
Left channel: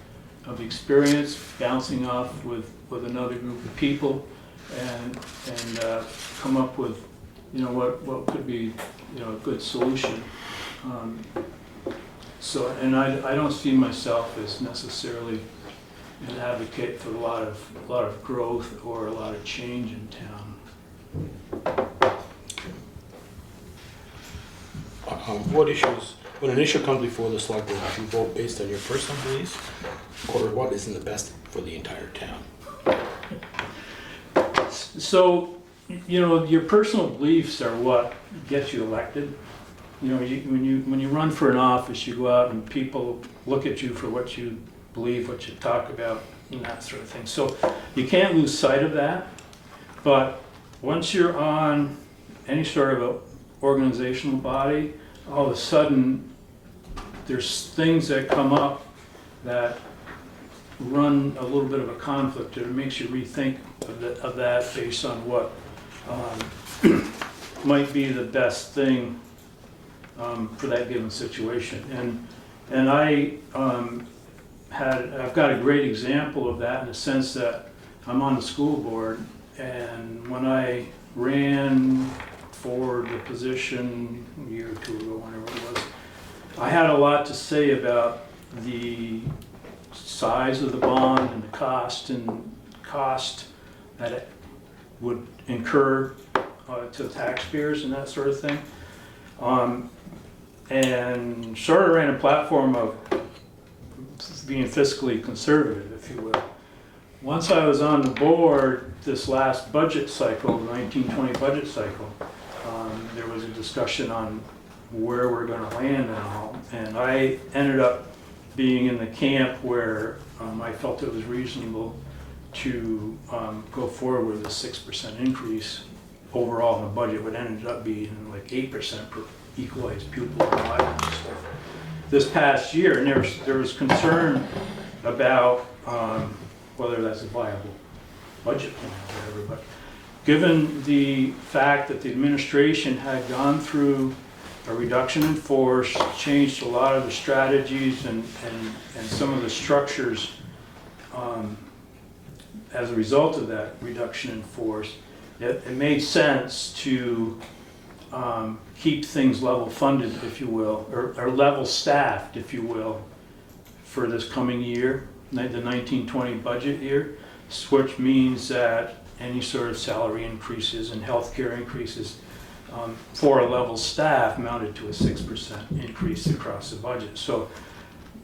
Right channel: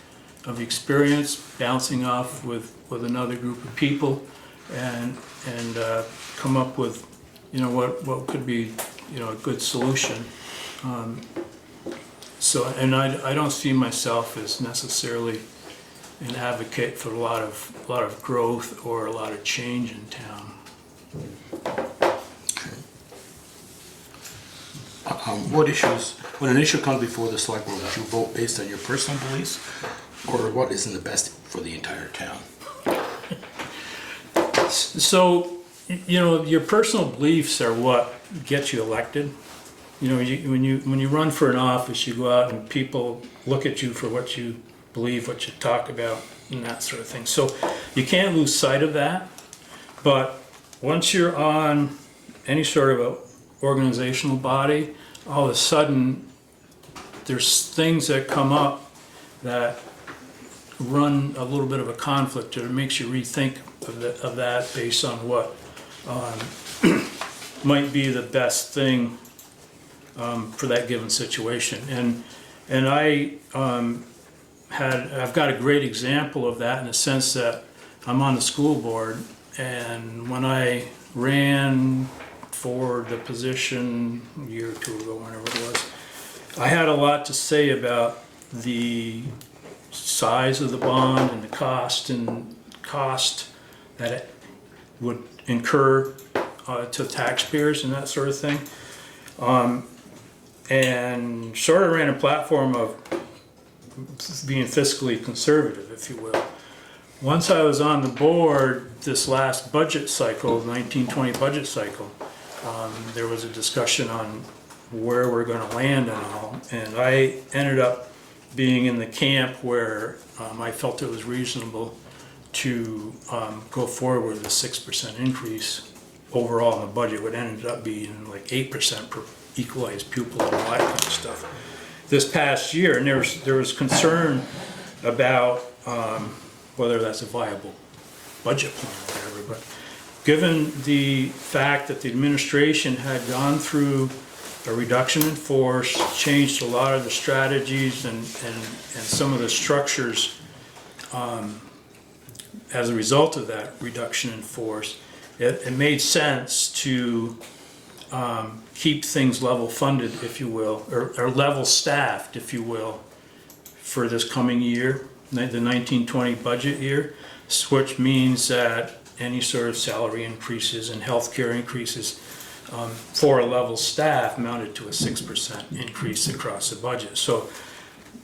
of experience, bouncing off with another group of people, and come up with what could be a good solution. And I don't see myself as necessarily an advocate for a lot of growth or a lot of change in town. What issues, when an issue comes before the select board, would you vote based on your personal beliefs, or what is in the best for the entire town? So, your personal beliefs are what gets you elected. When you run for an office, you go out and people look at you for what you believe, what you talk about, and that sort of thing. So you can't lose sight of that. But once you're on any sort of a organizational body, all of a sudden there's things that come up that run a little bit of a conflict, and it makes you rethink of that based on what might be the best thing for that given situation. And I've got a great example of that in the sense that I'm on the school board, and when I ran for the position a year or two ago, whenever it was, I had a lot to say about the size of the bond and the cost that it would incur to taxpayers and that sort of thing. And sort of ran a platform of being fiscally conservative, if you will. Once I was on the board this last budget cycle, the 1920 budget cycle, there was a discussion on where we're going to land and all, and I ended up being in the camp where I felt it was reasonable to go forward with a 6% increase overall in the budget, what ended up being like 8% per equalized pupil and all that kind of stuff. This past year, and there was concern about whether that's a viable budget plan or whatever, but given the fact that the administration had gone through a reduction in force, changed a lot of the strategies and some of the structures as a result of that reduction in force, it made sense to keep things level funded, if you will, or level staffed, if you will, for this coming year, the 1920 budget year, which means that any sort of salary increases and healthcare increases for a level staff amounted to a 6% increase across the budget. So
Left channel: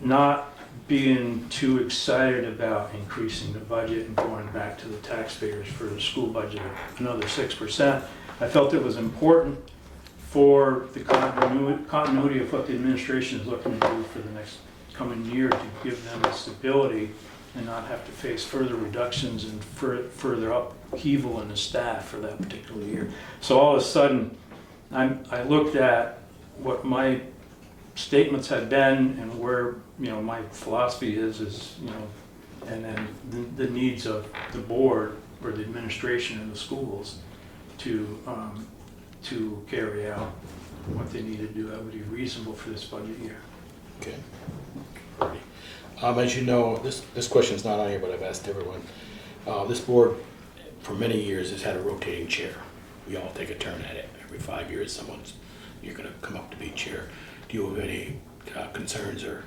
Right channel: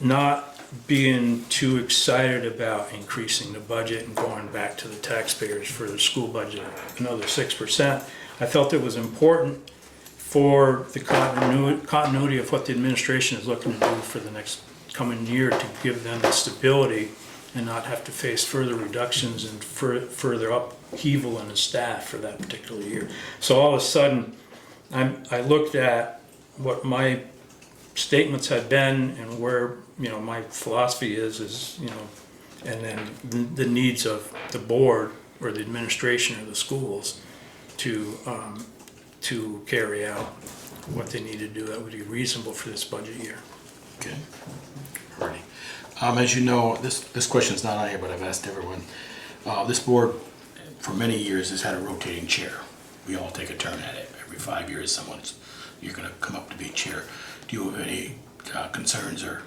not being too excited about increasing the budget and going back to the taxpayers for the school budget another 6%. I felt it was important for the continuity of what the administration is looking to do for the next coming year to give them the stability and not have to face further reductions and further upheaval in the staff for that particular year. So all of a sudden, I looked at what my statements had been and where, you know, my philosophy is, you know, and then the needs of the board or the administration of the schools to carry out what they need to do that would be reasonable for this budget year. Okay. Alrighty. As you know, this question's not on here, but I've asked everyone. This board, for many years, has had a rotating chair. We all take a turn at it. Every 5 years, you're going to come up to be chair. Do you have any concerns or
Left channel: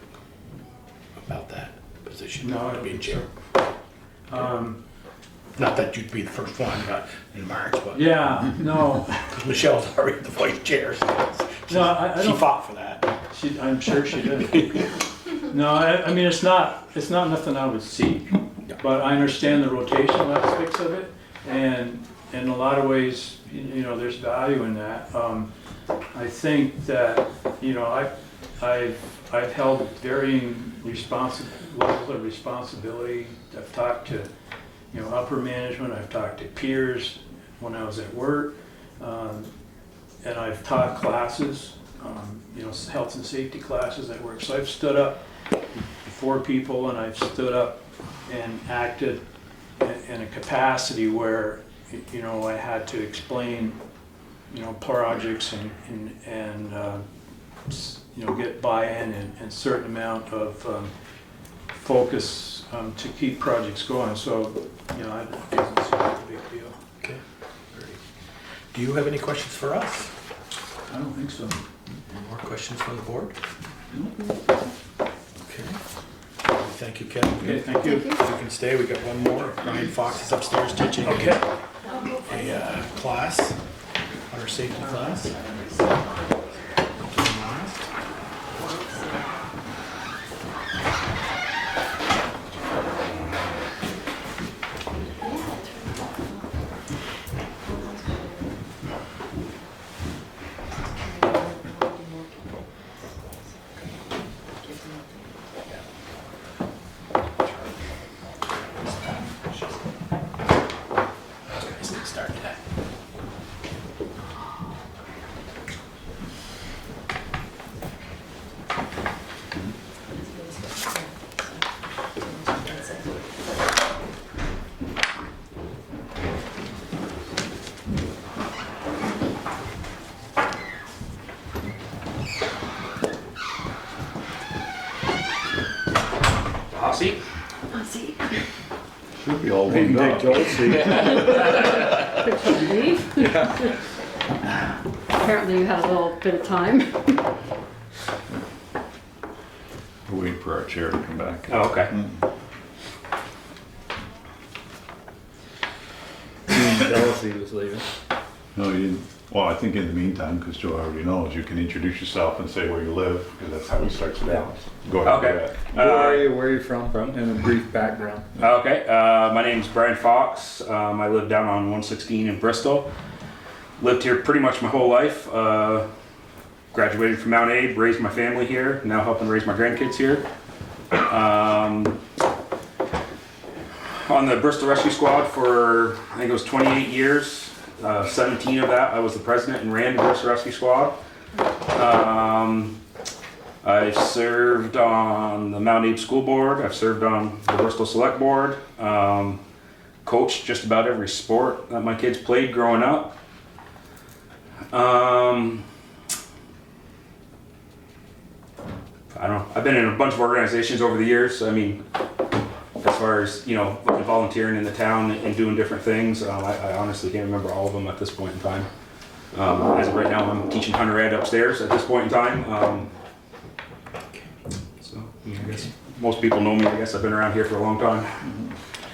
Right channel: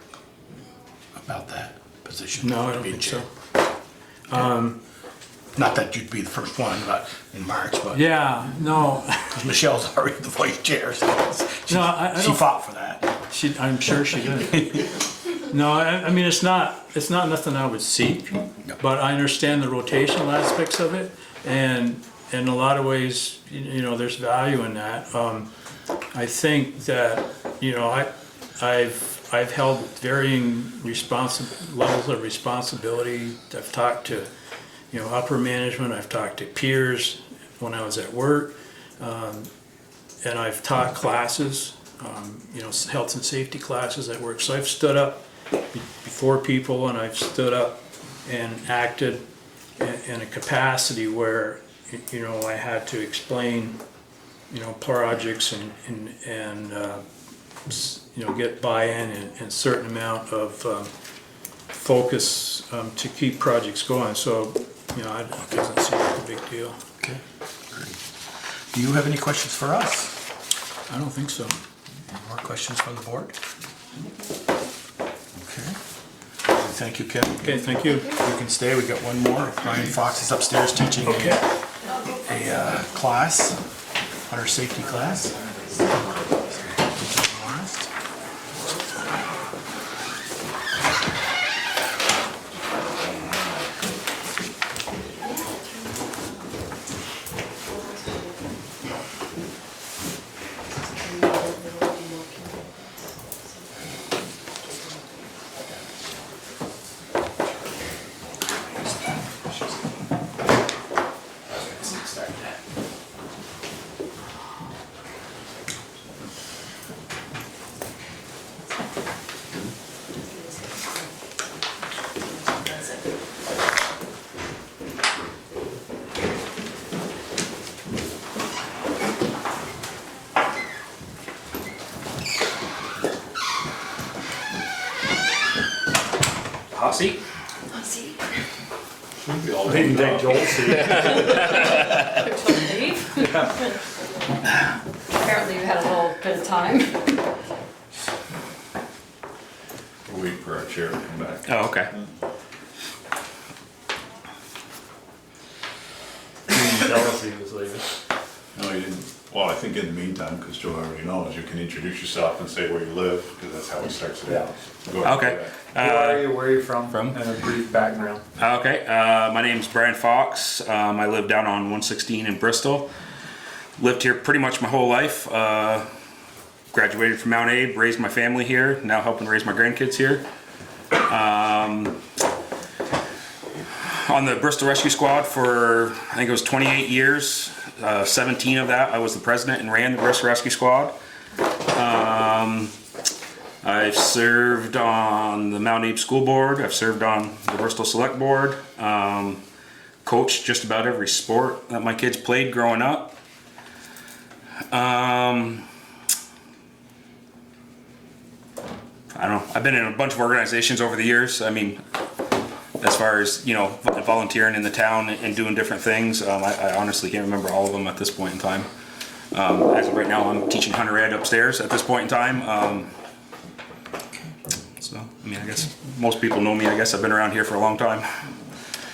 about that position? No, I don't being think chair? so. Not that you'd be the first one, but in March, but Yeah, no. Michelle's already the vice chair, so she don't- fought for that. I'm sure she did. No, I mean, it's not nothing I would seek, but I understand the rotational aspects of it, and in a lot of ways, you know, there's value in that. I think that, you know, I've held varying levels of responsibility. I've talked to, you know, upper management, I've talked to peers when I was at work, and I've taught classes, you know, health and safety classes at work. So I've stood up before people, and I've stood up and acted in a capacity where, you know, I had to explain, you know, projects and you know, get buy-in and certain amount of focus to keep projects going. So, you know, I don't think that seems like a big deal. Okay, great. Do you have any questions for us? I don't think so. Any more questions from the board? Okay. Thank you, Kevin. Okay, thank you. You can stay. We got one more. Brian Fox is upstairs teaching a class, hunter safety class. Seat. Should be all Big done up. Apparently you had a little bit of time. We're waiting for our chair to come back. Oh, okay. Jealousy was leaving. No, you didn't. Well, I think in the meantime, because Joe already knows, you can introduce yourself and say where you live, because that's how we start today. Go ahead. Okay. Where are you from? And a brief background. Okay, my name's Brian Fox. I live down on 116 in Bristol. Lived here pretty much my whole life. Graduated from Mount Abe, raised my family here, now helping raise my grandkids here. On on the Bristol Rescue Squad for, I think it was 28 years. 17 of that, I was the president and ran the Bristol Rescue Squad. I've served on the Mount Abe School Board. I've served on the Bristol Selectboard. Coached just about every sport that my kids played growing up. I don't know. I've been in a bunch of organizations over the years. I mean, as far as, you know, volunteering in the town and doing different things, I honestly can't remember all of them at this point in time. As of right now, I'm teaching Hunter Ed upstairs at this point in time. So, I mean, I guess most people know me. I guess I've been around here for a long time.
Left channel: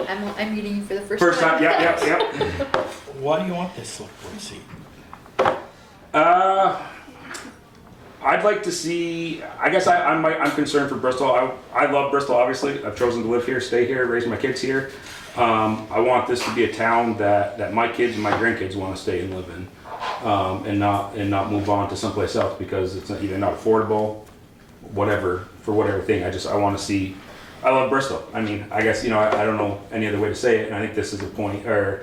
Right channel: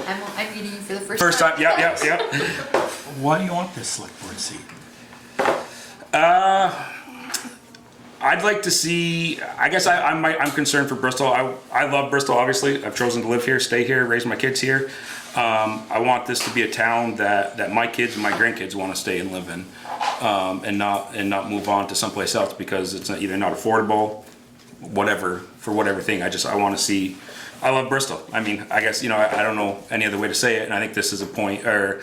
I'm meeting you for the first time. Yep. Why do you want this select board seat? I'd like to see, I guess I'm concerned for Bristol. I love Bristol, obviously. I've chosen to live here, stay here, raise my kids here. I want this to be a town that my kids and my grandkids want to stay and live in, and not move on to someplace else because it's either not affordable, for whatever thing. I want to see, I love Bristol. I mean, I guess, you know, I don't know any other way to say it, and I think this is a point, or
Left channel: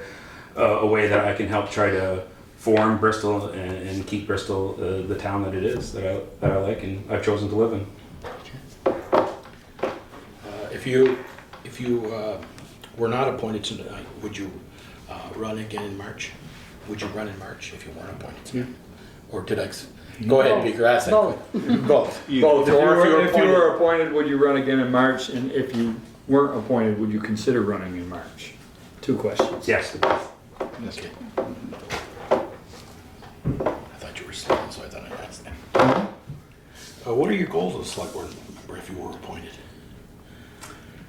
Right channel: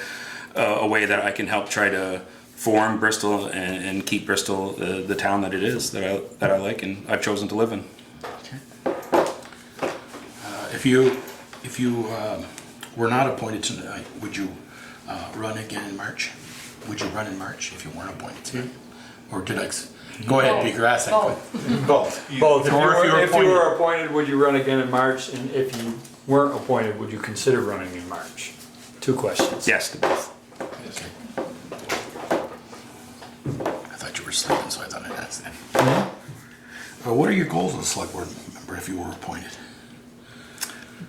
a way that I can help try to form Bristol and keep Bristol the town that it is, that I like and I've chosen to live in. If you were not appointed tonight, would you run again in March? Would you run in March if you weren't appointed tonight? Or did I? Go ahead, Beaker, ask that. Both. Both. If you were appointed, would you run again in March? And if you weren't appointed, would you consider running in March? 2 questions. Yes, to both. Okay. I thought you were sleeping, so I thought I'd ask that. What are your goals as a select board member if you were appointed?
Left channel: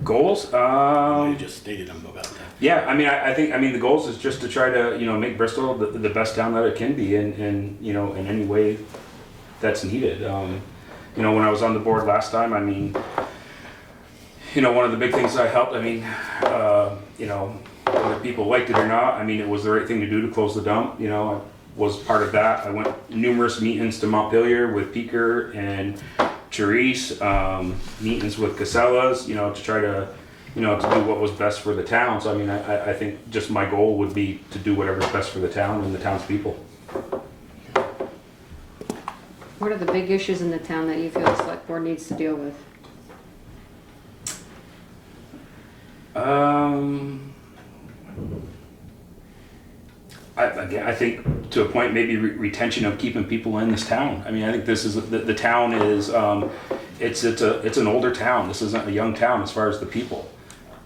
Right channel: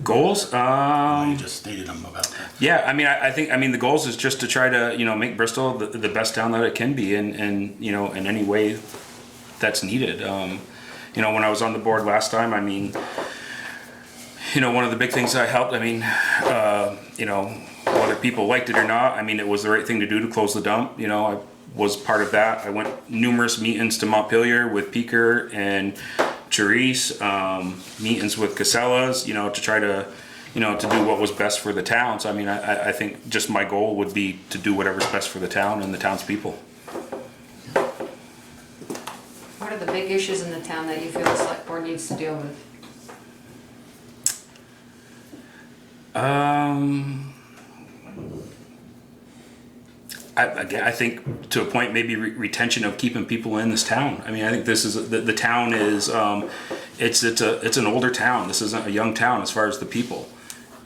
Goals? You just stated them about that. Yeah, I mean, I think the goals is just to try to, you know, make Bristol the best town that it can be in you know, in any way that's needed. You know, when I was on the board last time, I mean, you know, one of the big things I helped, I mean, you know, whether people liked it or not, I mean, it was the right thing to do to close the dump. You know, I was part of that. I went numerous meetings to Montpelier with Peaker and Charisse, meetings with Casellas, you know, to try to, you know, to do what was best for the town. So, I mean, I think just my goal would be to do whatever's best for the town and the townspeople. What are the big issues in the town that you feel the select board needs to deal with? I think to a point maybe retention of keeping people in this town. I mean, I think this is the town is it's an older town. This isn't a young town as far as the people,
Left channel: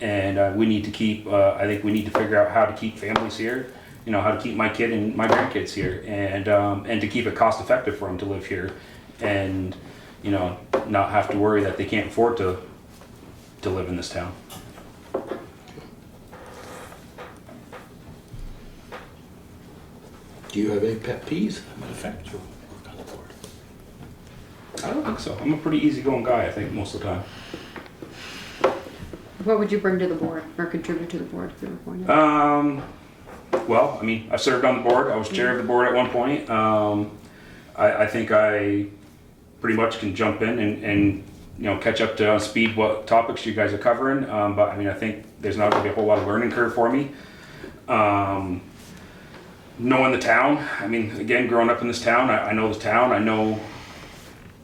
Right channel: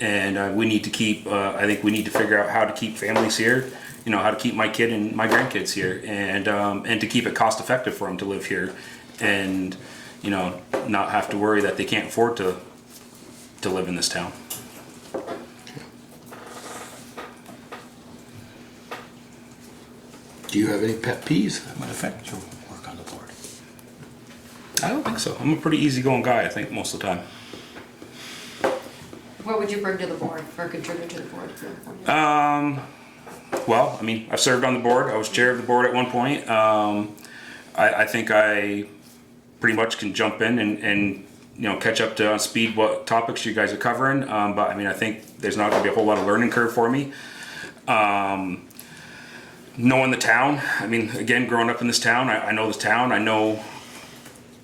and we need to keep. I think we need to figure out how to keep families here. You know, how to keep my kid and my grandkids here, and to keep it cost effective for them to live here, and you know, not have to worry that they can't afford to live in this town. Do you have any pet peeves that might affect your work on the board? I don't think so. I'm a pretty easygoing guy, I think, most of the time. What would you bring to the board or contribute to the board if you're appointed? Well, I mean, I've served on the board. I was chair of the board at one point. I think I pretty much can jump in and you know, catch up to speed what topics you guys are covering. But I mean, I think there's not going to be a whole lot of learning curve for me. Knowing the town, I mean, again, growing up in this town, I know this town. I know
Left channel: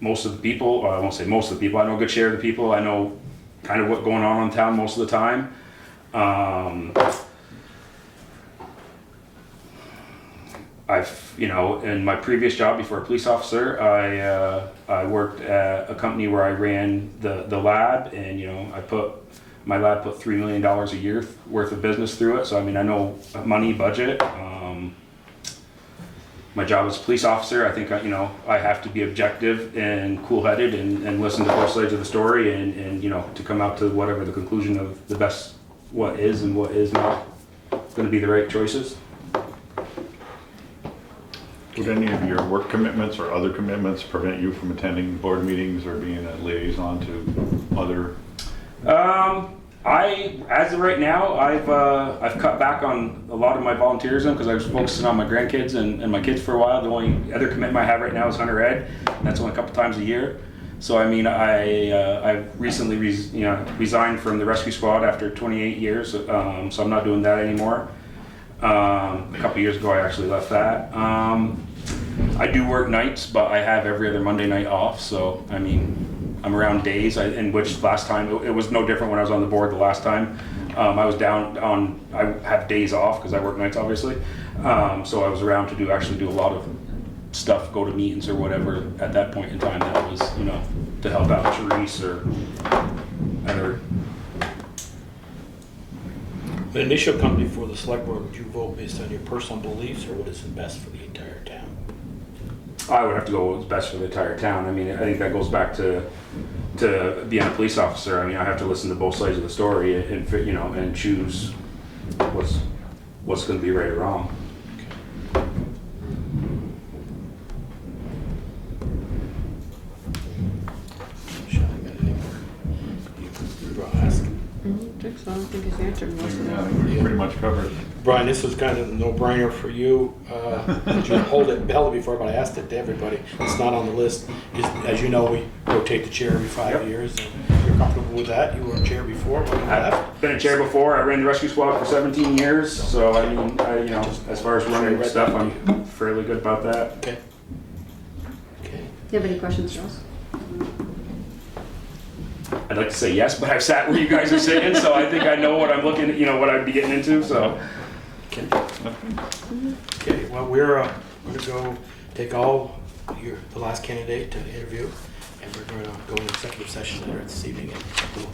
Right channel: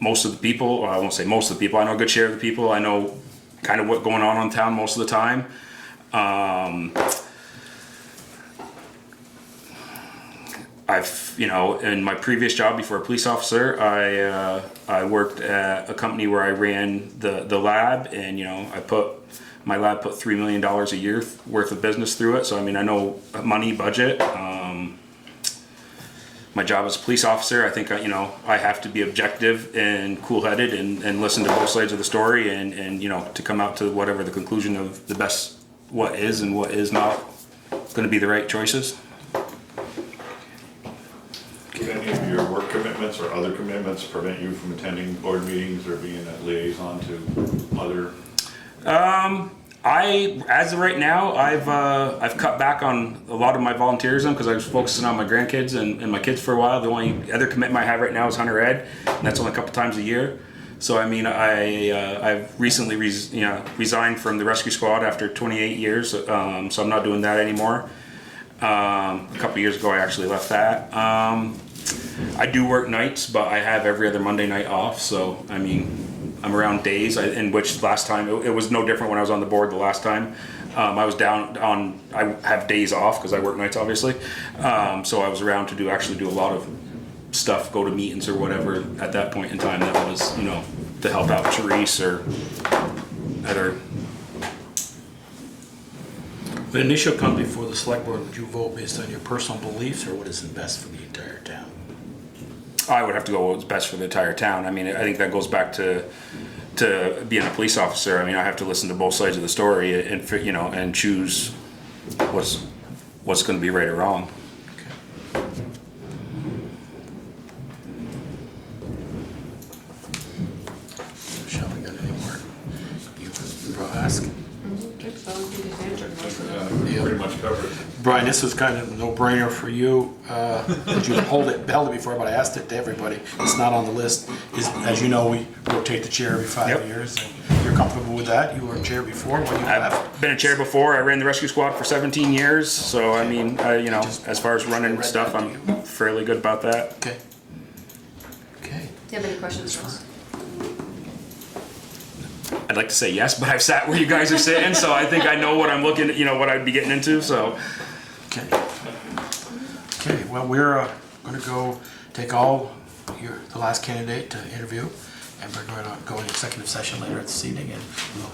most of the people. Well, I won't say most of the people. I know a good share of the people. I know kind of what's going on in town most of the time. I've, you know, in my previous job before a police officer, I worked at a company where I ran the lab, and you know, my lab put $3 million a year worth of business through it. So I mean, I know money, budget. My job as a police officer, I think, you know, I have to be objective and cool-headed and listen to both sides of the story and you know, to come out to whatever the conclusion of the best, what is and what is not going to be the right choices. Would any of your work commitments or other commitments prevent you from attending board meetings or being a liaison to other? As of right now, I've cut back on a lot of my volunteerism because I was focusing on my grandkids and my kids for a while. The only other commitment I have right now is Hunter Ed, and that's only a couple times a year. So I mean, I've recently resigned from the rescue squad after 28 years, so I'm not doing that anymore. A couple years ago, I actually left that. I do work nights, but I have every other Monday night off. So I mean, I'm around days. In which last time it was no different when I was on the board. The last time I was down on, I have days off because I work nights, obviously. So I was around to actually do a lot of stuff, go to meetings or whatever at that point in time. That was, to help out Therese or other. The initial come before the select board, would you vote based on your personal beliefs or what is best for the entire town? I would have to go with what's best for the entire town. I mean, I think that goes back to being a police officer. I mean, I have to listen to both sides of the story and and choose what's going to be right or wrong. Shopping done anymore? You ask. Pretty much covered. Brian, this was kind of a no-brainer for you. You held it before, but I asked it to everybody. It's not on the list. As you know, we rotate the chair every 5 years. And you're comfortable with that? You were a chair before. I've been a chair before. I ran the rescue squad for 17 years. So I mean, as far as running stuff, I'm fairly good about that. Okay. Okay. Do you have any questions, Ross? I'd like to say yes, but I've sat where you guys are sitting, so I think I know what I'm looking at, what I'd be getting into. So. Okay. Okay. Well, we're going to go take the last candidate to interview, and we're going to go into executive session later this evening, and we'll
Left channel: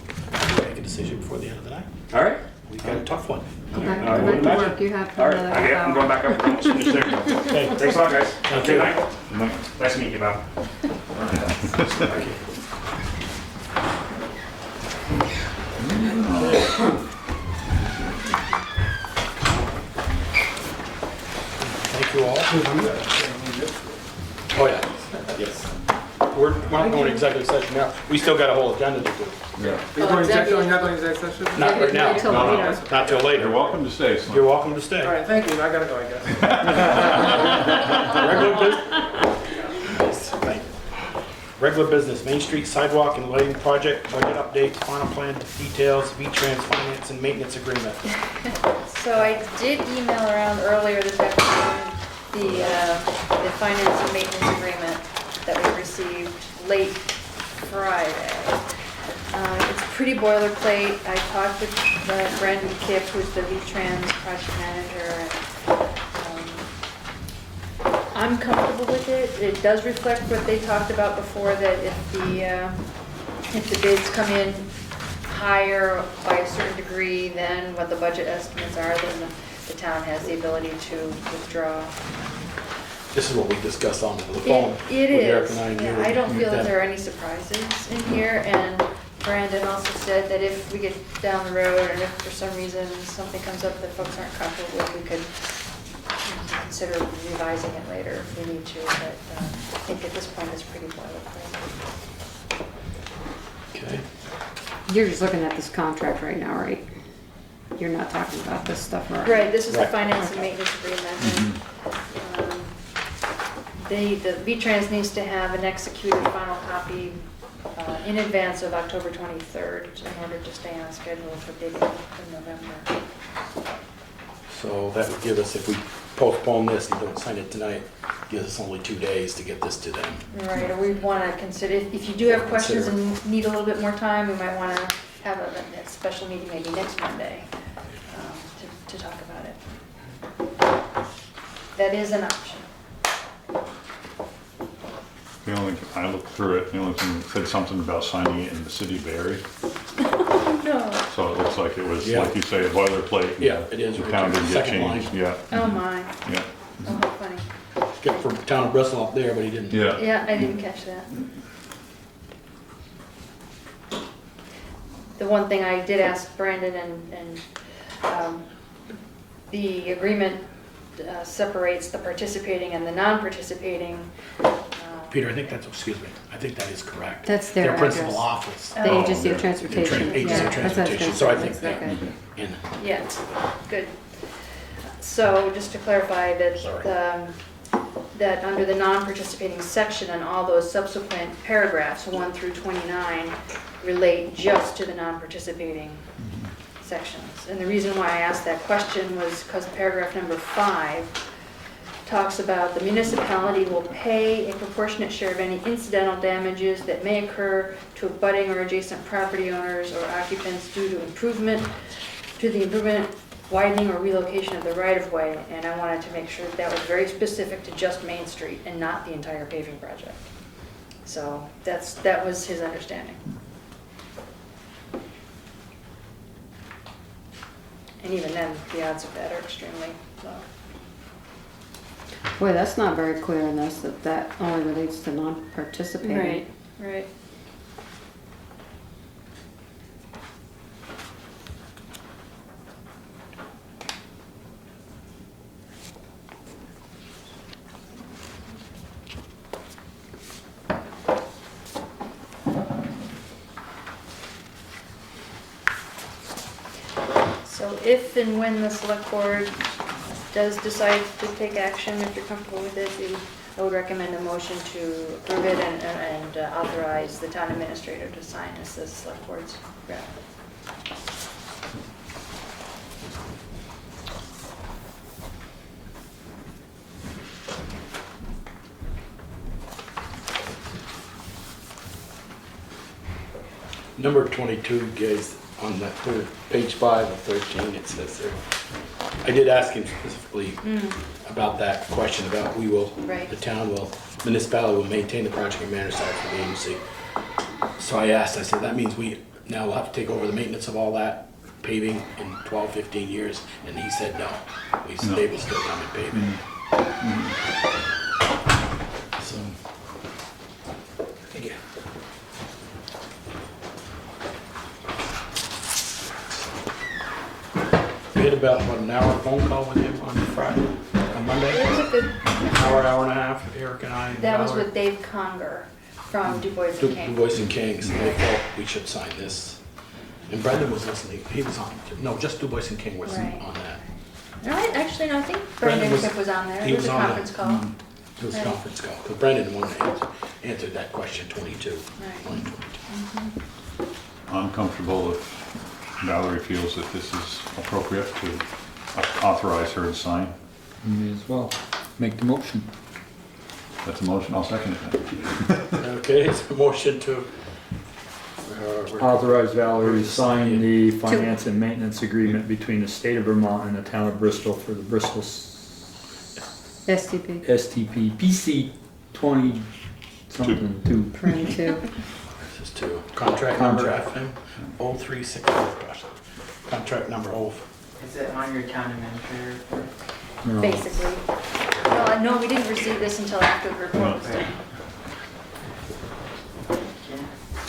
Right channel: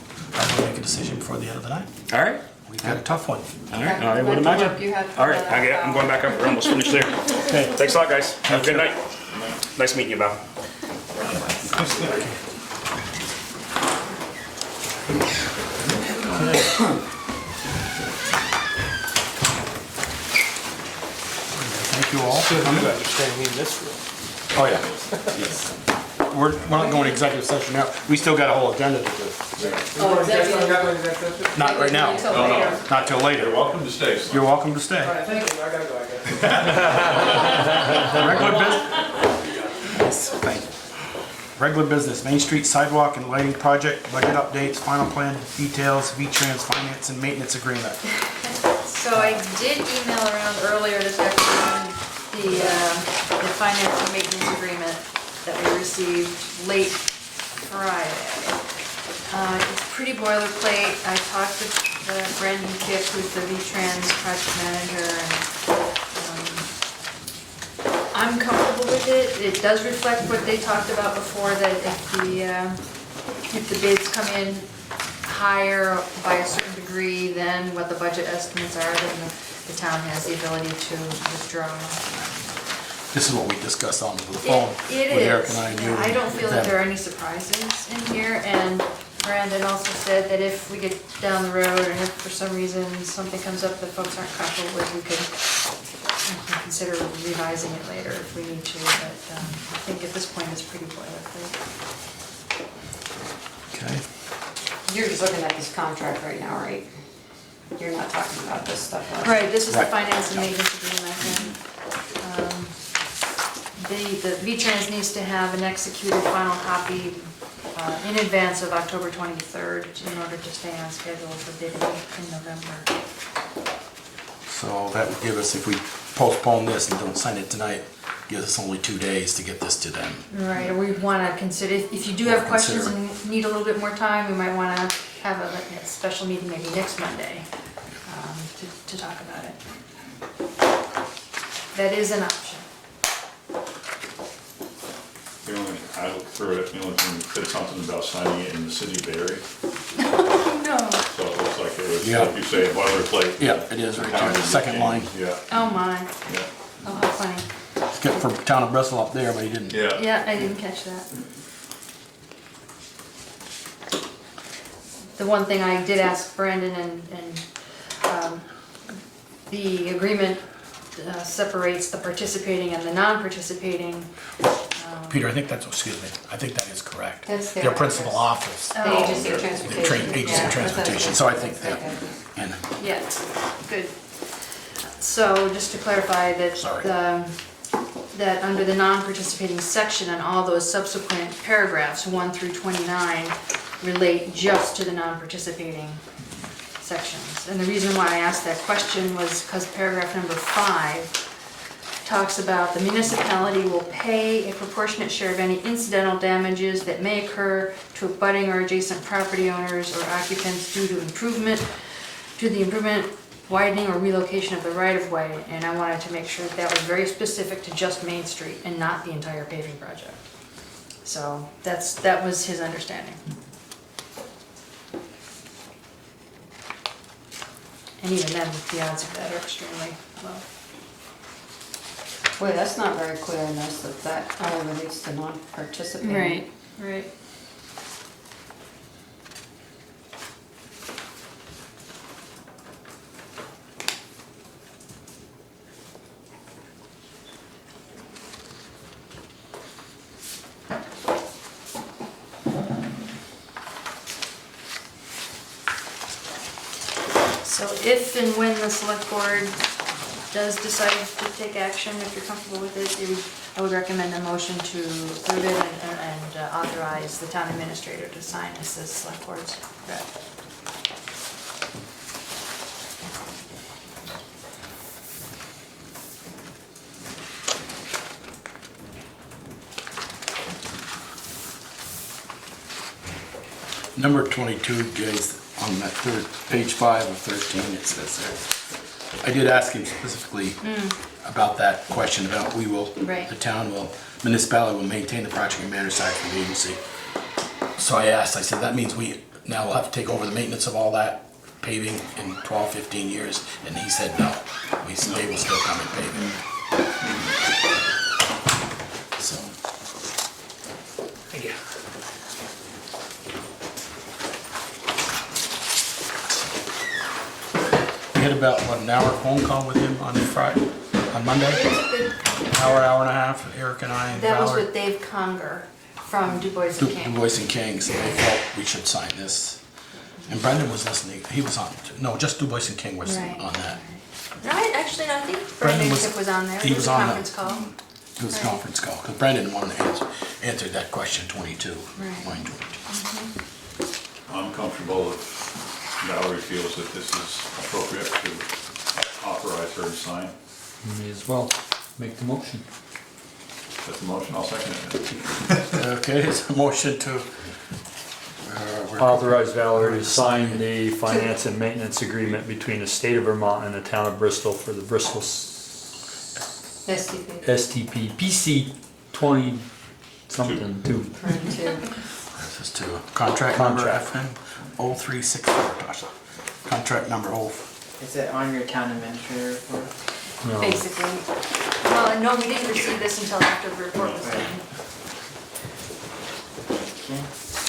make a decision before the end of the night. All right. We've got a tough one. Okay. I would imagine. You have All right. Okay, I'm going back up. We're almost finished there. Okay. Thanks a lot, guys. Have a good night. Nice meeting you, Val. Thank you all. Oh, yeah. Yes. We're not going to executive session now. We still got a whole agenda to do. Not right now. No. Not till later. You're welcome to stay, son. You're welcome to stay. Thank you, I gotta go, I guess. Regular business. Regular business, Main Street sidewalk and lighting project, budget updates, final plan details, V-Trans finance and maintenance agreement. So I did email around earlier this afternoon the finance and maintenance agreement that we received late Friday. It's pretty boilerplate. I talked with Brendan Kipp, who's the V-Trans project manager, and I'm comfortable with it. It does reflect what they talked about before, that if the bids come in higher by a certain degree than what the budget estimates are, then the town has the ability to withdraw. This is what we discussed on the phone. It with Eric is. and Yeah, I don't feel that there are any surprises in here, and Brandon also said that if we get down the road, or if for some reason something comes up that folks aren't comfortable with, we could consider revising it later if we need to, but I think at this point it's pretty boilerplate. Okay. You're just looking at this contract right now, right? You're not talking about this stuff, Right, this is the Right. finance and maintenance agreement. And, the V-Trans needs to have an executed final copy in advance of October 23rd in order to stay on schedule for bidding in November. So that would give us, if we postpone this and don't sign it tonight, gives us only 2 days to get this to them. Right, or we'd want to consider, if you do have questions and need a little bit more time, we might want to have a special meeting maybe next Monday to talk about it. That is an option. I looked through it, the only thing that said something about signing it in the city of Barry. No. So it looks like it was, Yeah. like you say, a boilerplate. Yeah, it is, The right town there, did second change. line. Yeah, Oh my, yeah, oh how funny. It's good for town of Bristol up there, but he didn't. yeah. Yeah, I didn't catch that. The one thing I did ask Brandon and the agreement separates the participating and the non-participating. Peter, I think that's, excuse me, I think that is correct. That's their principal address. office. The agency of transportation. Agency Yeah, of that's transportation, what so I was think that. okay. And Yeah, good. So just to clarify that Sorry. that under the non-participating section and all those subsequent paragraphs, 1 through 29, relate just to the non-participating sections. And the reason why I asked that question was because paragraph number 5 talks about the municipality will pay a proportionate share of any incidental damages that may occur to abutting or adjacent property owners or occupants due to the improvement, widening or relocation of the right-of-way. And I wanted to make sure that was very specific to just Main Street and not the entire paving project. So that was his understanding. And even then, the odds of that are extremely low. Boy, that's not very clear in this, that only relates to non-participating. Right. So if and when the select board does decide to take action, if you're comfortable with it, I would recommend a motion to approve it and authorize the town administrator to sign as the select board's rep. Number 22, guys, on that third, page 5 of 13, it says there. I did ask him specifically about that question about the town municipality will maintain the project and manage that for the agency. So I said, that means we now will have to take over the maintenance of all that paving in 12, 15 years, and he said no. They will still come and pave it. So, yeah. We had about an hour phone call with him on Monday. It was a good, Hour and a half, Eric and I and that was Valerie. with Dave Conger from Du Bois and King. Du Bois and King, so they felt we should sign this. And Brendan was listening, he was on, no, just Du Bois and King was Right. on that. No, I think Brendan was on there. He was a on conference call. It was a Right. conference call, because Brendan wanted to answer that question 22. Right. Line 22. I'm comfortable if Valerie feels that this is appropriate to authorize her to sign. May as well make the motion. That's a motion, I'll second it then. Okay, it's a motion to Authorize Valerie to sign the finance and maintenance agreement between the state of Vermont and the town of Bristol for the Bristol STP. STP PC 20 something 2. 22. This is to contract number FN 0364. Contract number 0. Is it on your town administrator report? No. Basically. Well, no, we didn't receive this until after the report was done.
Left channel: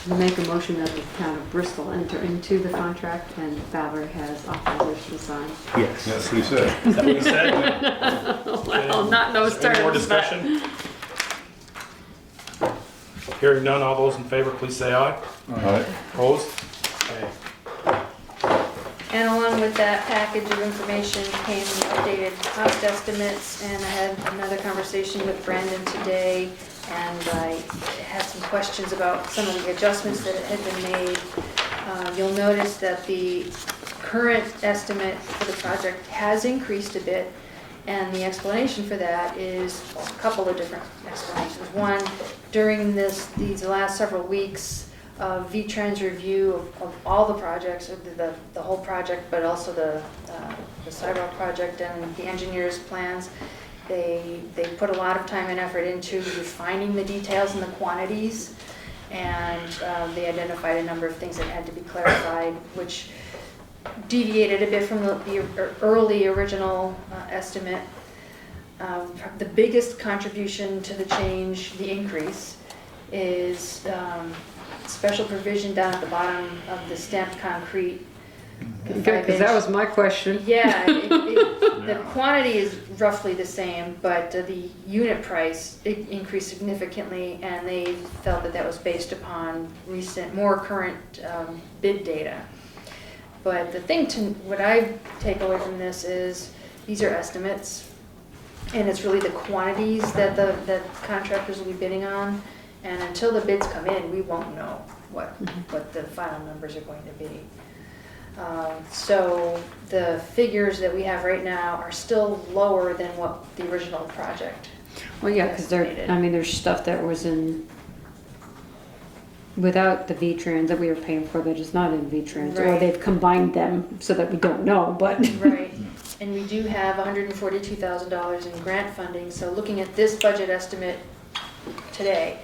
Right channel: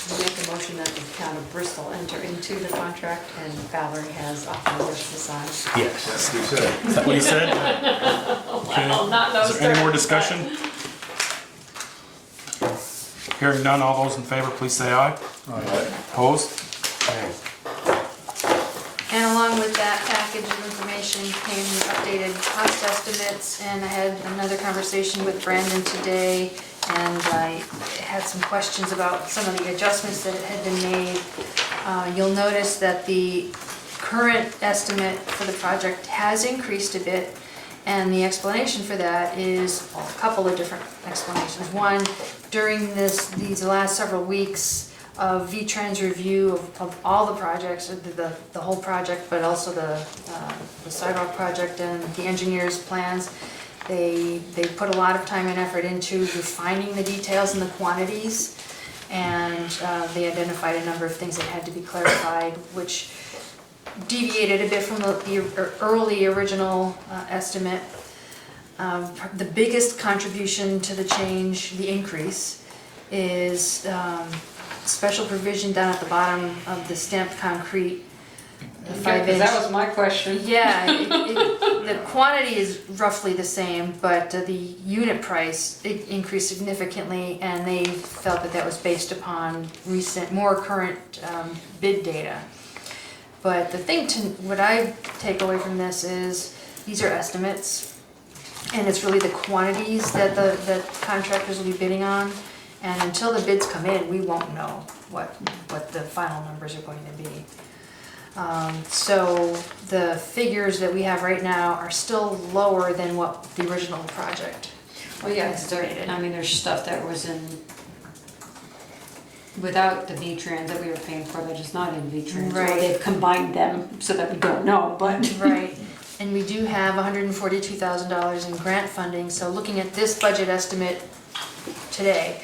You make a motion that the town of Bristol enter into the contract and Valerie has authorization to sign. Yes. That's what he said. Is that what he said? Well, not those Is there any more terms, but- discussion? Hearing none, all those in favor, please say aye. Aye. Opposed? Okay. And along with that package of information came the updated cost estimates, and I had another conversation with Brandon today, and I had some questions about some of the adjustments that had been made. You'll notice that the current estimate for the project has increased a bit, and the explanation for that is a couple of different explanations. One, during these last several weeks, V-Trans review of all the projects, the whole project, but also the sidewalk project and the engineer's plans. They put a lot of time and effort into refining the details and the quantities, and they identified a number of things that had to be clarified, which deviated a bit from the early original estimate. The biggest contribution to the change, the increase, is special provision down at the bottom of the stamped concrete. The 5-inch. That was my question. Yeah, the quantity is roughly the same, but the unit price, it increased significantly, and they felt that that was based upon more current bid data. But the thing what I take away from this is, these are estimates, And it's really the quantities that the contractors will be bidding on. And until the bids come in, we won't know what the final numbers are going to be. So the figures that we have right now are still lower than what the original project. Well, yeah, because there's stuff that was in, without the V-Trans that we were paying for that is not in V-Trans. Or Right. they've combined them so that we don't know, but. Right, and we do have $142,000 in grant funding, so looking at this budget estimate today,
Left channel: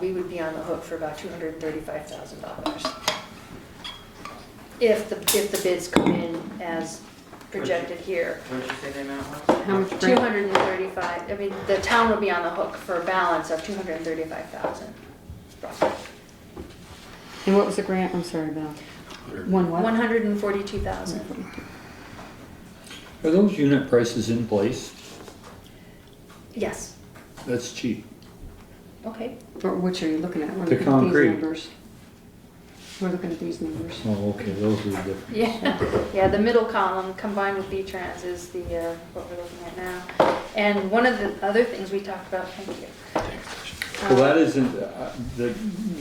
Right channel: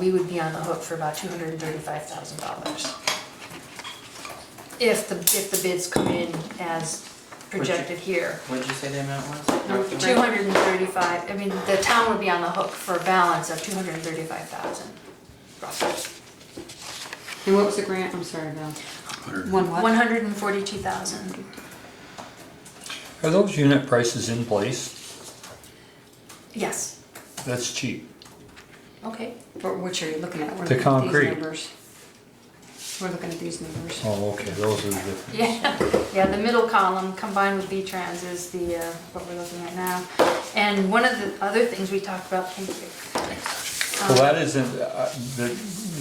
we would be on the hook for about $235,000. If the bids come in as projected here. What did you say the amount was? 235, I mean, the town would be on the hook for a balance of 235,000 roughly. And what was the grant? I'm sorry, Val. One what? 142,000. Are those unit prices in place? Yes, That's cheap. okay. For which are you looking at? We're The looking at these concrete. numbers. We're looking at these numbers. Oh, okay, those are the different. Yeah, the middle column combined with V-Trans is the, what we're looking at now. And one of the other things we talked about, thank you. Well, that isn't,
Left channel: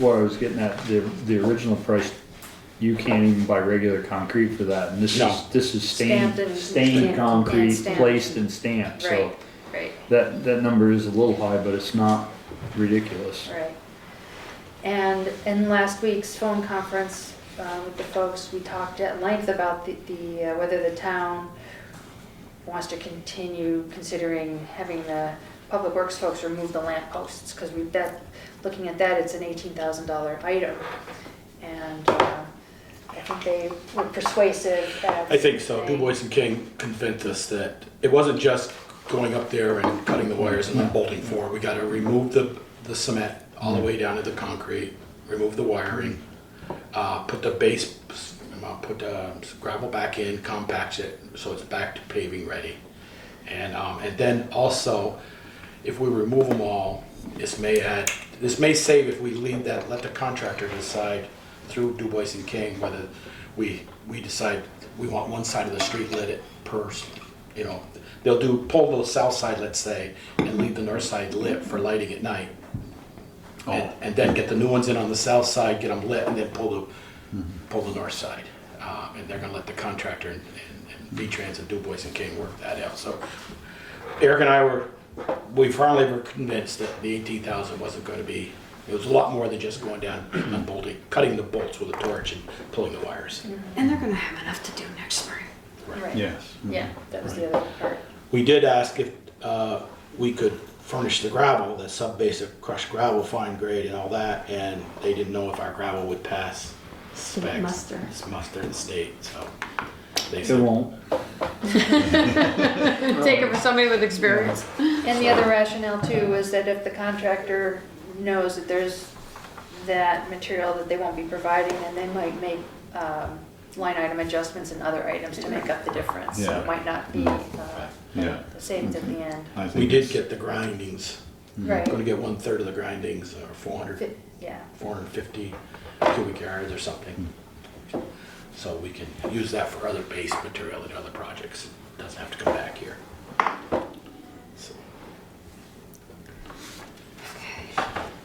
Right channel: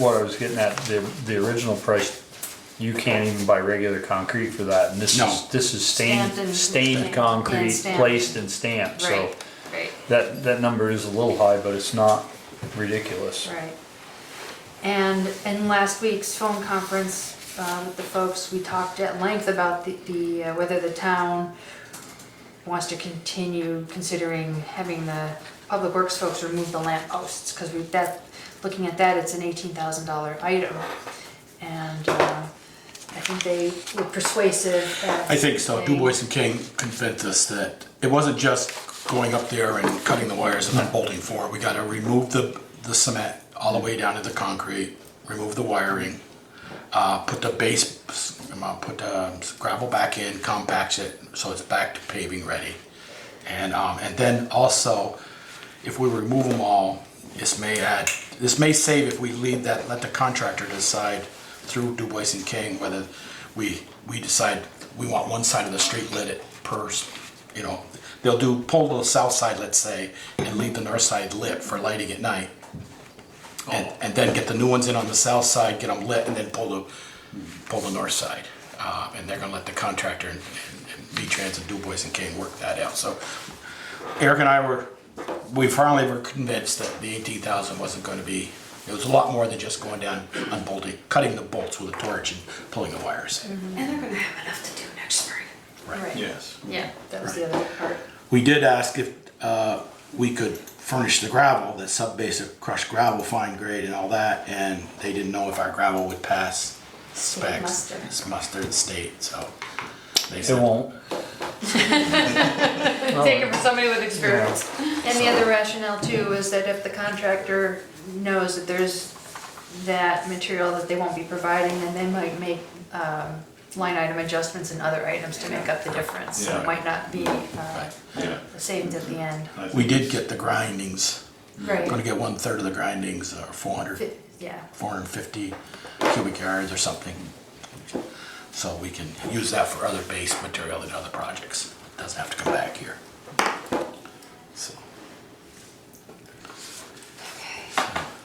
what I was getting at, the original price, you can't even buy regular concrete for that, and this is Stamped stained, and stained stamped concrete, and stamped. placed and stamped, so Right, right. that number is a little high, but it's not ridiculous. Right. And in last week's phone conference with the folks, we talked at length about the whether the town wants to continue considering having the public works folks remove the lamp posts, because looking at that, it's an $18,000 item. And I think they were persuasive. I think so. Du Bois and King convinced us that it wasn't just going up there and cutting the wires and then bolting forward. We gotta remove the cement all the way down to the concrete, remove the wiring, put the base, put gravel back in, compact it so it's back to paving ready. And then also, if we remove them all, this may save if we let the contractor decide through Du Bois and King whether we decide we want one side of the street lit at they'll pull the south side, let's say, and leave the north side lit for lighting at night. And then get the new ones in on the south side, get them lit, and then pull the north side. And they're gonna let the contractor and V-Trans and Du Bois and King work that out. So Eric and I we finally were convinced that the 18,000 wasn't gonna be, it was a lot more than just going down and bolting, cutting the bolts with a torch and pulling the wires. And they're gonna have enough to do next spring. Right. Yes. Yeah, that was the other part. We did ask if we could furnish the gravel, that sub-basic crushed gravel, fine grade and all that, and they didn't know if our gravel would pass specs. muster. It's muster at state, so they It said. won't. Take it from somebody with experience. And the other rationale too is that if the contractor knows that there's that material that they won't be providing, then they might make line item adjustments and other items to make up the difference. So Yeah. it might not be Yeah. the savings at the end. We did get the grindings. Right. Gonna get 1/3 of the grindings, or 450 cubic yards or something. So we can use that for other base material in other projects. Doesn't have to come back here. So,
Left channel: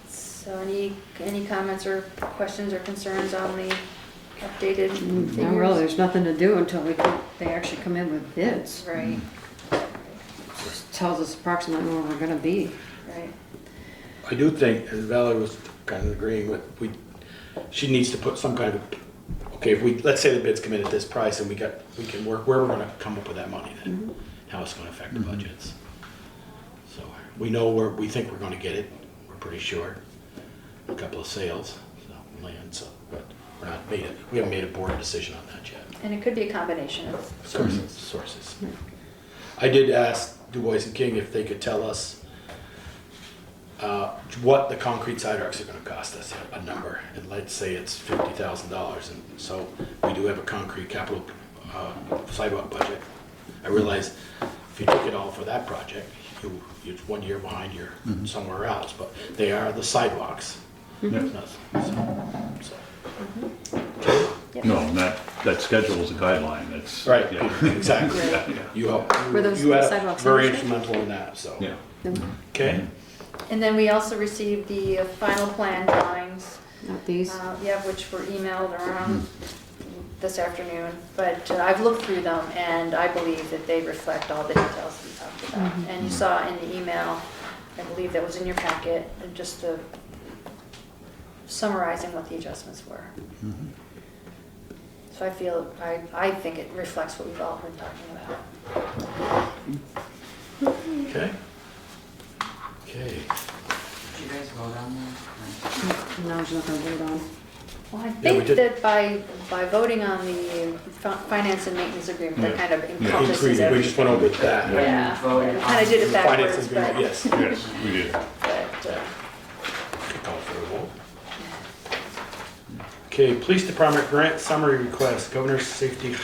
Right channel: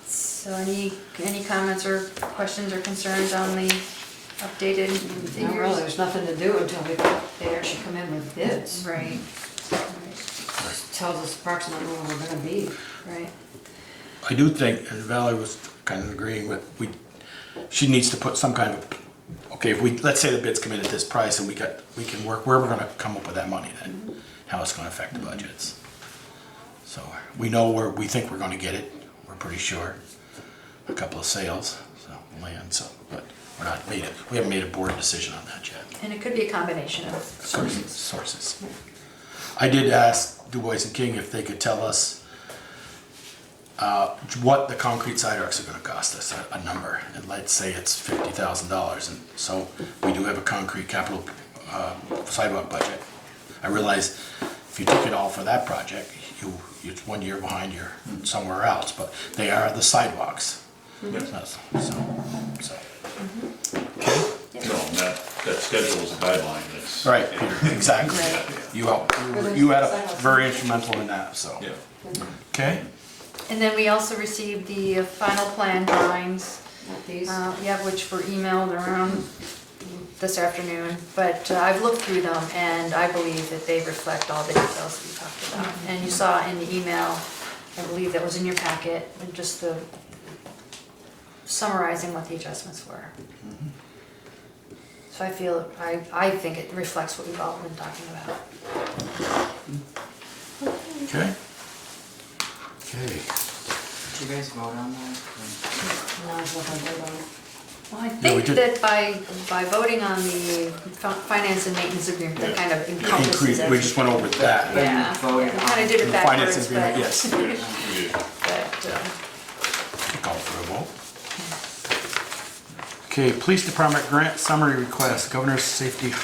So any comments or questions or concerns on the updated figures? Not really, there's nothing to do until they actually come in with bids. Right, Tells us approximately where we're gonna be. right. I do think, and Valerie was kind of agreeing with, she needs to put some kind of, okay, let's say the bids come in at this price and we can work, where we're gonna come up with that money then, how it's gonna affect the budgets. So we know where we think we're gonna get it, we're pretty sure. A couple of sales, land, but we haven't made a board decision on that yet. And it could be a combination of Sources. I did ask Du Bois and King if they could tell us what the concrete sidewalks are gonna cost us, a number, and let's say it's $50,000, and so we do have a concrete capital sidewalk budget. I realize if you took it all for that project, you're 1 year behind, you're somewhere else, but they are the sidewalks. Yeah. So. No, that that schedule is a guideline, it's. Right, yeah. Peter, exactly. Yeah. You helped, Were those you had a sidewalks? very instrumental in that, so. Yeah. Okay, And then we also received the final plan drawings, Not these. yeah, which were emailed around this afternoon. But I've looked through them and I believe that they reflect all the details we talked about. And you saw in the email, I believe that was in your packet, and just the summarizing what the adjustments were. So I think it reflects what we've all been talking about. okay. Okay, Did you guys vote on that? No, there's nothing to vote on. Well, I No, we think did- that by voting on the finance and maintenance agreement, that kind of encompasses increase, we everything. just went over that. Yeah, we kind of did it The finance backwards, agreement, but, yes. Yes, we did. Call for a vote. Okay, police department grant summary request, Governor's Safety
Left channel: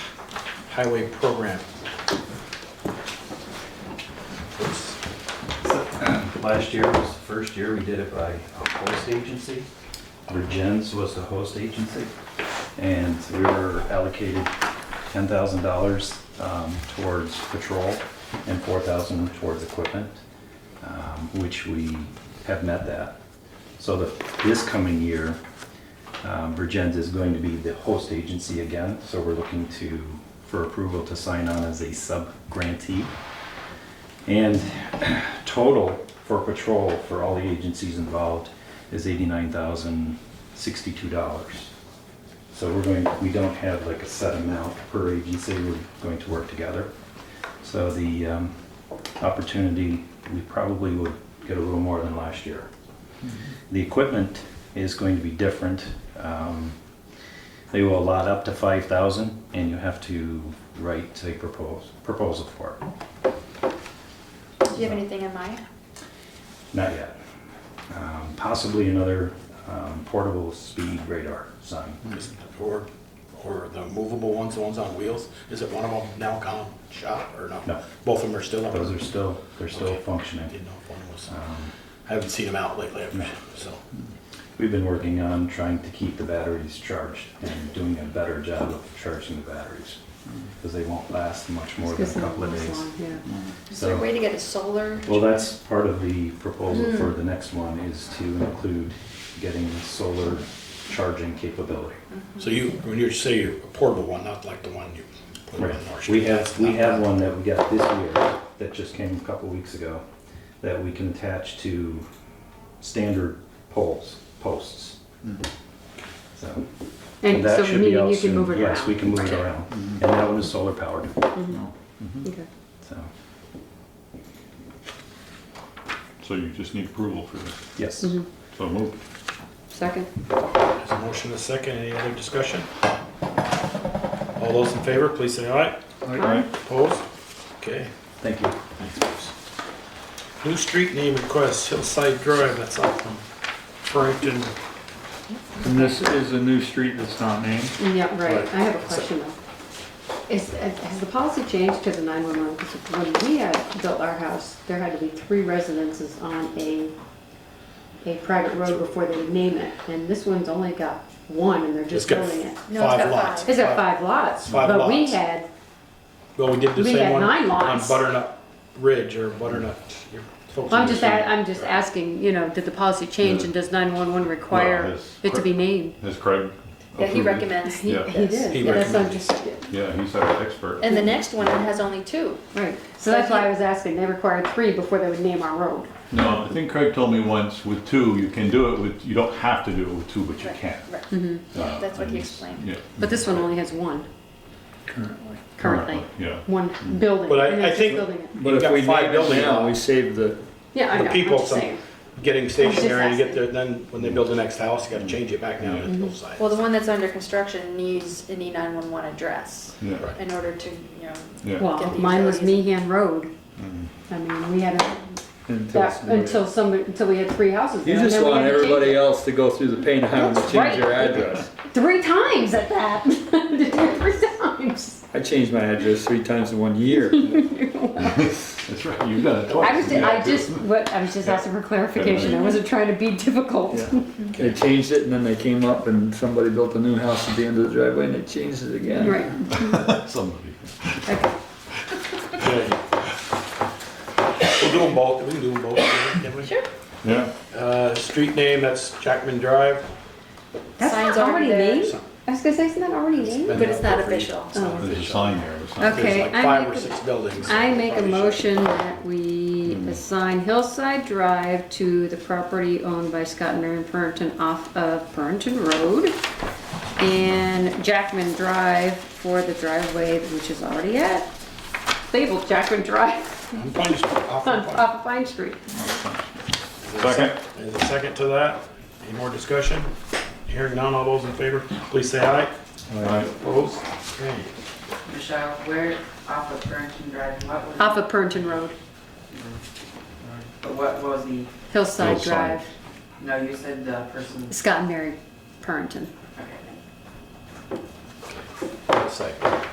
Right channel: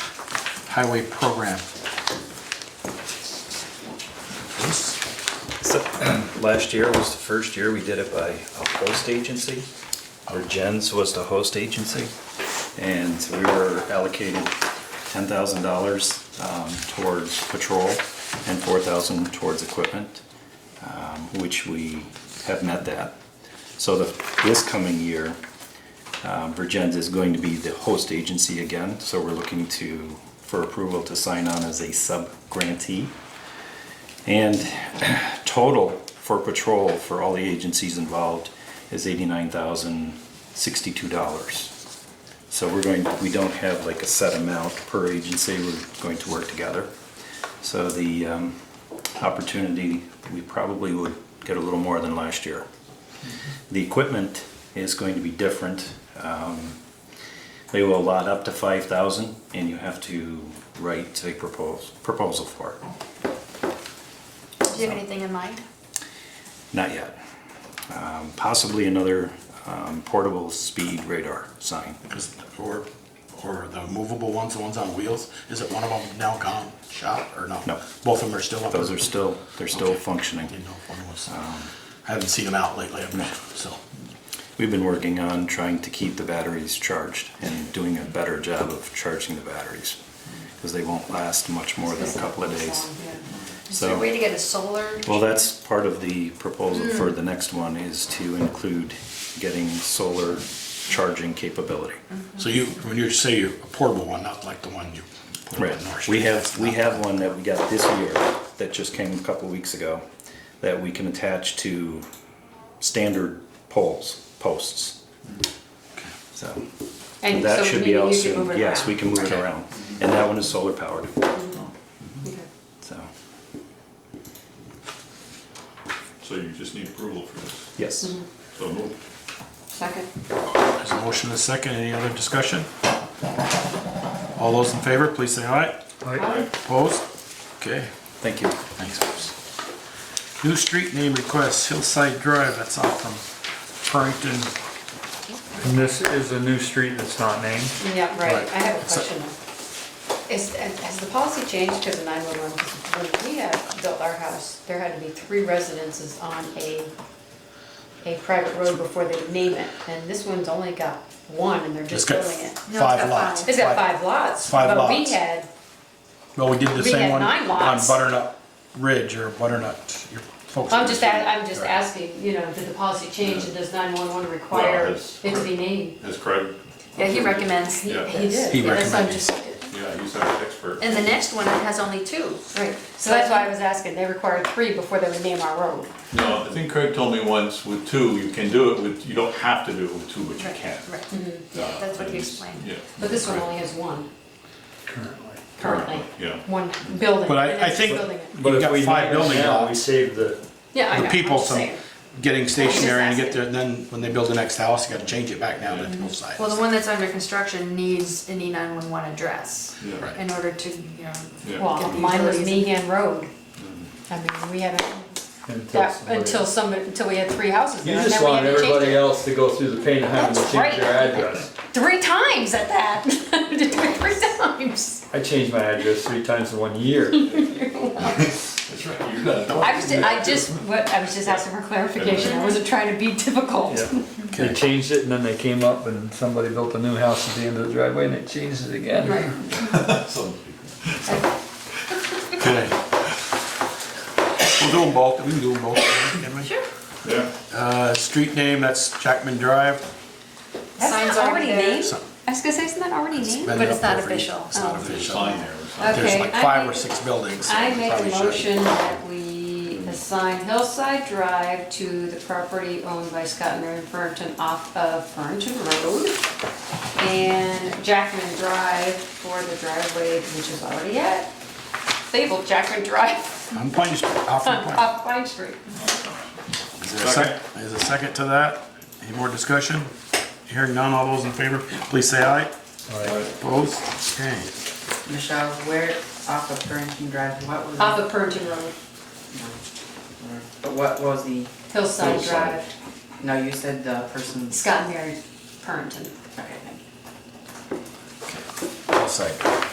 Highway Program. So, last year was the first year we did it by a host agency. Jens was the host agency, and we were allocated $10,000 towards patrol and $4,000 towards equipment, which we have met that. So this coming year, Virgins is going to be the host agency again, so we're looking for approval to sign on as a sub-grantee. And total for patrol for all the agencies involved is $89,062. So we don't have like a set amount per agency, we're going to work together. So the opportunity, we probably would get a little more than last year. The equipment is going to be different. They will allot up to $5,000 and you have to write a proposal for it. do you have anything in mind? Not yet. Possibly another portable speed radar sign. Or the movable ones, the ones on wheels, is it one of them now gone, shot, or not? No. Both of them are still up? Those are still, they're still Okay. functioning. Didn't know if one was, I haven't seen them out lately, so. We've been working on trying to keep the batteries charged and doing a better job of charging the batteries, because they won't last much more than a couple of days. Is there a way to get a solar? Well, that's part of the proposal for the next one, is to include getting solar charging capability. So when you say a portable one, not like the one you put Right. on North We Street. have one that we got this year that just came a couple of weeks ago that we can attach to standard posts. So And that so should be meaning out you can soon. move it Yes, around. we can move it around. And that one is solar powered. Okay. So, So you just need approval for this. yes. So move. Second. There's a motion and a second, any other discussion? All those in favor, please say aye. Aye. Opposed? Okay, Thank you. thanks, Bruce. New street name request, Hillside Drive, that's off from Purrington. And this is a new street that's not named. Yeah, right, Right. I have a question though. Has the policy changed because of 911? Because when we had built our house, there had to be 3 residences on a private road before they would name it. And this one's only got 1 and they're just It's got building it. No, it's 5 got lots. 5. It's got 5 lots, 5 but we lots. had, Well, we did the We same had one 9 on lots. Butternut Ridge, or Butternut, your folks. I'm in just, the I'm just Right. asking, you know, did the policy change and does 911 require has it to be named? Has Craig? Yeah, he approved it? recommends. Yeah. He did, He yeah, that's what I'm recommended. just, Yeah, he's our expert. And the next one has only 2. right. So that's why I was asking, they required 3 before they would name our road. No, I think Craig told me once with 2, you can do it with, you don't have to do it with 2, but you can. Right, that's what he explained. Yeah. But this one only has 1 currently. Yeah. 1 building. But and I it's just think- building it. But You've if got we 5 name it building now, we lots. save the, Yeah, I The know, people, I'm just some saying. getting stationary and asking. get there, then when they build the next house, you gotta change it back down to both sides. Well, the one that's under construction needs an E911 address Yeah. Right. in order to, you know, Yeah. Well, Get the mine was utilities. Meehan Road. I mean, we haven't, until we had 3 houses you there, and just then we want had to change everybody it. else to go through the pain of having to That's change their right. address. 3 times at that. Did it 3 times. I changed my address 3 times in 1 year. That's right, you're gonna talk. I was just asking for clarification. I wasn't trying to be difficult. They changed it and then they came up and somebody built a new house at the end of the driveway and they changed it again. Right. Okay. We'll do them both, we can do them both. Can we? Sure. Yeah. Street name, that's Jackman Drive. That's Signs not are already there. named? I was gonna say, isn't that already named? But it's not official. It's not Oh. There's a official. sign here. There's Okay, like I 5 or make- 6 buildings. so I we make a probably should. motion that we assign Hillside Drive to the property owned by Scott and Mary Purnton off of Purnton Road, and Jackman Drive for the driveway, which is already at labeled Jackman Drive On Pine Street, off of Pine. off Pine Street. Is there a Second. Is a second to that? Any more discussion? Hearing none, all those in favor, please say aye. Opposed? Okay. Michelle, where off of Burnton Drive, what was? Off of Purnton Road, But what was the, Hillside Hillside. Drive, no, you said the person's. Scott and Mary Purnton. Okay. Second.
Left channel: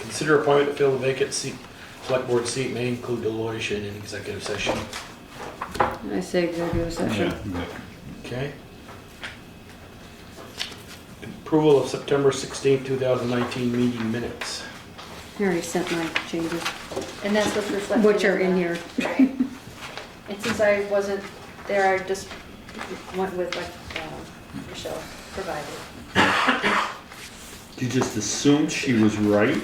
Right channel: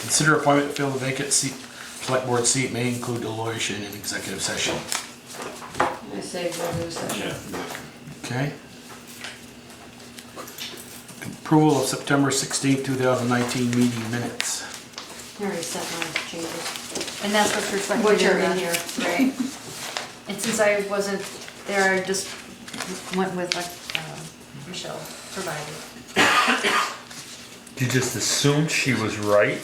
Consider appointment to fill the vacant seat, select board seat may include deliberation in executive session. I say executive session. Okay. Approval of September 16th, 2019 meeting minutes. I already sent my changes. And that's what's reflected Which are in in the- here. Right. And since I wasn't there, I just went with what Michelle provided. You just assumed she was right?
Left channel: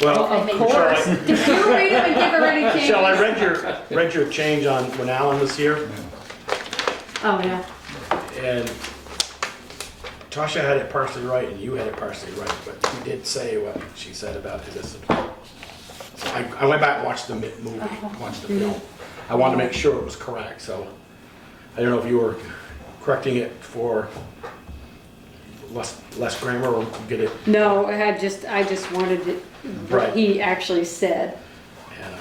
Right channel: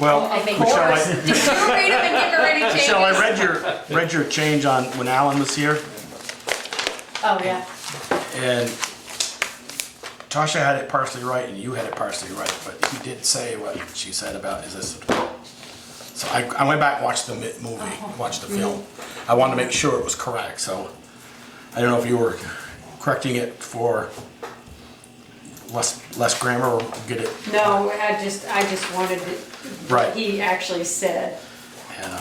Well, I think Michelle, yours- I- Did you read them and give her any changes? Michelle, I read your change on when Alan was here, Oh, yeah. and Tasha had it partially right and you had it partially right, but you did say what she said about, is this? So I went back and watched the movie, watched the film. I wanted to make sure it was correct, so I don't know if you were correcting it for less grammar or get it No, I just wanted it, right. what he actually said, Yeah.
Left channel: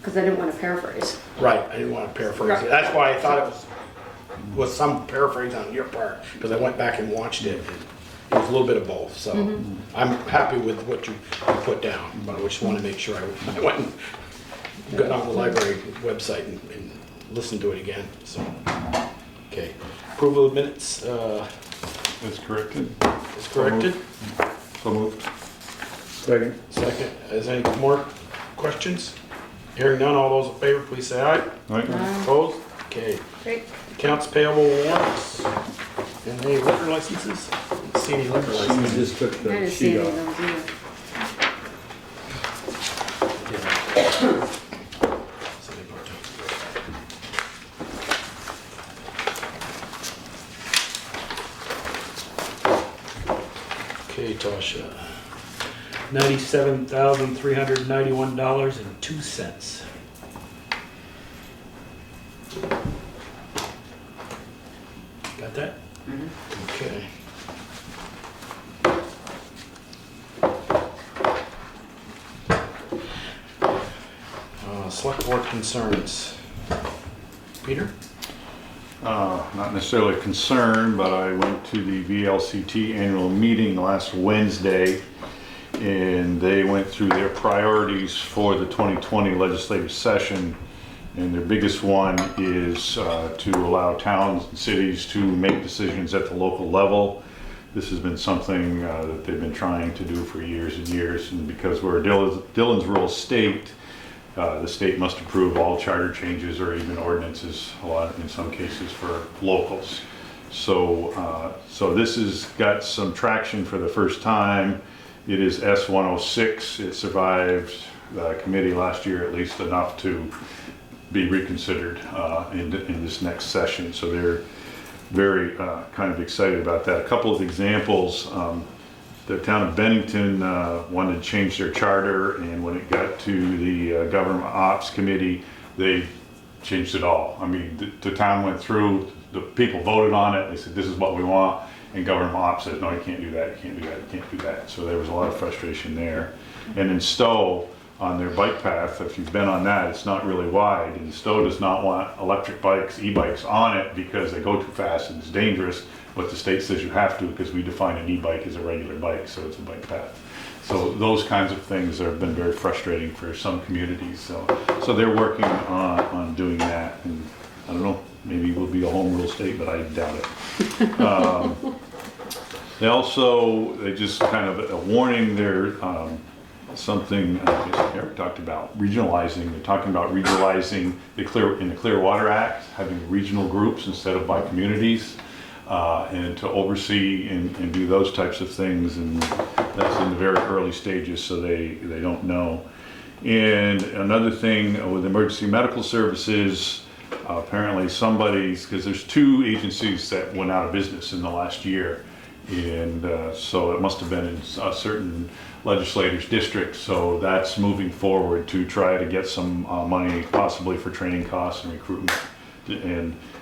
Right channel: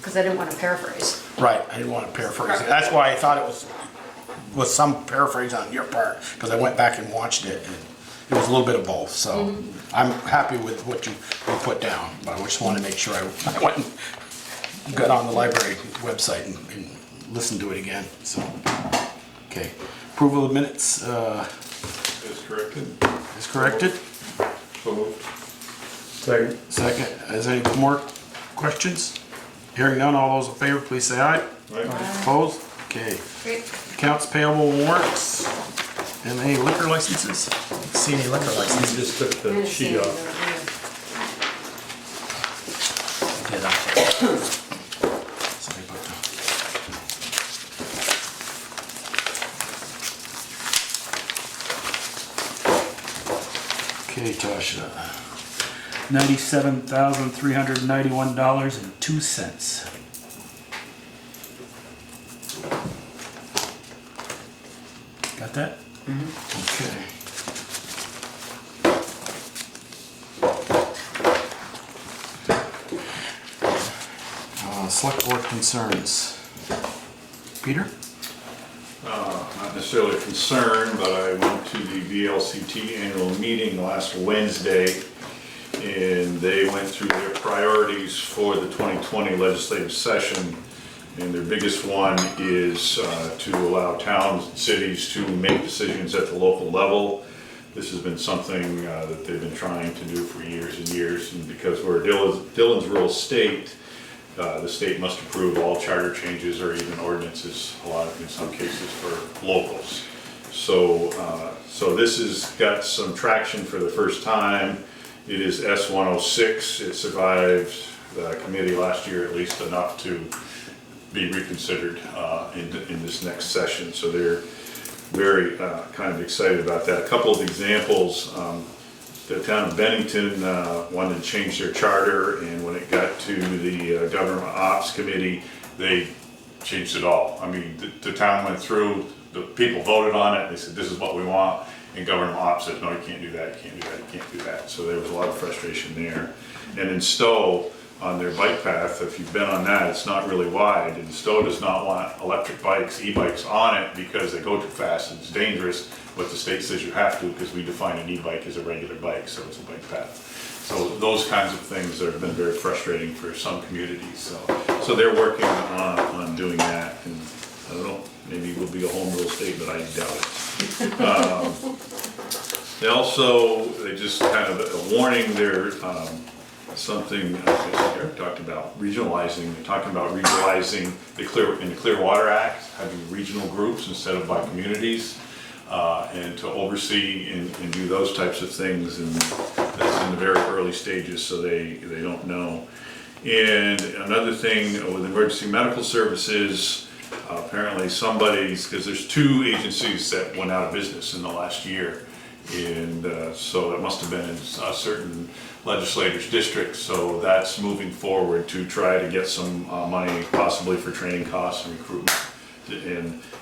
because I didn't want to paraphrase. Right, I didn't want to paraphrase it. That's why I thought it was some paraphrase on your part, because I went back and watched it, and it was a little bit of both, so I'm happy with what you put down, but I just wanted to make sure I went and got on the library website and listened to it again, so. Okay, approval of minutes That's corrected. is corrected. So moved. Second. Second, is there any more questions? Hearing none, all those in favor, please say aye. Right. Opposed? Okay. Great. Accounts payable warrants, and any liquor licenses? See any liquor I licenses? just took I the didn't see sheet any off. of them Okay, Tasha. $97,391.02. Got that? Okay. Select board concerns. Peter? Not necessarily concerned, but I went to the VLCT annual meeting last Wednesday, and they went through their priorities for the 2020 legislative session. And their biggest one is to allow towns and cities to make decisions at the local level. This has been something that they've been trying to do for years and years, and because we're a Dillon's rural state, the state must approve all charter changes or even ordinances, in some cases for locals. So, so this has got some traction for the first time. It is S106. It survived the committee last year at least enough to be reconsidered in this next session. So they're very kind of excited about that. A couple of examples. The town of Bennington wanted to change their charter, and when it got to the government ops committee, they changed it all. I mean, the town went through, the people voted on it, they said this is what we want, and government ops said no, you can't do that, you can't do that, you can't do that. So there was a lot of frustration there. And in Stowe, on their bike path, if you've been on that, it's not really wide, and Stowe does not want electric bikes, e-bikes on it because they go too fast and it's dangerous, but the state says you have to because we define an e-bike as a regular bike, so it's a bike path. So those kinds of things have been very frustrating for some communities. So they're working on doing that, and I don't know, maybe we'll be a home rule state, but I doubt it. They just kind of a warning there, something I guess Eric talked about, regionalizing. They're talking about regionalizing in the Clear Water Act, having regional groups instead of by communities, and to oversee and do those types of things. And that's in the very early stages, so they don't know. And another thing with emergency medical services, apparently because there's 2 agencies that went out of business in the last year. And so it must have been in certain legislators' districts. So that's moving forward to try to get some money possibly for training costs and recruitment.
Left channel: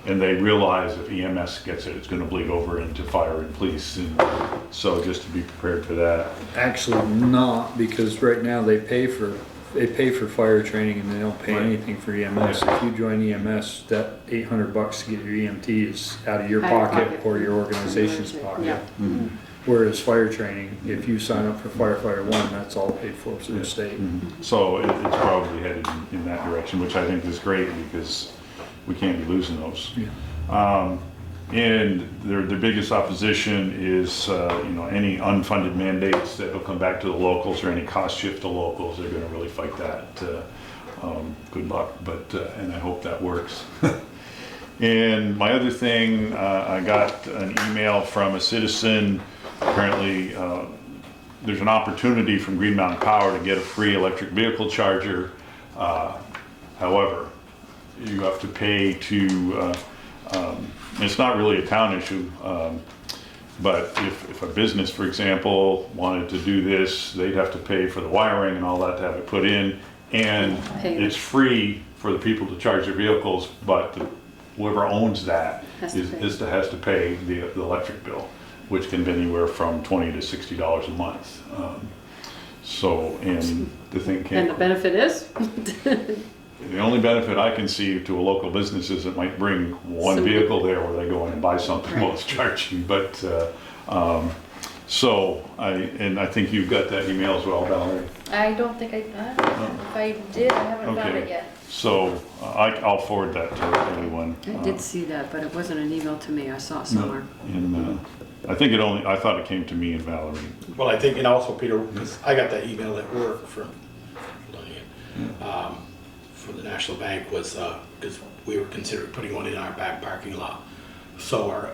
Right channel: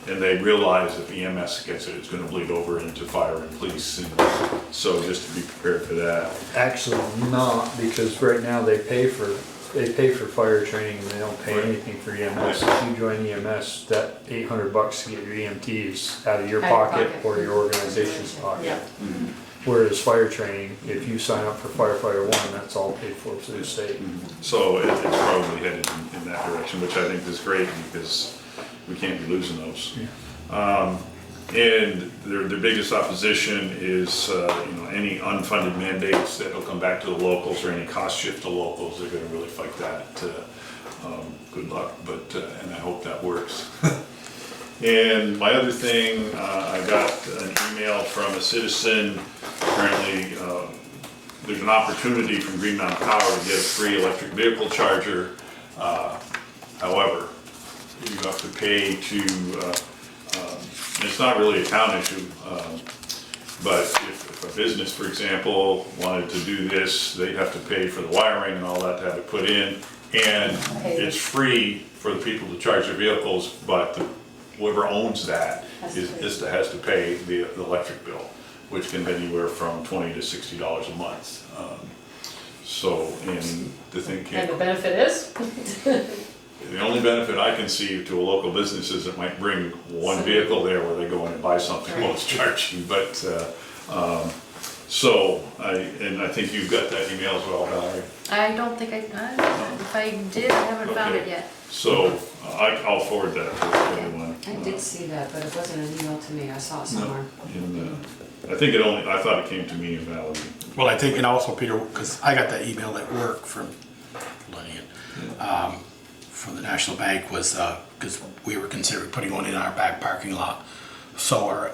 And they realize if EMS gets it, it's going to bleed over into fire and police. And so just to be prepared for that. Actually not, because right now they pay for fire training and they don't pay anything for EMS. If you join EMS, that $800 to get your EMT is out of your pocket or your organization's pocket. Yeah. Mm-hmm. Whereas fire training, if you sign up for firefighter 1, that's all paid for through the state. Mm-hmm. So it's probably headed in that direction, which I think is great because we can't be losing those. Yeah. And their biggest opposition is any unfunded mandates that will come back to the locals or any cost shift to locals. They're going to really fight that. Good luck, but and I hope that works. And my other thing, I got an email from a citizen. Apparently, there's an opportunity from Green Mountain Power to get a free electric vehicle charger. However, you have to pay to. It's not really a town issue, but if a business, for example, wanted to do this, they'd have to pay for the wiring and all that to have it put in. And it's free for the people to charge their vehicles, but whoever owns that has to pay the electric bill, which can be anywhere from $20 to $60 a month. And the thing And the benefit is? The only benefit I can see to a local business is it might bring one vehicle there where they go in and buy something while it's charging. But I think you've got that email as well, Valerie. I don't think if I did, I haven't found it yet. So I'll forward that to everyone. I did see that, but it wasn't an email to me. I saw it somewhere. And I think I thought it came to me and Valerie. Well, I think, and also Peter, because I got that email at work from Lillian. From the National Bank was because we were considering putting one in our back parking lot. So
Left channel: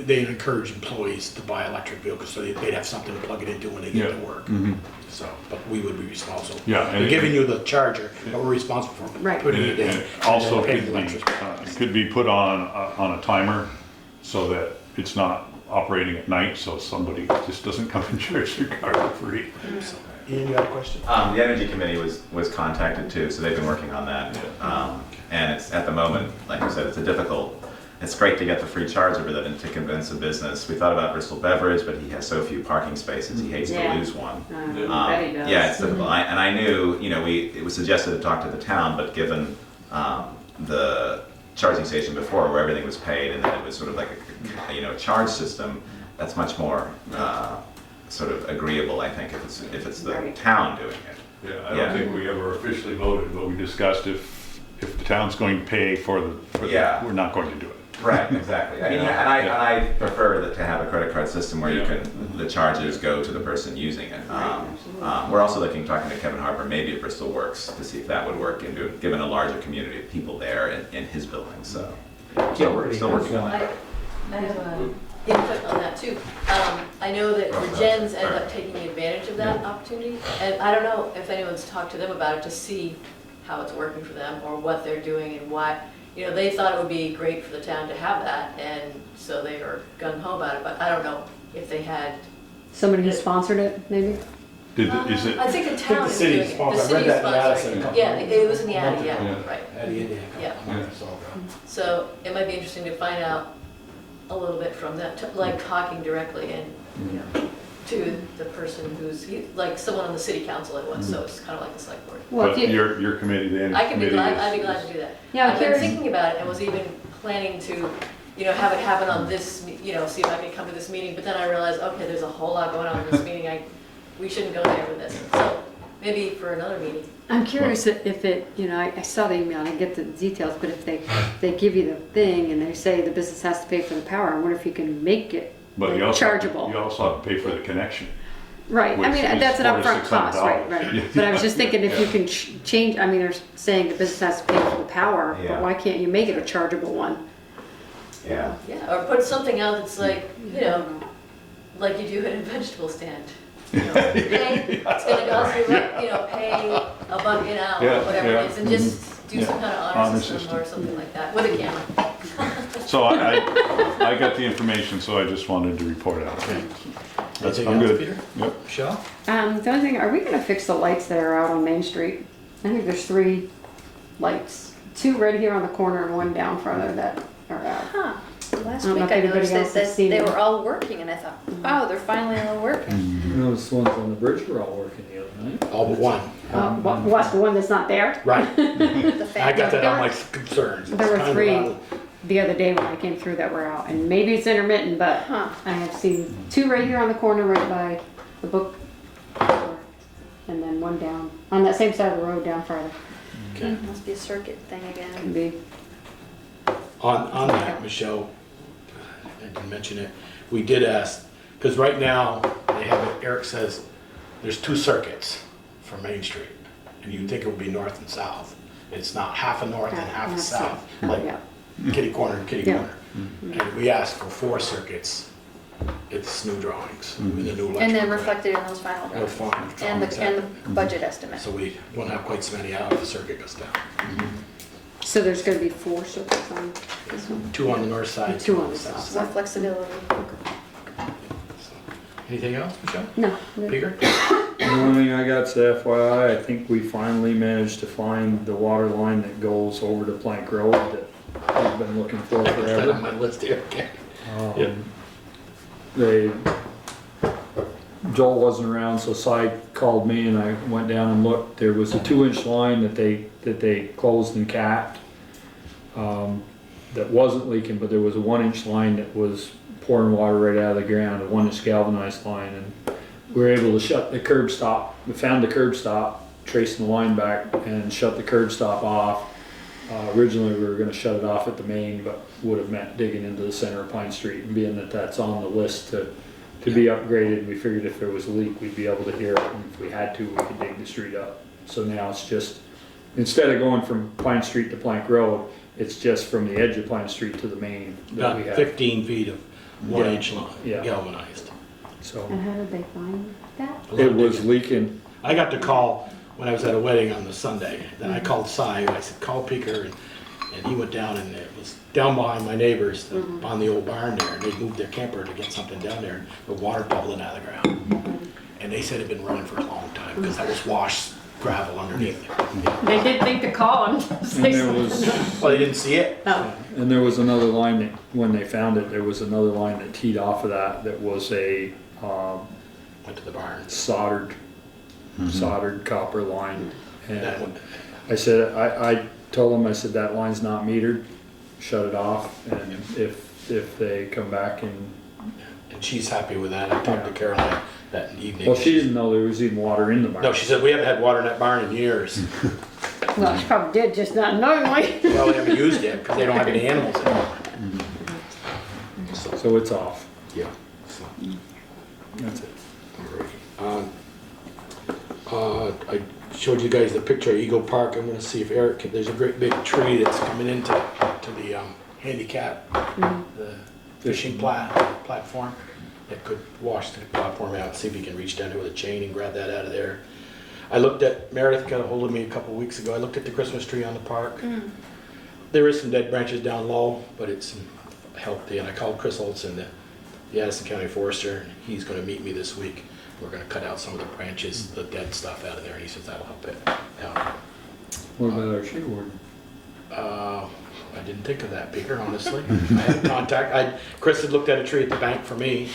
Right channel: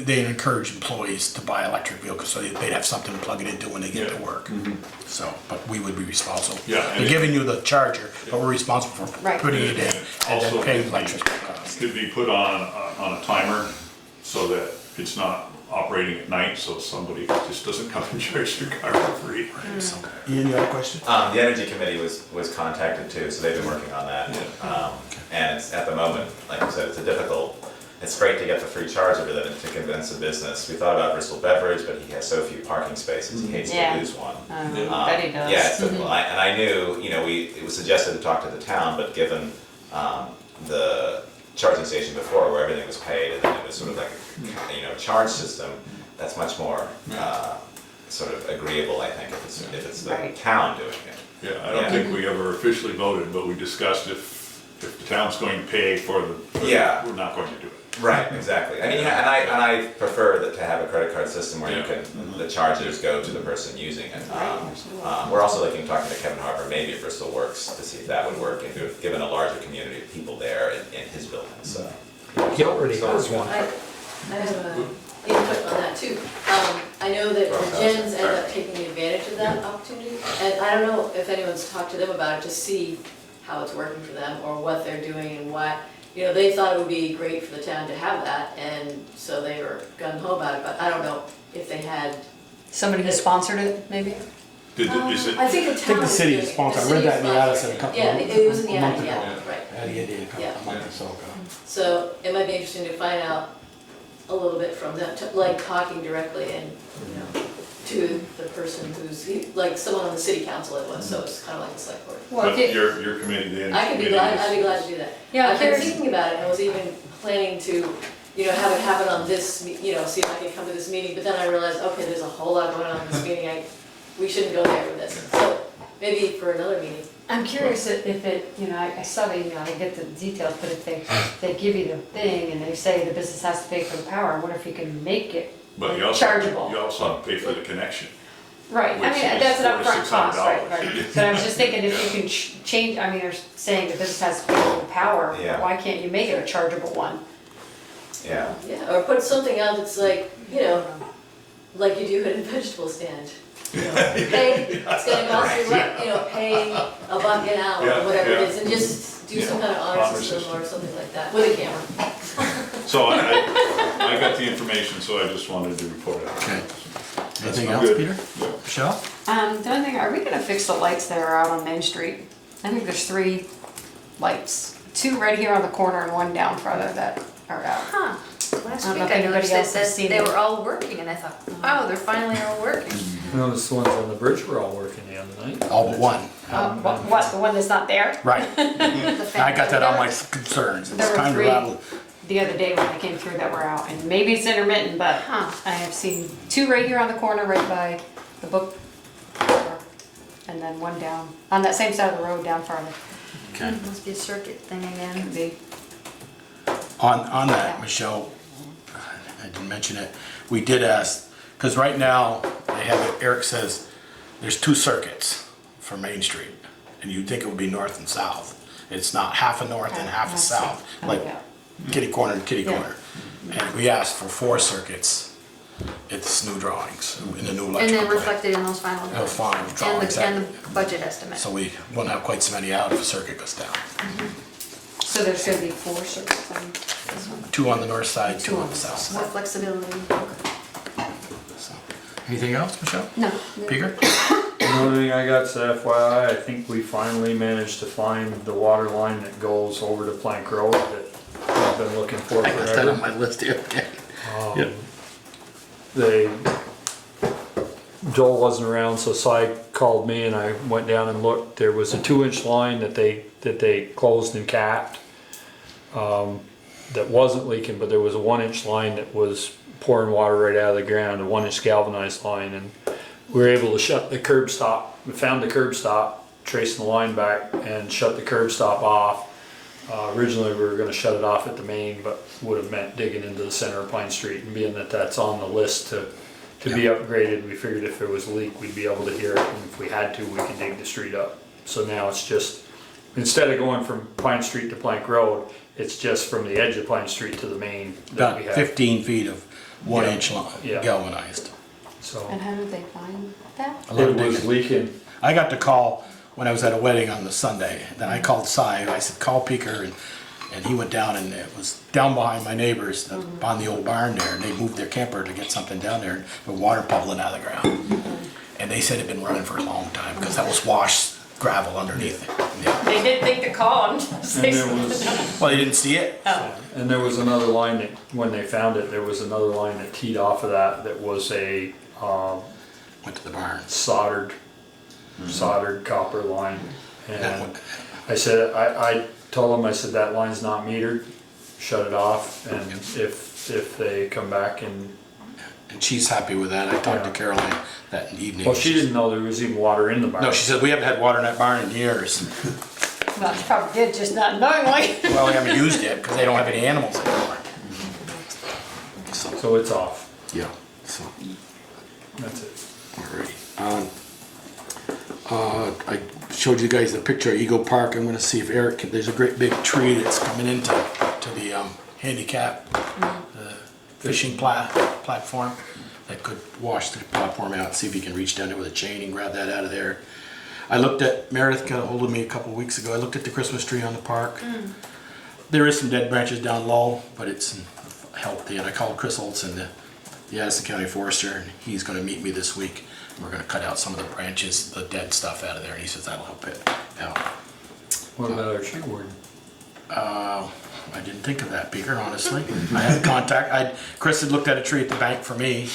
they encourage employees to buy electric vehicles so they'd have something to plug it into when they get to work. Mm-hmm. So, but we would be responsible. Yeah, They're giving you the charger, but we're responsible for putting it in. Also, paying it could be put on a timer so that it's not operating at night, so somebody just doesn't come and charge their car for free. Ian, you had a question? The Energy Committee was contacted too, so they've been working on that. And it's at the moment, like I said, it's great to get the free charger, but then to convince a business. We thought about Bristol Beverage, but he has so few parking spaces, he hates to lose one. Bet he does. Yeah, it's difficult. And I knew, it was suggested to talk to the town, but given the charging station before where everything was paid and then it was sort of like a charge system, that's much more sort of agreeable, I think, if it's the town doing it. Yeah, I don't think we ever officially voted, but we discussed if the town's going to pay for we're not going to do it. Right, exactly. I mean, and I prefer to have a credit card system where you can the charges go to the person using it. We're also talking to Kevin Harper, maybe if Bristol Works, to see if that would work, and given a larger community of people there in his building. So He already has one. I have an input on that too. I know that the gens end up taking advantage of that opportunity, and I don't know if anyone's talked to them about it to see how it's working for them or what they're doing and why. They thought it would be great for the town to have that, and so they were gung-ho about it, but I don't know if they had... Somebody who sponsored it, maybe? I think the town the city is sponsored. I read that in the Addison a couple Yeah, it was in the Addison, right. Addie, Yeah. months ago. So it might be interesting to find out a little bit from them, like talking directly and, to the person who's, like someone on the city council it was, so it's kind of like the select board. Well, But your committee, the I'd be committee glad to do that. Yeah, I've been thinking about it and was even planning to, have it happen on this, see if I could come to this meeting, but then I realized, okay, there's a whole lot going on in this meeting. we shouldn't go there with this. So maybe for another meeting. I'm curious if it, you know, I saw the email, I get the details, but if they give you the thing and they say the business has to pay for the power, I wonder if you can make it But you also, chargeable. you also have to pay for the connection. Right, I which mean, is that's an upfront cost, right, $4,600. right. But I was just thinking if you can change, I mean, they're saying the business has to pay for the power, but Yeah. why can't you make it a chargeable one? Yeah. Yeah, or put something out that's like, you know, like you do at a vegetable stand. You know, pay, it's gonna cost you, what, you know, pay a buck an hour, Yeah, or whatever yeah. it is, and just do some kind of honor Honor system system. or something like that, with a camera. So I got the information, so I just wanted to report out. That's Anything I'm else, good. Peter? Yep. Michelle? The only thing, are we gonna fix the lights that are out on Main Street? I think there's 3 lights, 2 right here on the corner and 1 down farther that are out. Huh. Last I don't know week if I anybody noticed else that has seen they it. were all working and I thought, oh, they're finally all working. Those ones on the bridge were all working the other night. All but one. What, the one that's not there? Right. The I got that on my There concerns. It's There were kind of 3 rather. the other day when I came through that were out, and maybe it's intermittent, but I have seen 2 right here on the corner right by the book store, and then 1 down, on that same side of the road down farther. Okay. Must be a circuit thing again. Could be. On that, Michelle, I didn't mention it, we did ask, because right now, they have it, Eric says, there's 2 circuits for Main Street, and you'd think it would be north and south. It's not half a north and half a That's south, it. like Yeah. kitty corner and kitty Yeah. corner. And we asked for 4 circuits at the new drawings, in the new electrical. And then plan. reflected in those final That was drawings. fine, And drawings, the, and the budget estimate. So we won't have quite so many out if a circuit goes down. So there's gonna be 4 circuits on this one? 2 on the north side, 2 on the south side. More flexibility. So, anything else, Michelle? No. Peter? The only thing I got's the FYI, I think we finally managed to find the water line that goes over to Plank Road that I've been looking for I got that on forever. my list here, okay. Um, Yep. They, Joel wasn't around, so Cy called me and I went down and looked. There was a 2-inch line that they closed and capped, that wasn't leaking, but there was a 1-inch line that was pouring water right out of the ground, a 1-inch galvanized line, and we were able to shut the curb stop. We found the curb stop, tracing the line back, and shut the curb stop off. Originally, we were going to shut it off at the main, but would have meant digging into the center of Pine Street. And being that that's on the list to be upgraded, we figured if there was a leak, we'd be able to hear it. And if we had to, we could dig the street up. So now it's just, instead of going from Pine Street to Plank Road, it's just from the edge of Pine Street to the main that we About have. 15 feet of 1-inch line, Yeah. galvanized. So And how did they find that? A little it was digging. leaking. I got the call when I was at a wedding on the Sunday. Then I called Cy, I said, call Peker, and he went down, and it was down behind my neighbors on the old barn there, and they moved their camper to get something down there, and the water bubbling out of the ground. And they said it had been running for a long time, because that was washed gravel underneath it. Yeah. They did think to call and say And there something. was, Well, they didn't see it. and there was another line that, when they found it, there was another line that teed off of that was a, Went to the barn. soldered copper line. And That one. I said, I told them, I said, that line's not metered, shut it off, and if they come back and, And she's happy with that. I talked to Caroline that evening. well, she didn't know there was even water in the barn. No, she said, we haven't had water in that barn in years. Well, she probably did, just not knowingly. Well, we haven't used it, because they don't have any animals anymore. So it's off, Yeah. So, that's it. I showed you guys the picture of Eagle Park. I'm gonna see if Eric, there's a great big tree that's coming into the handicap, the fishing platform that could wash the platform out, see if he can reach down there with a chain and grab that out of there. I looked at, Meredith got a hold of me a couple of weeks ago, I looked at the Christmas tree on the park. There is some dead branches down low, but it's healthy, and I called Chris Olson, the Addison County Forester, and he's gonna meet me this week. We're gonna cut out some of the branches, the dead stuff out of there, and he says that'll help it out. What about our tree warden? I didn't think of that, Beaker, honestly. I had contact, Chris had looked at a tree at the bank for me,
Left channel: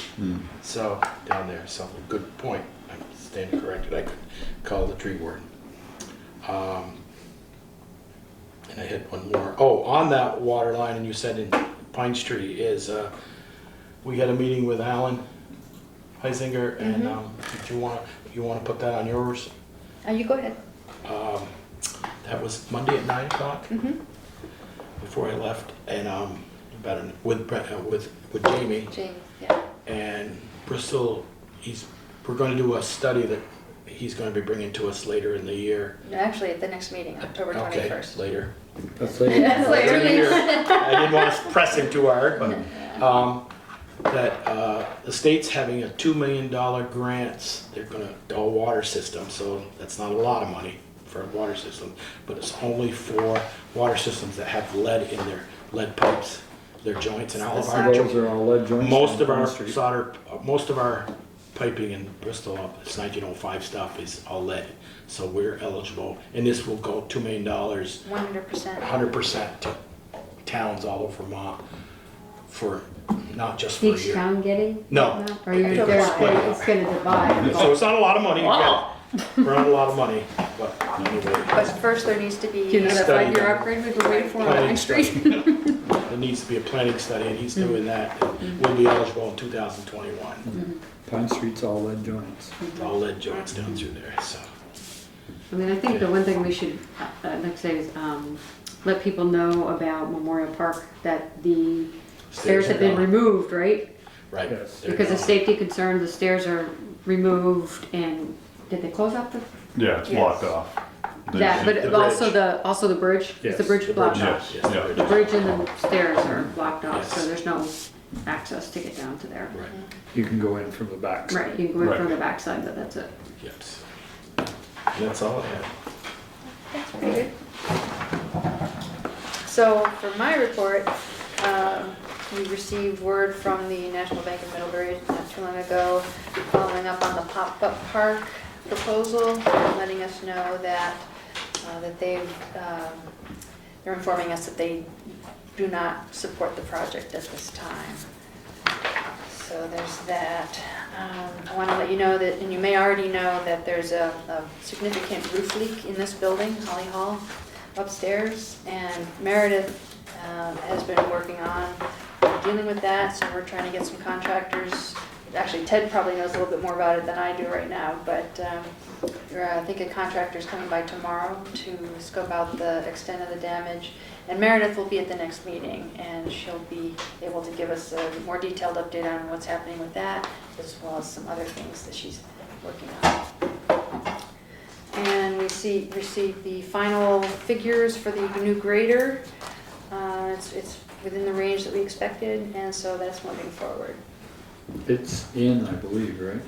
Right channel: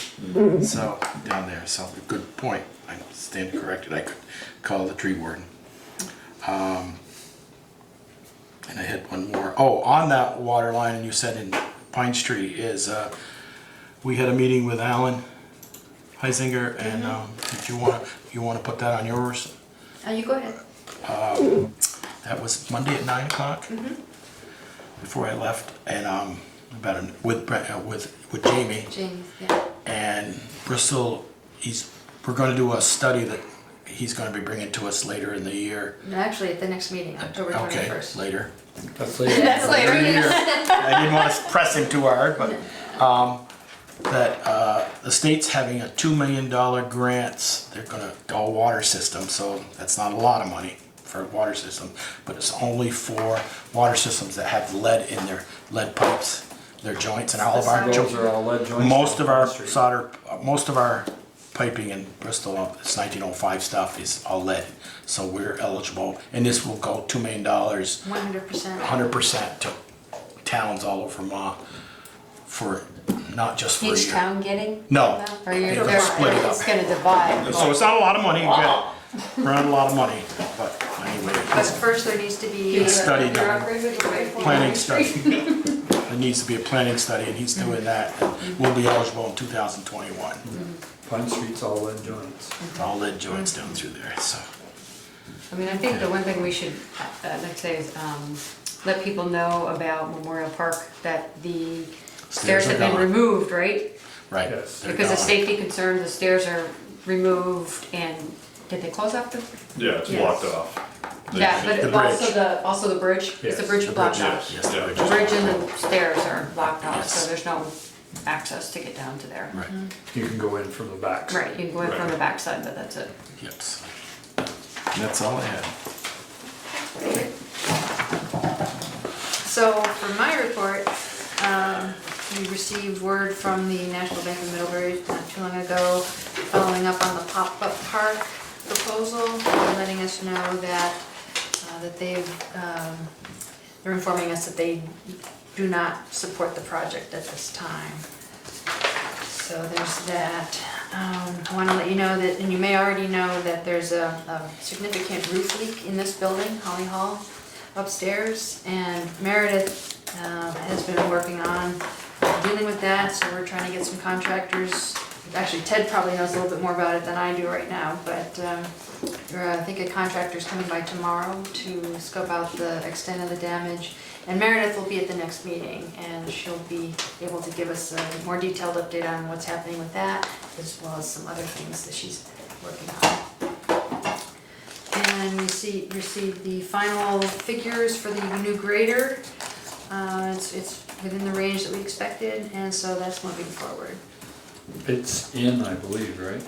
so, down there, so, good point. I stand corrected, I could call the tree warden. And I had one more. Oh, on that water line, and you said in Pine Street, is, we had a meeting with Alan Heisinger, and if you want to put that on yours, You go ahead. that was Monday at 9 o'clock before I left, and with Jamie Jamie, yeah. and Bristol. We're going to do a study that he's going to be bringing to us later in the year. No, actually, at the next meeting, October 21st. Okay, later. That's like, That's later. in the year. I didn't want to press him too hard, but the state's having a $2 million grants. They're going to all water system, so that's not a lot of money for a water system, but it's only for water systems that have lead in their lead pipes, their joints, and all of our those are all lead joints. most of on our Pine Street. solder, most of our piping in Bristol, this 1905 stuff is all lead, so we're eligible, and this will go $2 million, 100%. 100% to towns all over Vermont for not just for a Each year. town getting? No. that? Or you're, They're split it up. it's gonna divide. So it's not a lot of money, we're not a lot of money, but anyway, But first there needs to be. Do you Study have your done. upgrade with the way planning study. It needs to be a planning study, and he's doing that, and we'll be eligible in 2021. Pine Street's all lead joints. All lead joints down through there, so. I mean, I think the one thing we should, next day is, let people know about Memorial Park, that the stairs have been gone. removed, right? Right. Yes. they're Because of gone. safety concern, the stairs are removed, and did they close off the? Yeah, it's Yes. blocked off. Yeah, the but also bridge. also the bridge, is the Yes, bridge The blocked bridge, off? yes, the Yeah. bridge. The bridge and the stairs are blocked off, so Yes. there's no access to get down to there. Right, You can go in from the back. Right, you can go in Right. from the backside, but that's it. yep. That's all I have. So for my report, we received word from the National Bank of Middlebury not too long ago, following up on the pop-up park proposal, letting us know that, they're informing us that they do not support the project at this time. So there's that. I want to let you know that, and you may already know that there's a significant roof leak in this building, Holly Hall, upstairs, and Meredith has been working on dealing with that, so we're trying to get some contractors. Actually, Ted probably knows a little bit more about it than I do right now, but I think a contractor's coming by tomorrow to scope out the extent of the damage. And Meredith will be at the next meeting, and she'll be able to give us a more detailed update on what's happening with that, as well as some other things that she's working on. And we received the final figures for the new grader. It's within the range that we expected, and so that's moving forward. It's in, I believe, right?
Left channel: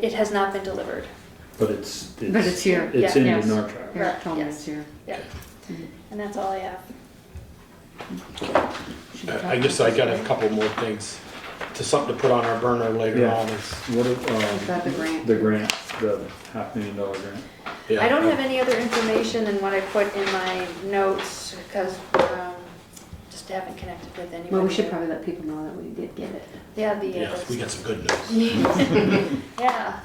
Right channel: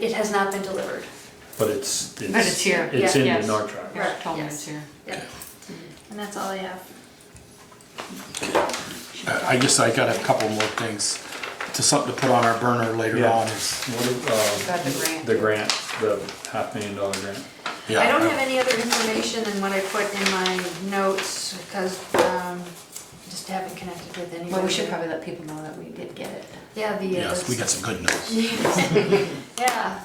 It has not been delivered. But it's. But it's here. It's Yeah, in yes. Nortrack. You're Right, told me yes. it's here. Yeah. And that's all I have. I guess I got a couple more things, to something to put on our burner later Yeah. on is, What, Got the grant. the grant, the $500,000 grant. yeah. I don't have any other information than what I put in my notes, because just haven't connected with anybody. Well, we should probably let people know that we did get it. Yeah, Yes, we got some good news. Yeah,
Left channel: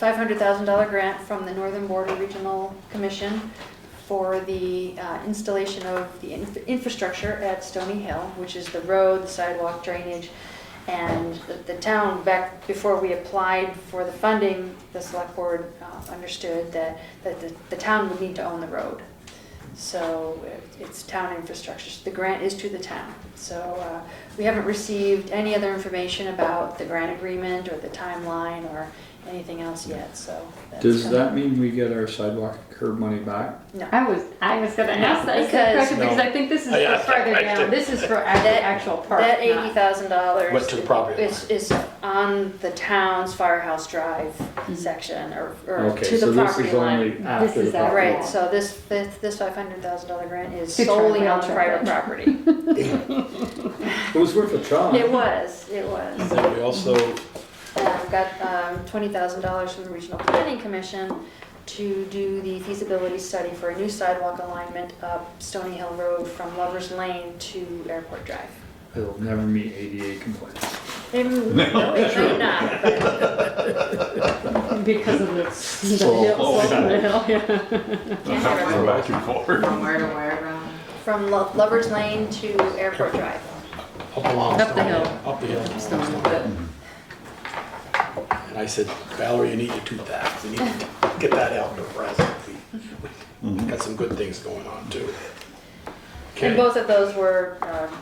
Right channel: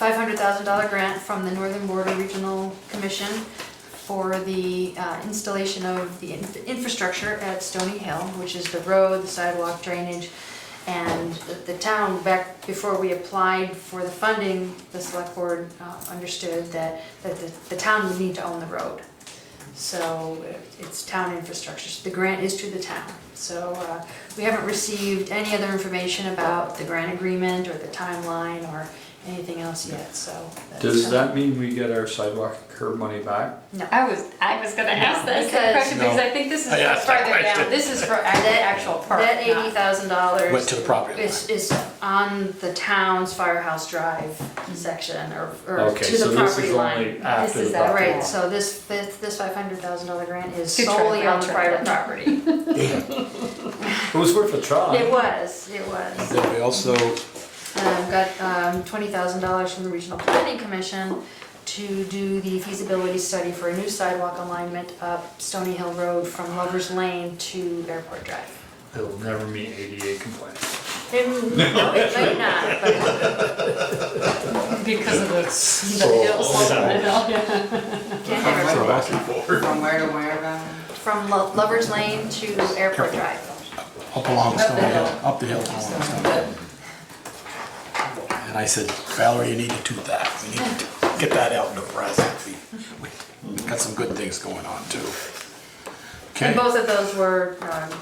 $500,000 grant from the Northern Border Regional Commission for the installation of the infrastructure at Stony Hill, which is the road, the sidewalk, drainage. And the town, back before we applied for the funding, the select board understood that the town would need to own the road. So it's town infrastructure. The grant is to the town. So we haven't received any other information about the grant agreement or the timeline or anything else yet, so. that's Does coming. that mean we get our sidewalk and curb money back? No. I was gonna ask that Because- question, because I think this is I asked that farther question. down, this is for the actual park. That not- $80,000. Went to the property line. Is on the town's Firehouse Drive section, or Okay, to so the this property is line. only after This the is property Right, line. so this $500,000 grant is Good try, solely well on the tried. private property. It was worth a try. It was. Then we also, Got $20,000 from the Regional Planning Commission to do the feasibility study for a new sidewalk alignment up Stony Hill Road from Lover's Lane to Airport Drive. It'll never meet ADA compliance. No, it might not, but Because of the hills. can't never. Back and forth. From where to where about? From Lover's Lane to Airport Drive. up along, Up the hill. up the hill. And I said, Valerie, you need to do that. We need to get that out in the press. We got some good things going on too. Okay. And both of those were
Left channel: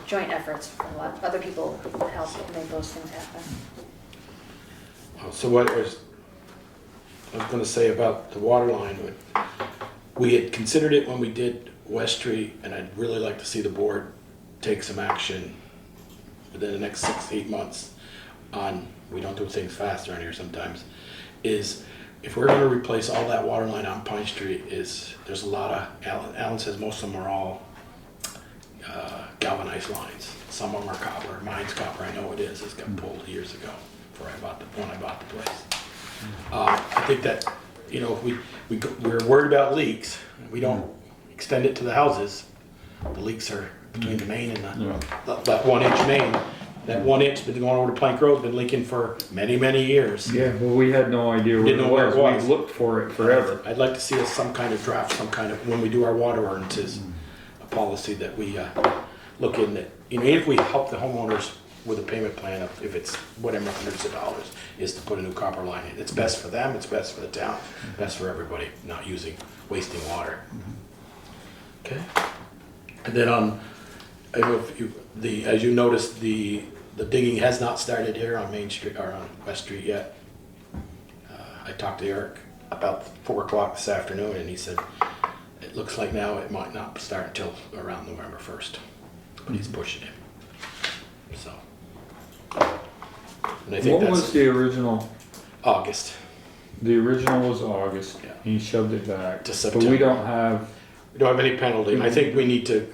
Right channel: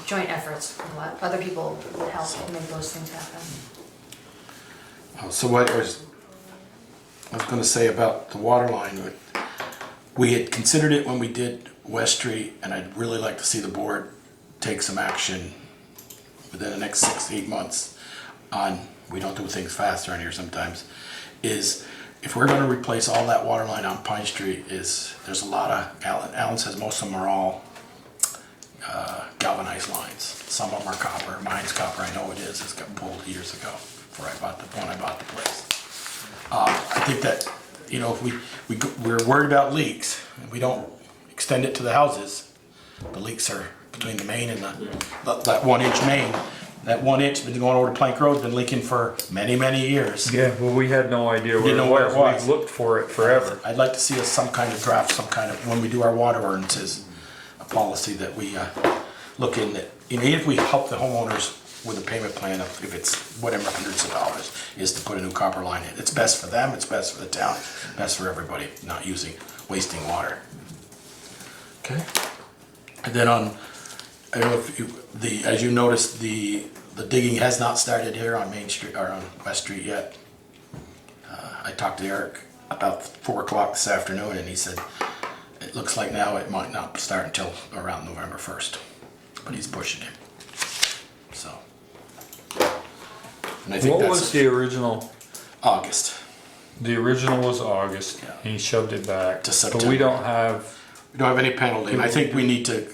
joint efforts. A lot, other people helped to make those things happen. So what I was gonna say about the water line, we had considered it when we did West Street, and I'd really like to see the board take some action within the next 6 to 8 months on, we don't do things fast around here sometimes, is if we're gonna replace all that water line on Pine Street, there's a lot of, Alan says most of them are all galvanized lines. Some of them are copper, mine's copper, I know it is, it's got pulled years ago when I bought the place. I think that, you know, if we're worried about leaks, and we don't extend it to the houses, the leaks are between the main and that 1 inch main. That 1 inch been going over to Plank Road, been leaking for many, many years. Yeah, well, we had no idea Didn't know where it was. We've looked for it forever. I'd like to see us some kind of draft, some kind of, when we do our water ordinances, a policy that we look in that, you know, if we help the homeowners with a payment plan of, if it's whatever hundreds of dollars, is to put a new copper line in. It's best for them, it's best for the town, best for everybody, not wasting water. Okay? And then I don't know if as you noticed, the digging has not started here on Main Street, or on West Street yet. I talked to Eric about 4 o'clock this afternoon, and he said, it looks like now it might not start until around November 1st, but he's pushing it, so. And I think What was the original? August. The original was August, Yeah. and he shoved it back. To But September. we don't have, any penalty. I think we need to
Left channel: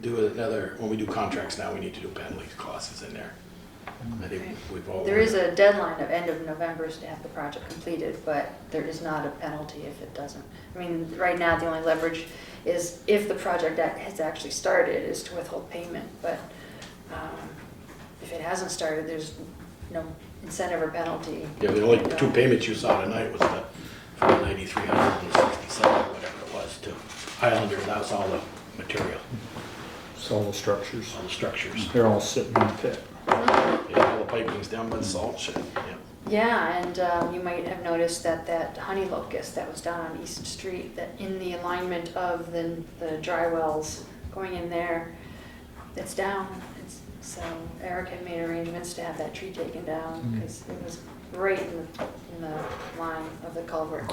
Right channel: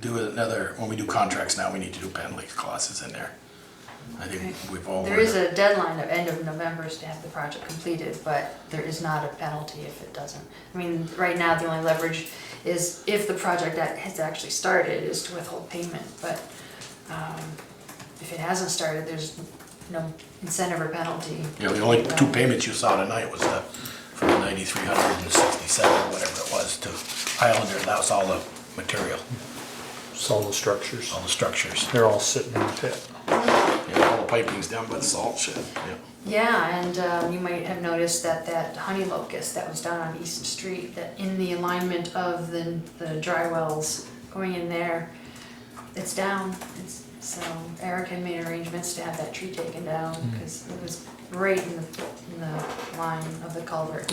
do another, when we do contracts now, we need to do penalty clauses in there. I think we've all. There is a deadline of end of November to have the project completed, but there is not a penalty if it doesn't. I mean, right now, the only leverage is if the project that has actually started is to withhold payment, but if it hasn't started, there's no incentive or penalty. Yeah, the only 2 payments you saw tonight was for the 9,367, whatever it was, to Islander, and that was all the material, solid structures. all the structures. They're all sitting in the pit. Yeah, all the piping's down by the salt shed. Yeah, and you might have noticed that honey locust that was down on East Street, that in the alignment of the dry wells going in there, it's down. So Eric had made arrangements to have that tree taken down because it was right in the line of the culvert.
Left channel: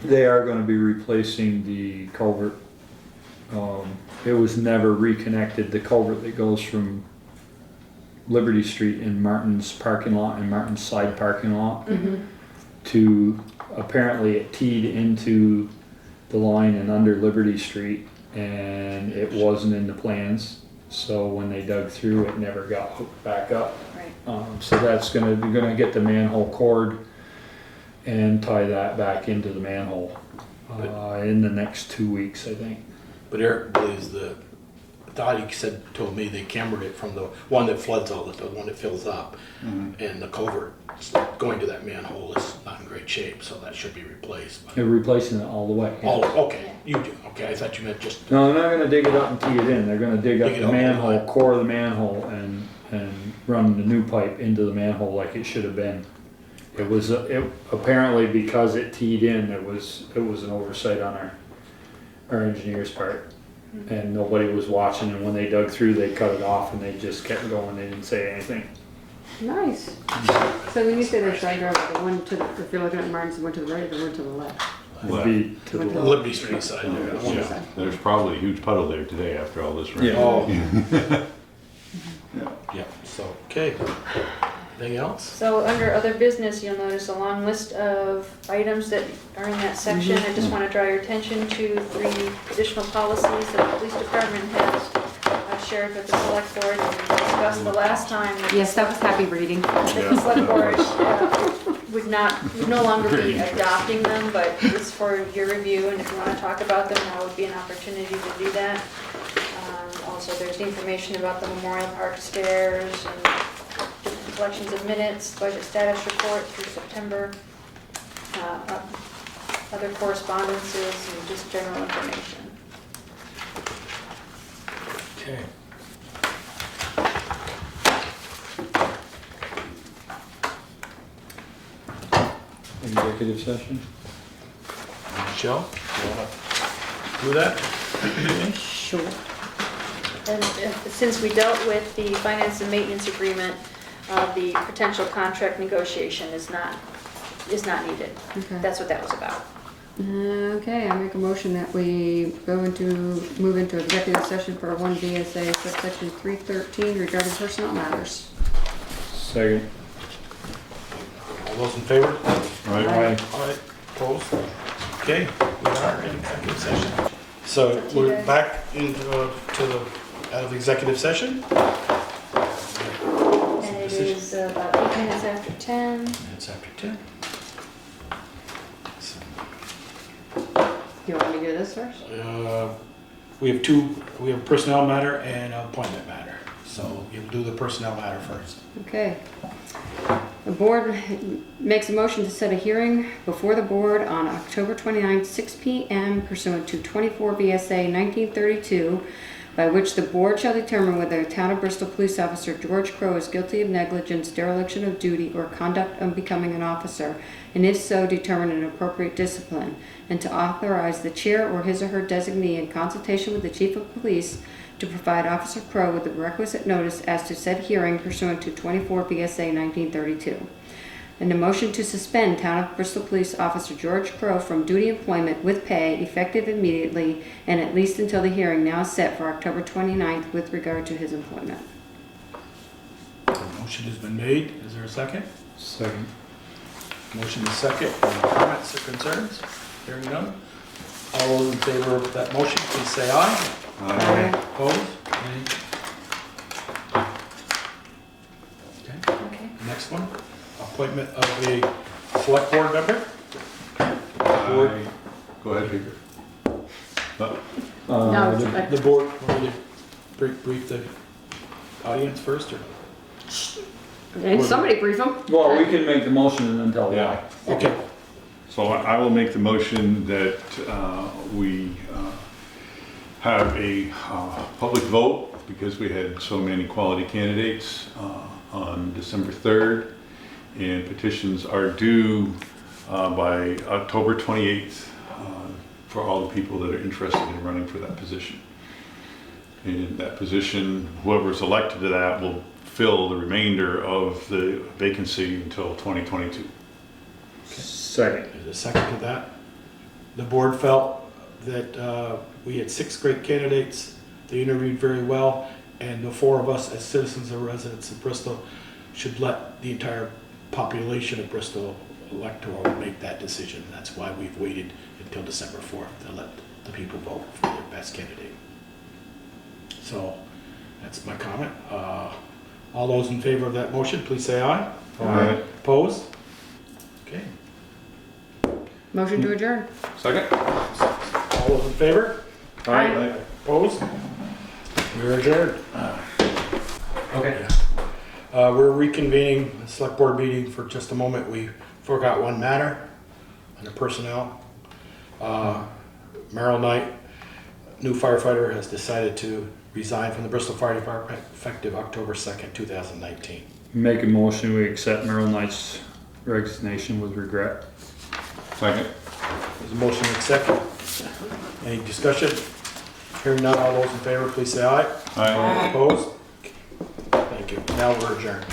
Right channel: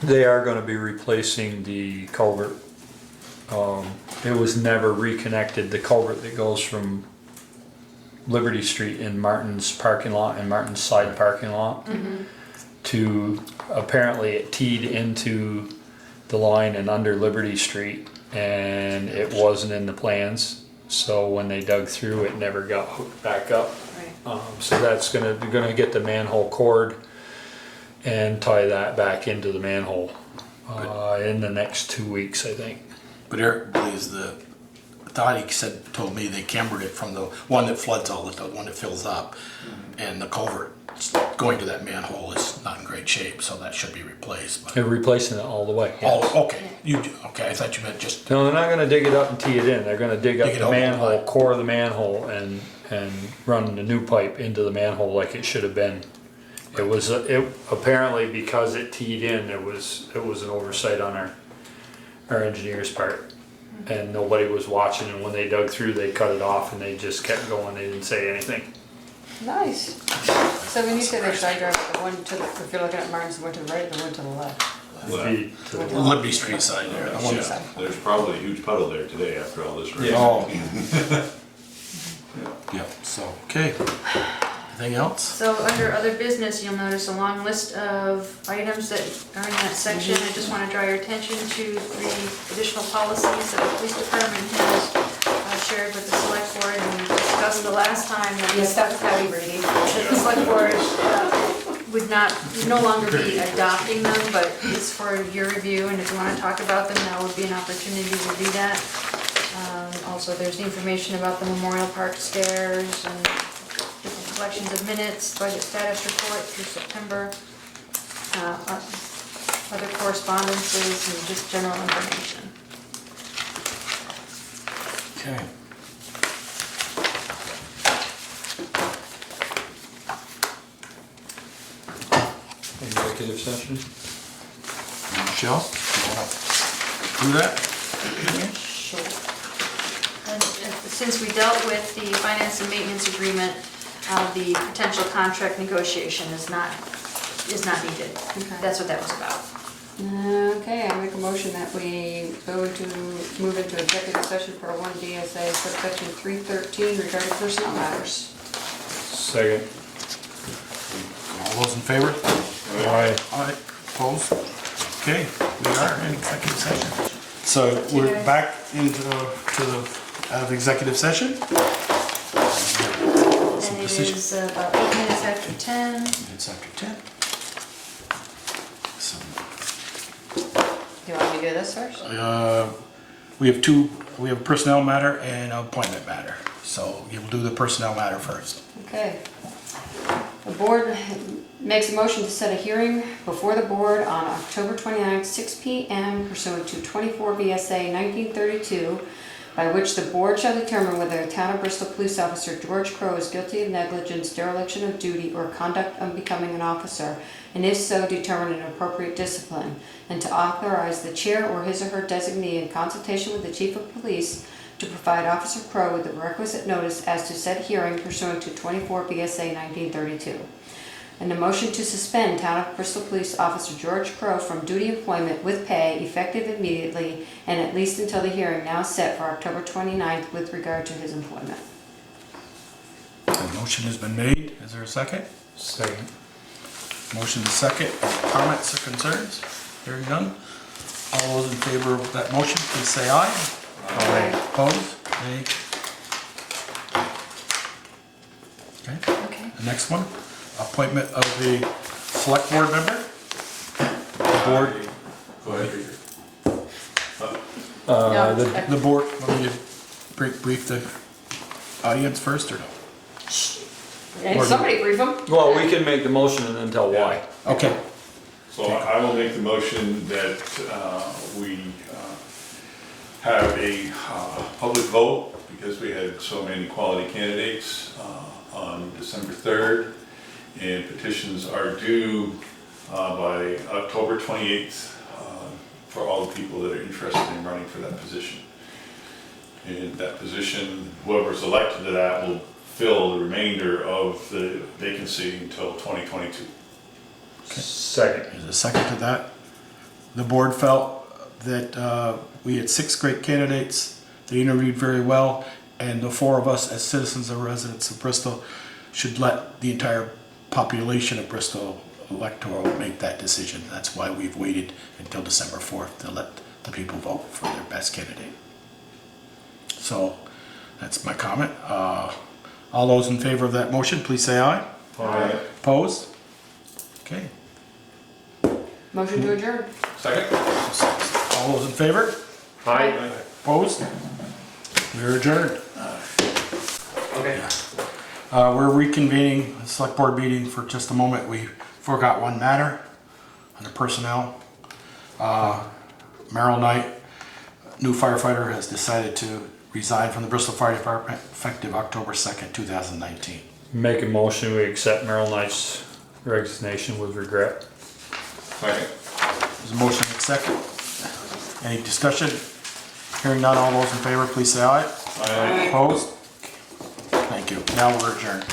They are gonna be replacing the culvert. It was never reconnected, the culvert that goes from Liberty Street in Martin's parking lot and Martin's side parking lot to, apparently it teed into the line and under Liberty Street, and it wasn't in the plans. So when they dug through, it never got hooked back up. Right. So that's gonna get the manhole cord and tie that back into the manhole in the next 2 weeks, I think. But Eric believes told me they cambered it from the one that floods the one that fills up, and the culvert going to that manhole is not in great shape, so that should be replaced. But They're replacing it all the way. Yes. oh, okay, you do. Okay, I thought you meant just. No, they're not gonna dig it up and tee it in. They're gonna dig up Dig it the up the manhole, line. core of the manhole, and run the new pipe into the manhole like it should have been. It was apparently because it teed in. It was an oversight on our engineer's part, and nobody was watching. And when they dug through, they cut it off, and they just kept going. They didn't say anything. Nice. So when you say they tried to drive the one if you're looking at Martin's, the one to the right, the one to the left. It'd be to the Liberty Street side there. the one Yeah, side. there's probably a huge puddle there today after all this rain. Yeah. Oh. Yeah. So okay. Anything else? So under other business, you'll notice a long list of items that are in that section. I just want to draw your attention to 3 additional policies that the police department has shared with the select board and we discussed the last time. That Yes, that was happy reading. the select board would no longer be adopting them, but it's for your review, and if you want to talk about them, now would be an opportunity to do that. Also, there's information about the Memorial Park stairs and different collections of minutes, budget status report through September, other correspondences, and just general information. Okay. executive session? Michelle, you wanna do that? Sure. And since we dealt with the finance and maintenance agreement, the potential contract negotiation is not needed. Okay. That's what that was about. Okay, I make a motion that we move into executive session for 1 VSA subsection 313 regarding personnel matters. Second. All those in favor? Aye. Aye. Opposed? Okay, we are in executive session. So we're back into out of executive session. And it is about 8 minutes after 10. It's after 10. So, Do you want me to do this first? we have a personnel matter and an appointment matter. So you'll do the personnel matter first. Okay. The board makes a motion to set a hearing before the board on October 29, 6 p.m. pursuant to 24 VSA 1932, by which the board shall determine whether the town of Bristol police officer George Crowe is guilty of negligence, dereliction of duty, or conduct unbecoming an officer, and if so, determine an appropriate discipline, and to authorize the chair or his or her designee in consultation with the chief of police to provide Officer Crowe with the requisite notice as to said hearing pursuant to 24 VSA 1932. And a motion to suspend Town of Bristol Police Officer George Crowe from duty employment with pay effective immediately and at least until the hearing now set for October 29th with regard to his employment. The motion has been made. Is there a second? Second. Motion is second. Any comments or concerns? Hearing none. All those in favor of that motion, please say aye. Aye. Opposed? Nay. Okay. The next one, appointment of the select board member. Board. Go ahead, Victor. No, The board, want me to brief the audience first, or? And somebody brief him. Well, we can make the motion and then tell why. Okay. So I will make the motion that we have a public vote, because we had so many quality candidates, on December 3rd, and petitions are due by October 28th for all the people that are interested in running for that position. And that position, whoever's elected to that will fill the remainder of the vacancy until 2022. Second. There's a second to that. The board felt that we had 6 great candidates. They interviewed very well, and the 4 of us as citizens and residents of Bristol should let the entire population of Bristol electoral make that decision. That's why we've waited until December 4th to let the people vote for their best candidate. So that's my comment. All those in favor of that motion, please say aye. Aye. Opposed? Okay. Motion to adjourn. Second? All those in favor? Aye. Opposed? We're adjourned. Okay. We're reconvening the select board meeting for just a moment. We forgot one matter under personnel. Merrill Knight, new firefighter, has decided to resign from the Bristol Fire Department effective October 2nd, 2019. Make a motion, we accept Merrill Knight's resignation with regret. Second. There's a motion and a second. Any discussion? Hearing none, all those in favor, please say aye. Aye. Opposed? Thank you. Now we're adjourned.